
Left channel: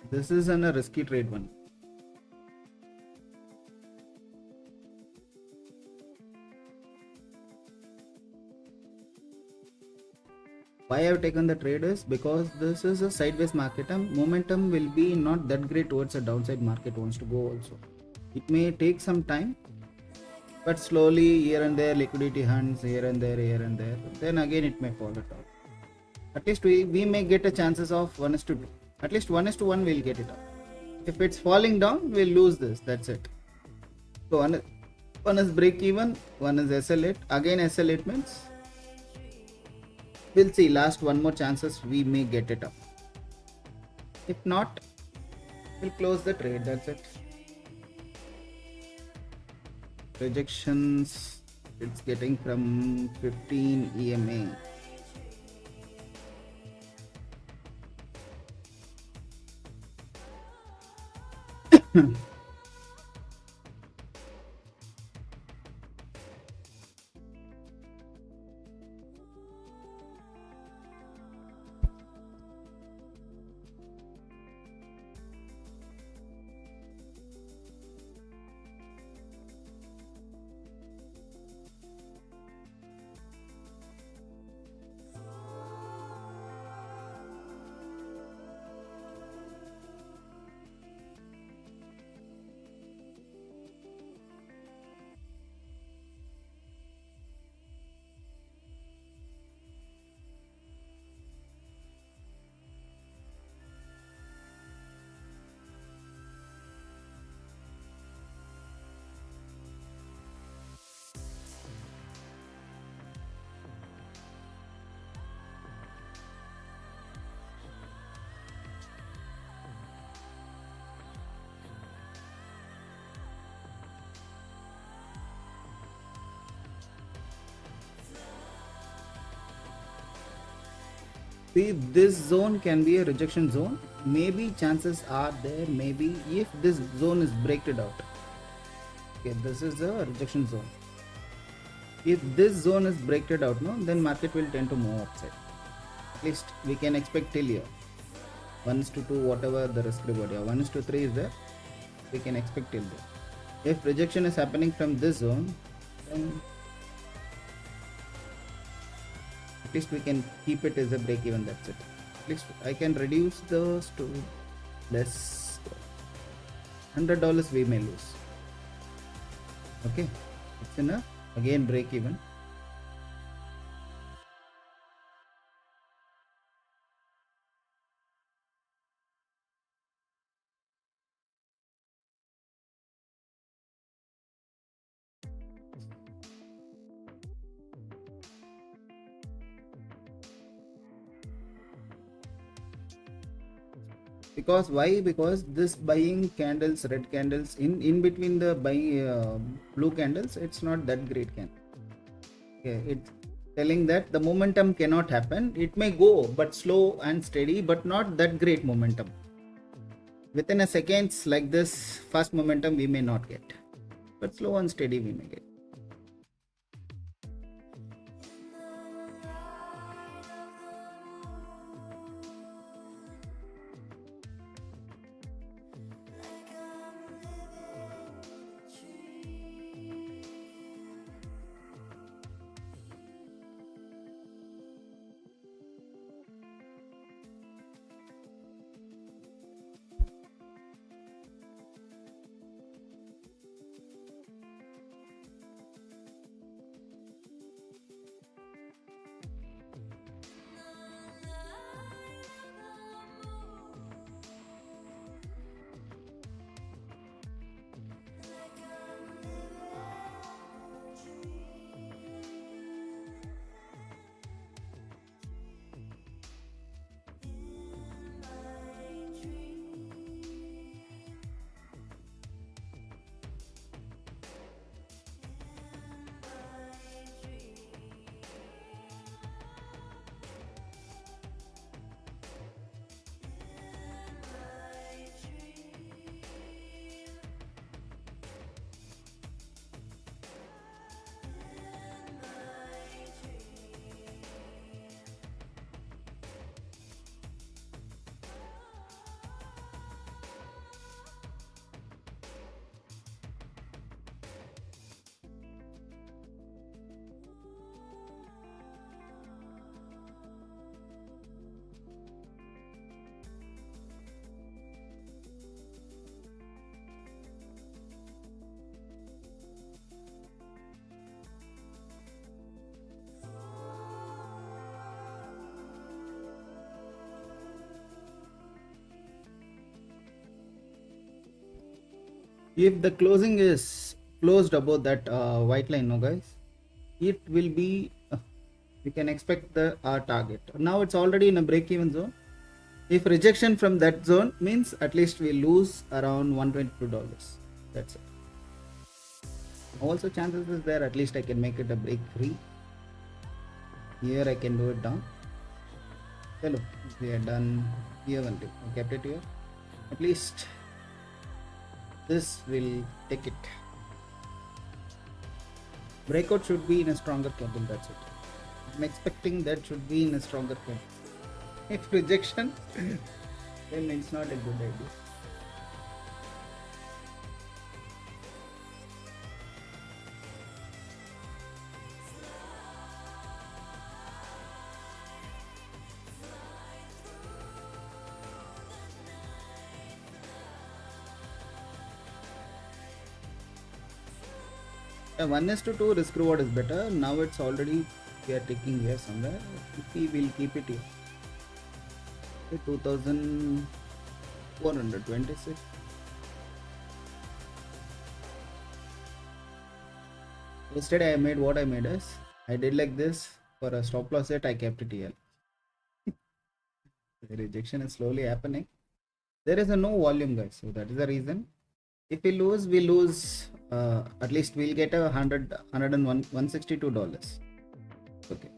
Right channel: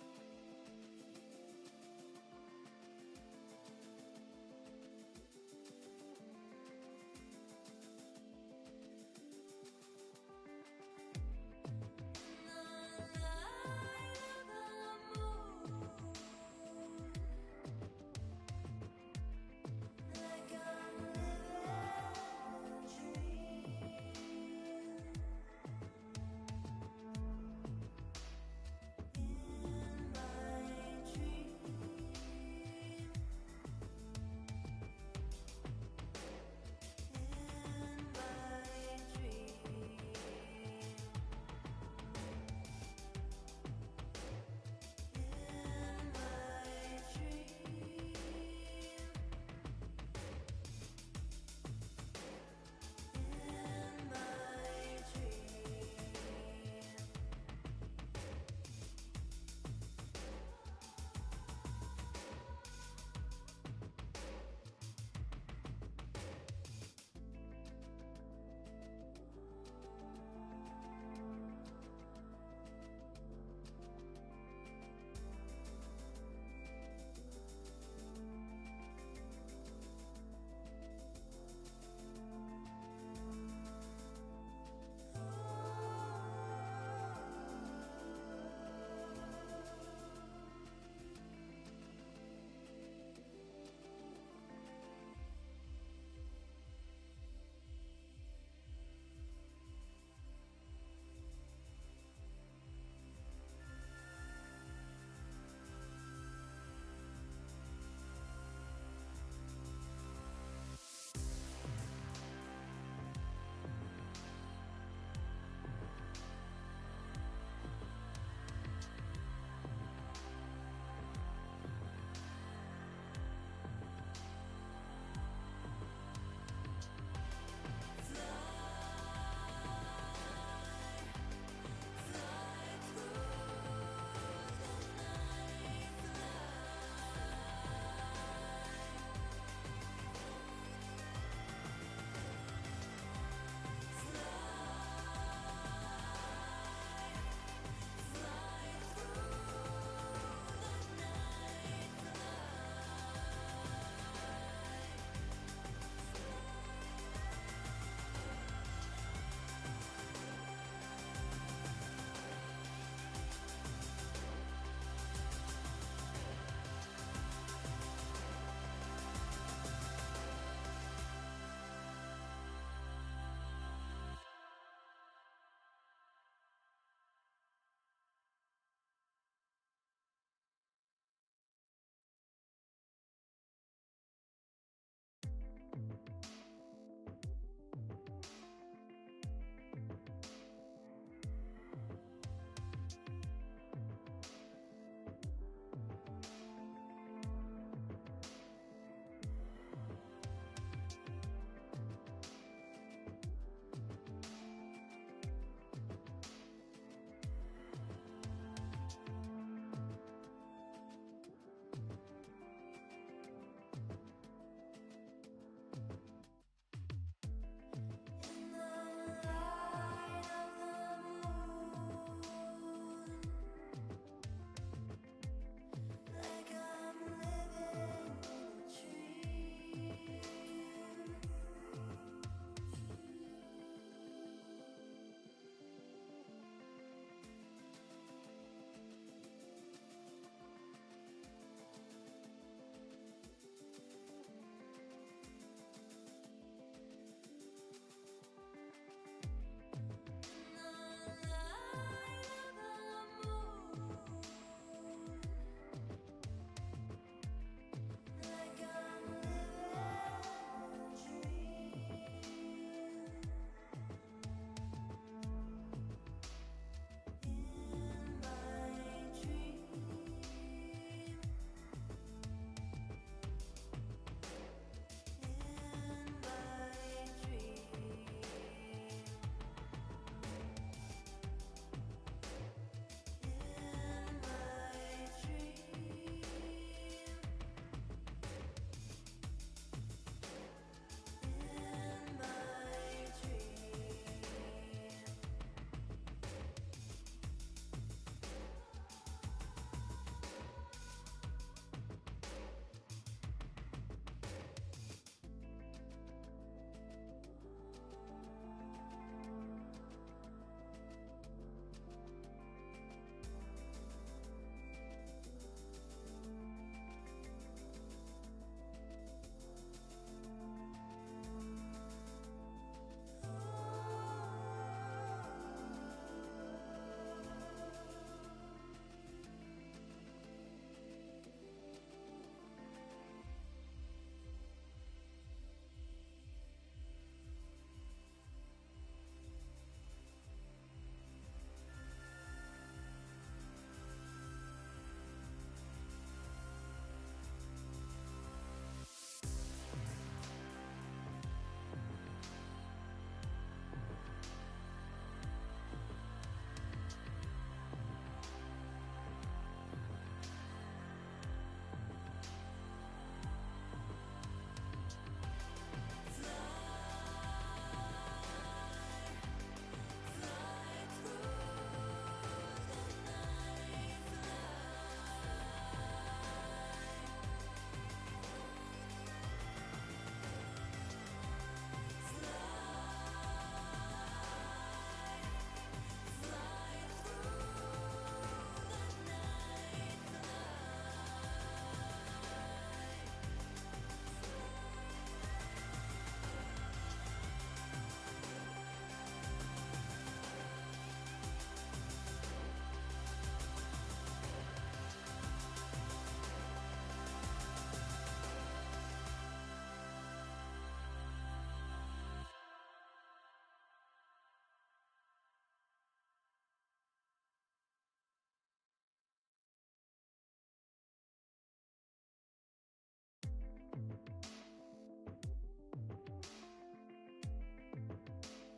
This is a risky trade one. Why I have taken the trade is because this is a sideways market and momentum will be not that great towards a downside market wants to go also. It may take some time, but slowly here and there liquidity hunts here and there, then again it may fall it out. At least we may get a chances of 1:2. At least 1:1 we'll get it up. If it's falling down, we'll lose this. That's it. So one is break even, one is SL8. Again SL8 means we'll see last one more chances we may get it up. If not, we'll close the trade. That's it. Rejections, it's getting from 15 EMA. See, this zone can be a rejection zone. Maybe chances are there, maybe if this zone is breaked out. Okay, this is a rejection zone. If this zone is breaked out, no, then market will tend to move upside. At least we can expect till here. 1:2, whatever the risk reward. 1:3 is there. We can expect till there. If rejection is happening from this zone, then at least we can keep it as a break even. That's it. At least I can reduce those to less. $100 we may lose. Okay, it's enough. Again break even. Because why? Because this buying candles, red candles, in between the buying blue candles, it's not that great candle. Okay, it's telling that the momentum cannot happen. It may go but slow and steady, but not that great momentum. Within a seconds like this fast momentum we may not get, but slow and steady we may get. If the closing is closed above that white line, no guys, it will be we can expect the our target. Now it's already in a break even zone. If rejection from that zone means at least we lose around $122. That's it. Also chances is there, at least I can make it a break free. Here I can do it down. Hello, we are done here only. I kept it here. At least this will take it. Breakout should be in a stronger candle. That's it. I'm expecting that should be in a stronger candle. If rejection, then it's not a good idea. Yeah, 1:2 risk reward is better. Now it's already we are taking here somewhere. We will keep it here. 2426. Yesterday I made what I made is I did like this for a stop loss set. I kept it here. The rejection is slowly happening. There is a no volume, guys, so that is the reason. If we lose at least we'll get a $101 $162. Okay,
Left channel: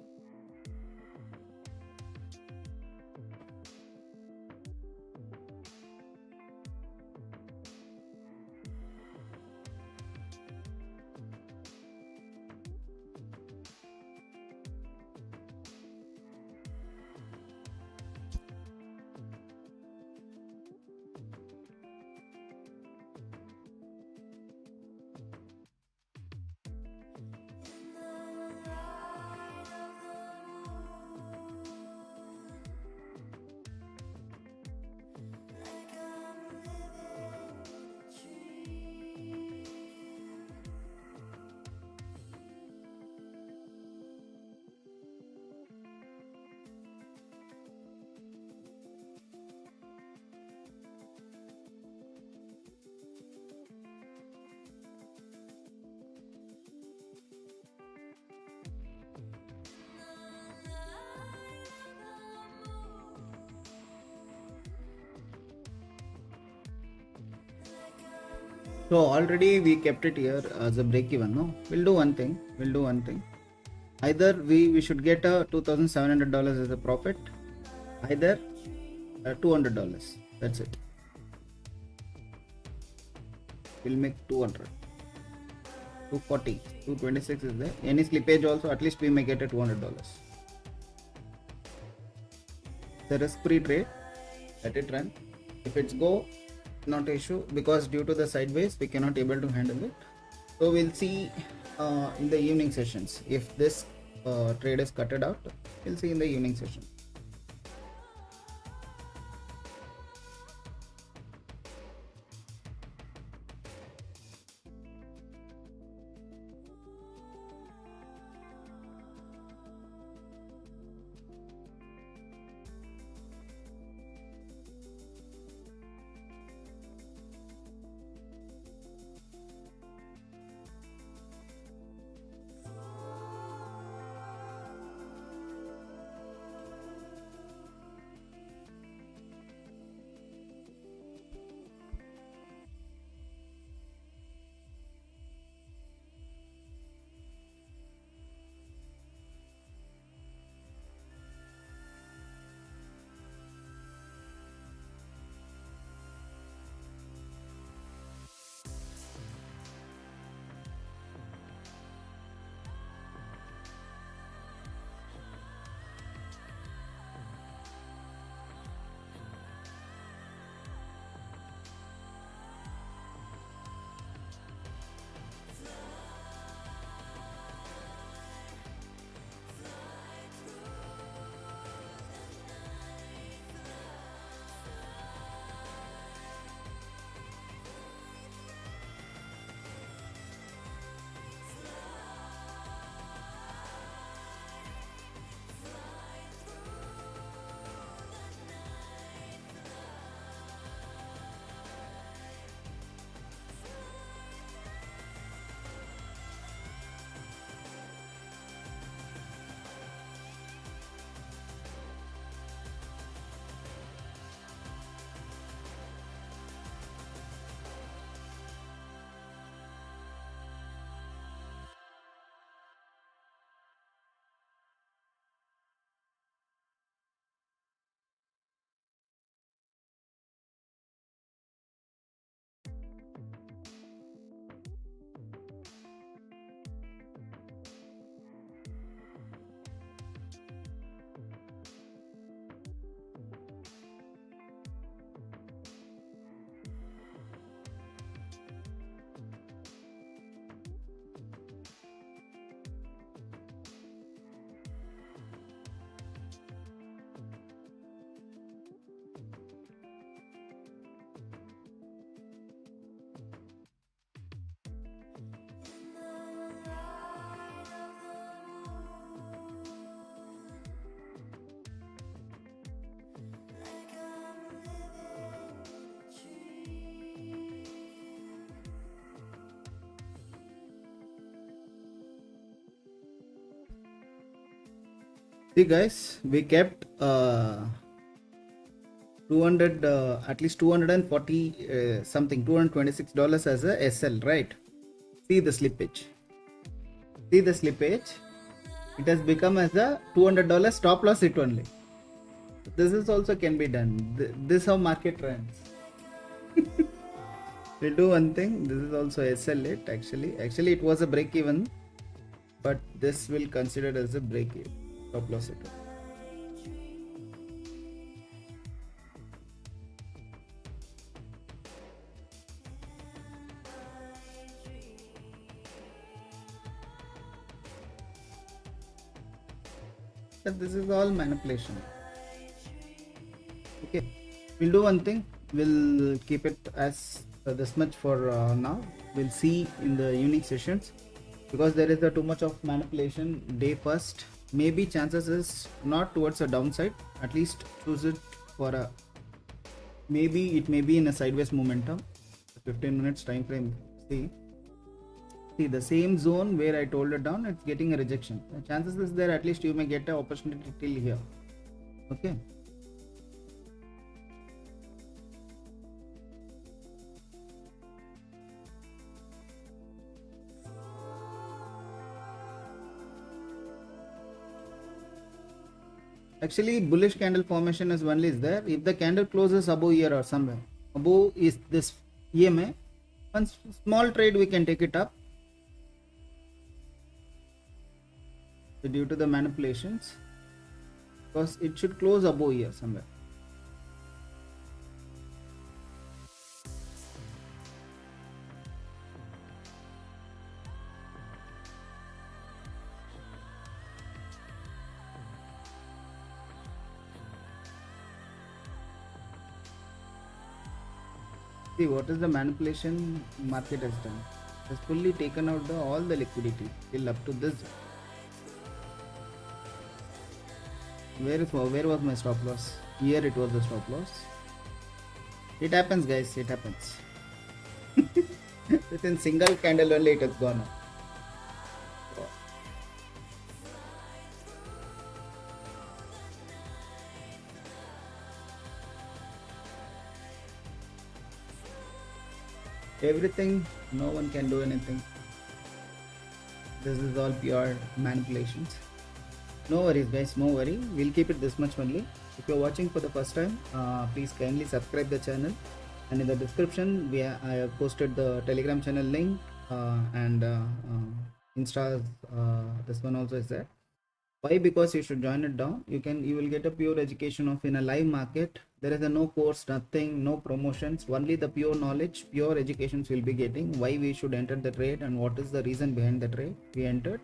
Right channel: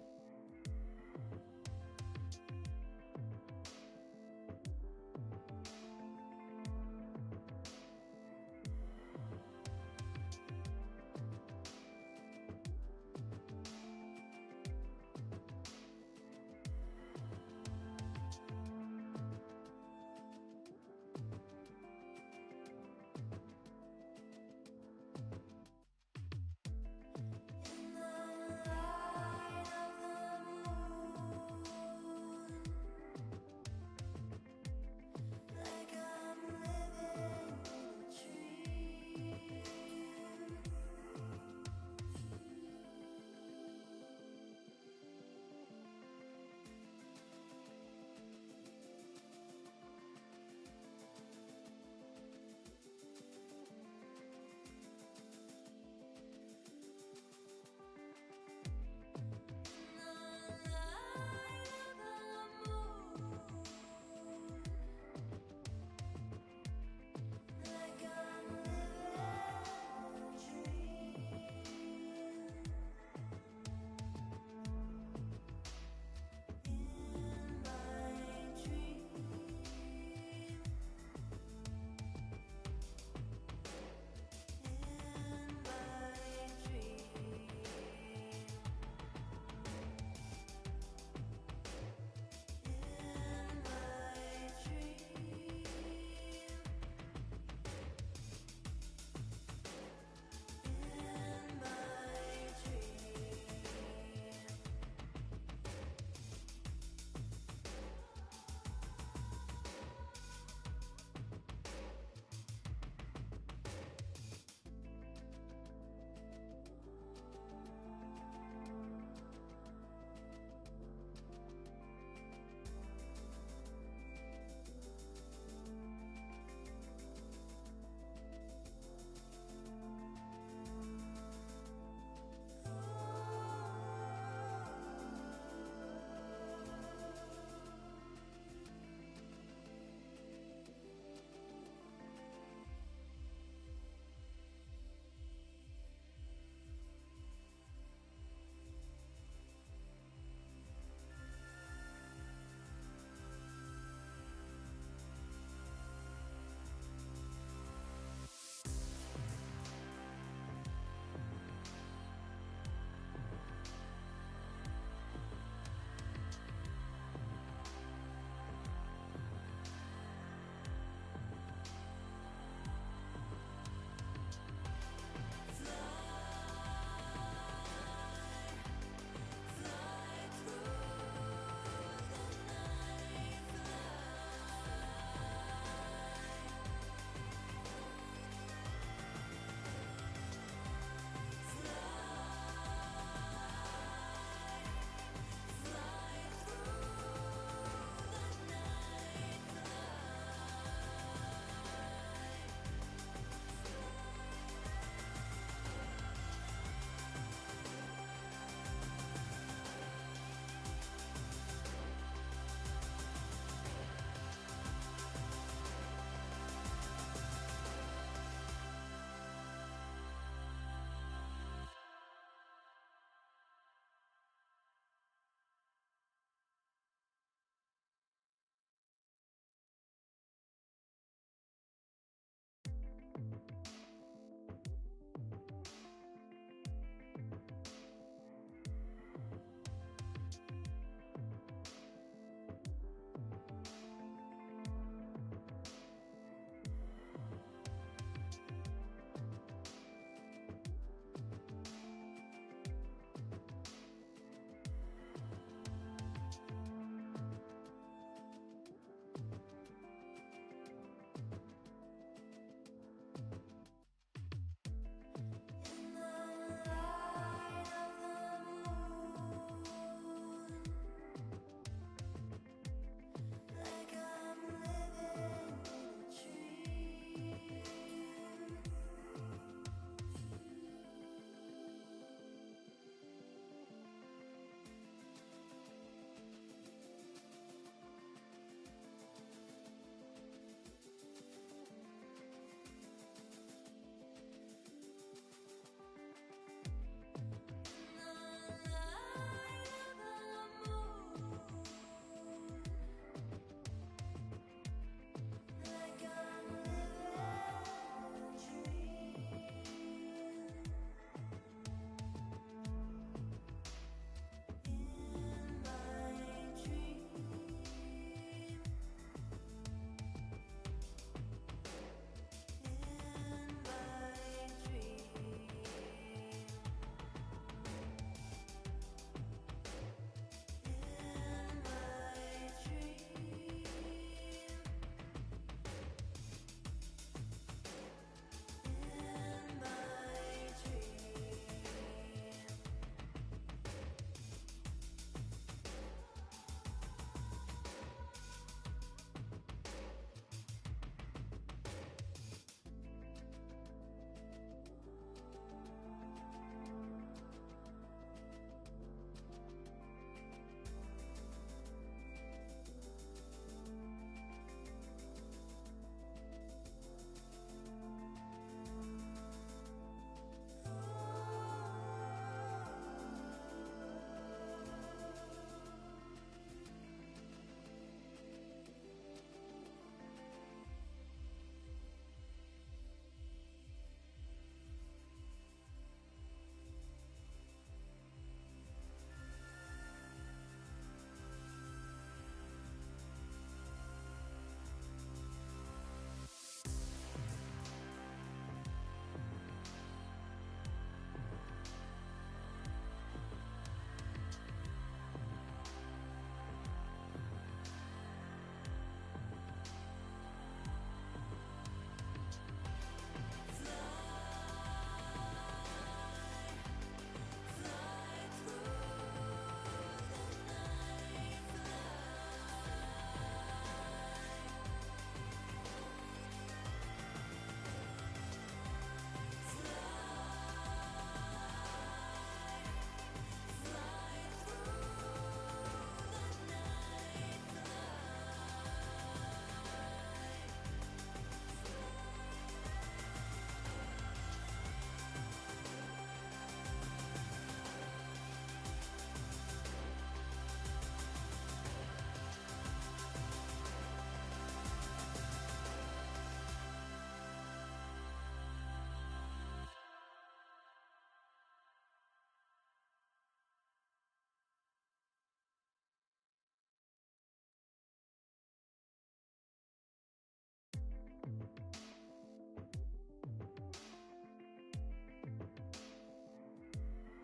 So already we kept it here as a break even. No, we'll do one thing. Either we should get a $2,700 as a profit, either $200. That's it. We'll make 200. 240, 226 is there. Any slippage also, at least we may get a $200. The risk-free trade, let it run. If it's go, not issue, because due to the sideways we cannot able to handle it. So we'll see in the evening sessions. If this trade is cutted out, we'll see in the evening session. See guys, we kept 200 at least 240 something $226 as a SL, right? See the slippage. It has become as a $200 stop loss hit only. This is also can be done. This how market runs. We'll do one thing. This is also SL it actually it was a break even, but this will consider as a break even. Stop loss it. But this is all manipulation. Okay, we'll do one thing. We'll keep it as this much for now. We'll see in the evening sessions, because there is too much of manipulation day first. Maybe chances is not towards a downside, at least choose it for a, maybe it may be in a sideways momentum. 15 minutes time frame. See the same zone where I told it down, it's getting a rejection. The chances is there, at least you may get an opportunity till here. Okay, Actually, bullish candle formation is only is there if the candle closes above here or somewhere. Above is this EMA. One small trade we can take it up. So due to the manipulations, because it should close above here somewhere. See what is the manipulation market has done. It has fully taken out all the liquidity till up to this. Where was my stop loss? Here it was the stop loss. It happens, guys. It happens. Within single candle only it has gone. Everything, no one can do anything. This is all pure manipulations. No worries, guys, no worry. We'll keep it this much only. If you're watching for the first time, please kindly subscribe the channel. And in the description, I have posted the Telegram channel link and Insta. This one also is there. Why? Because you should join it down. You will get a pure education of in a live market. There is a no course, nothing, no promotions, only the pure knowledge, pure educations will be getting. Why we should enter the trade and what is the reason behind the trade we entered.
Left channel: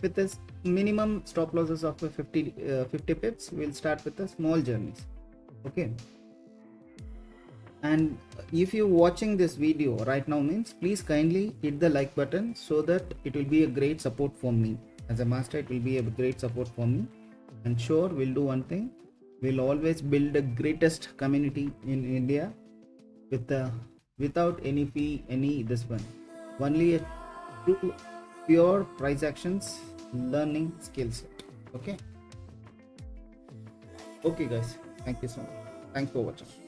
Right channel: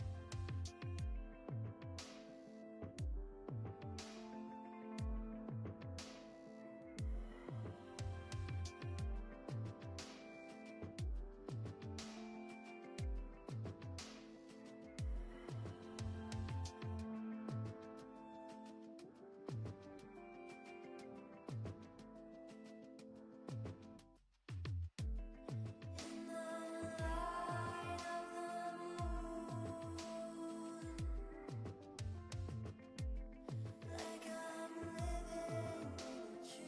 With this minimum stop losses of 50 pips, we'll start with the small journeys. Okay. And if you're watching this video right now means please kindly hit the like button so that it will be a great support for me. As a master, it will be a great support for me. And sure, we'll do one thing. We'll always build the greatest community in India without any fee, any this one. Only a pure price actions, learning skills. Okay. Okay, guys. Thank you so much. Thanks for watching.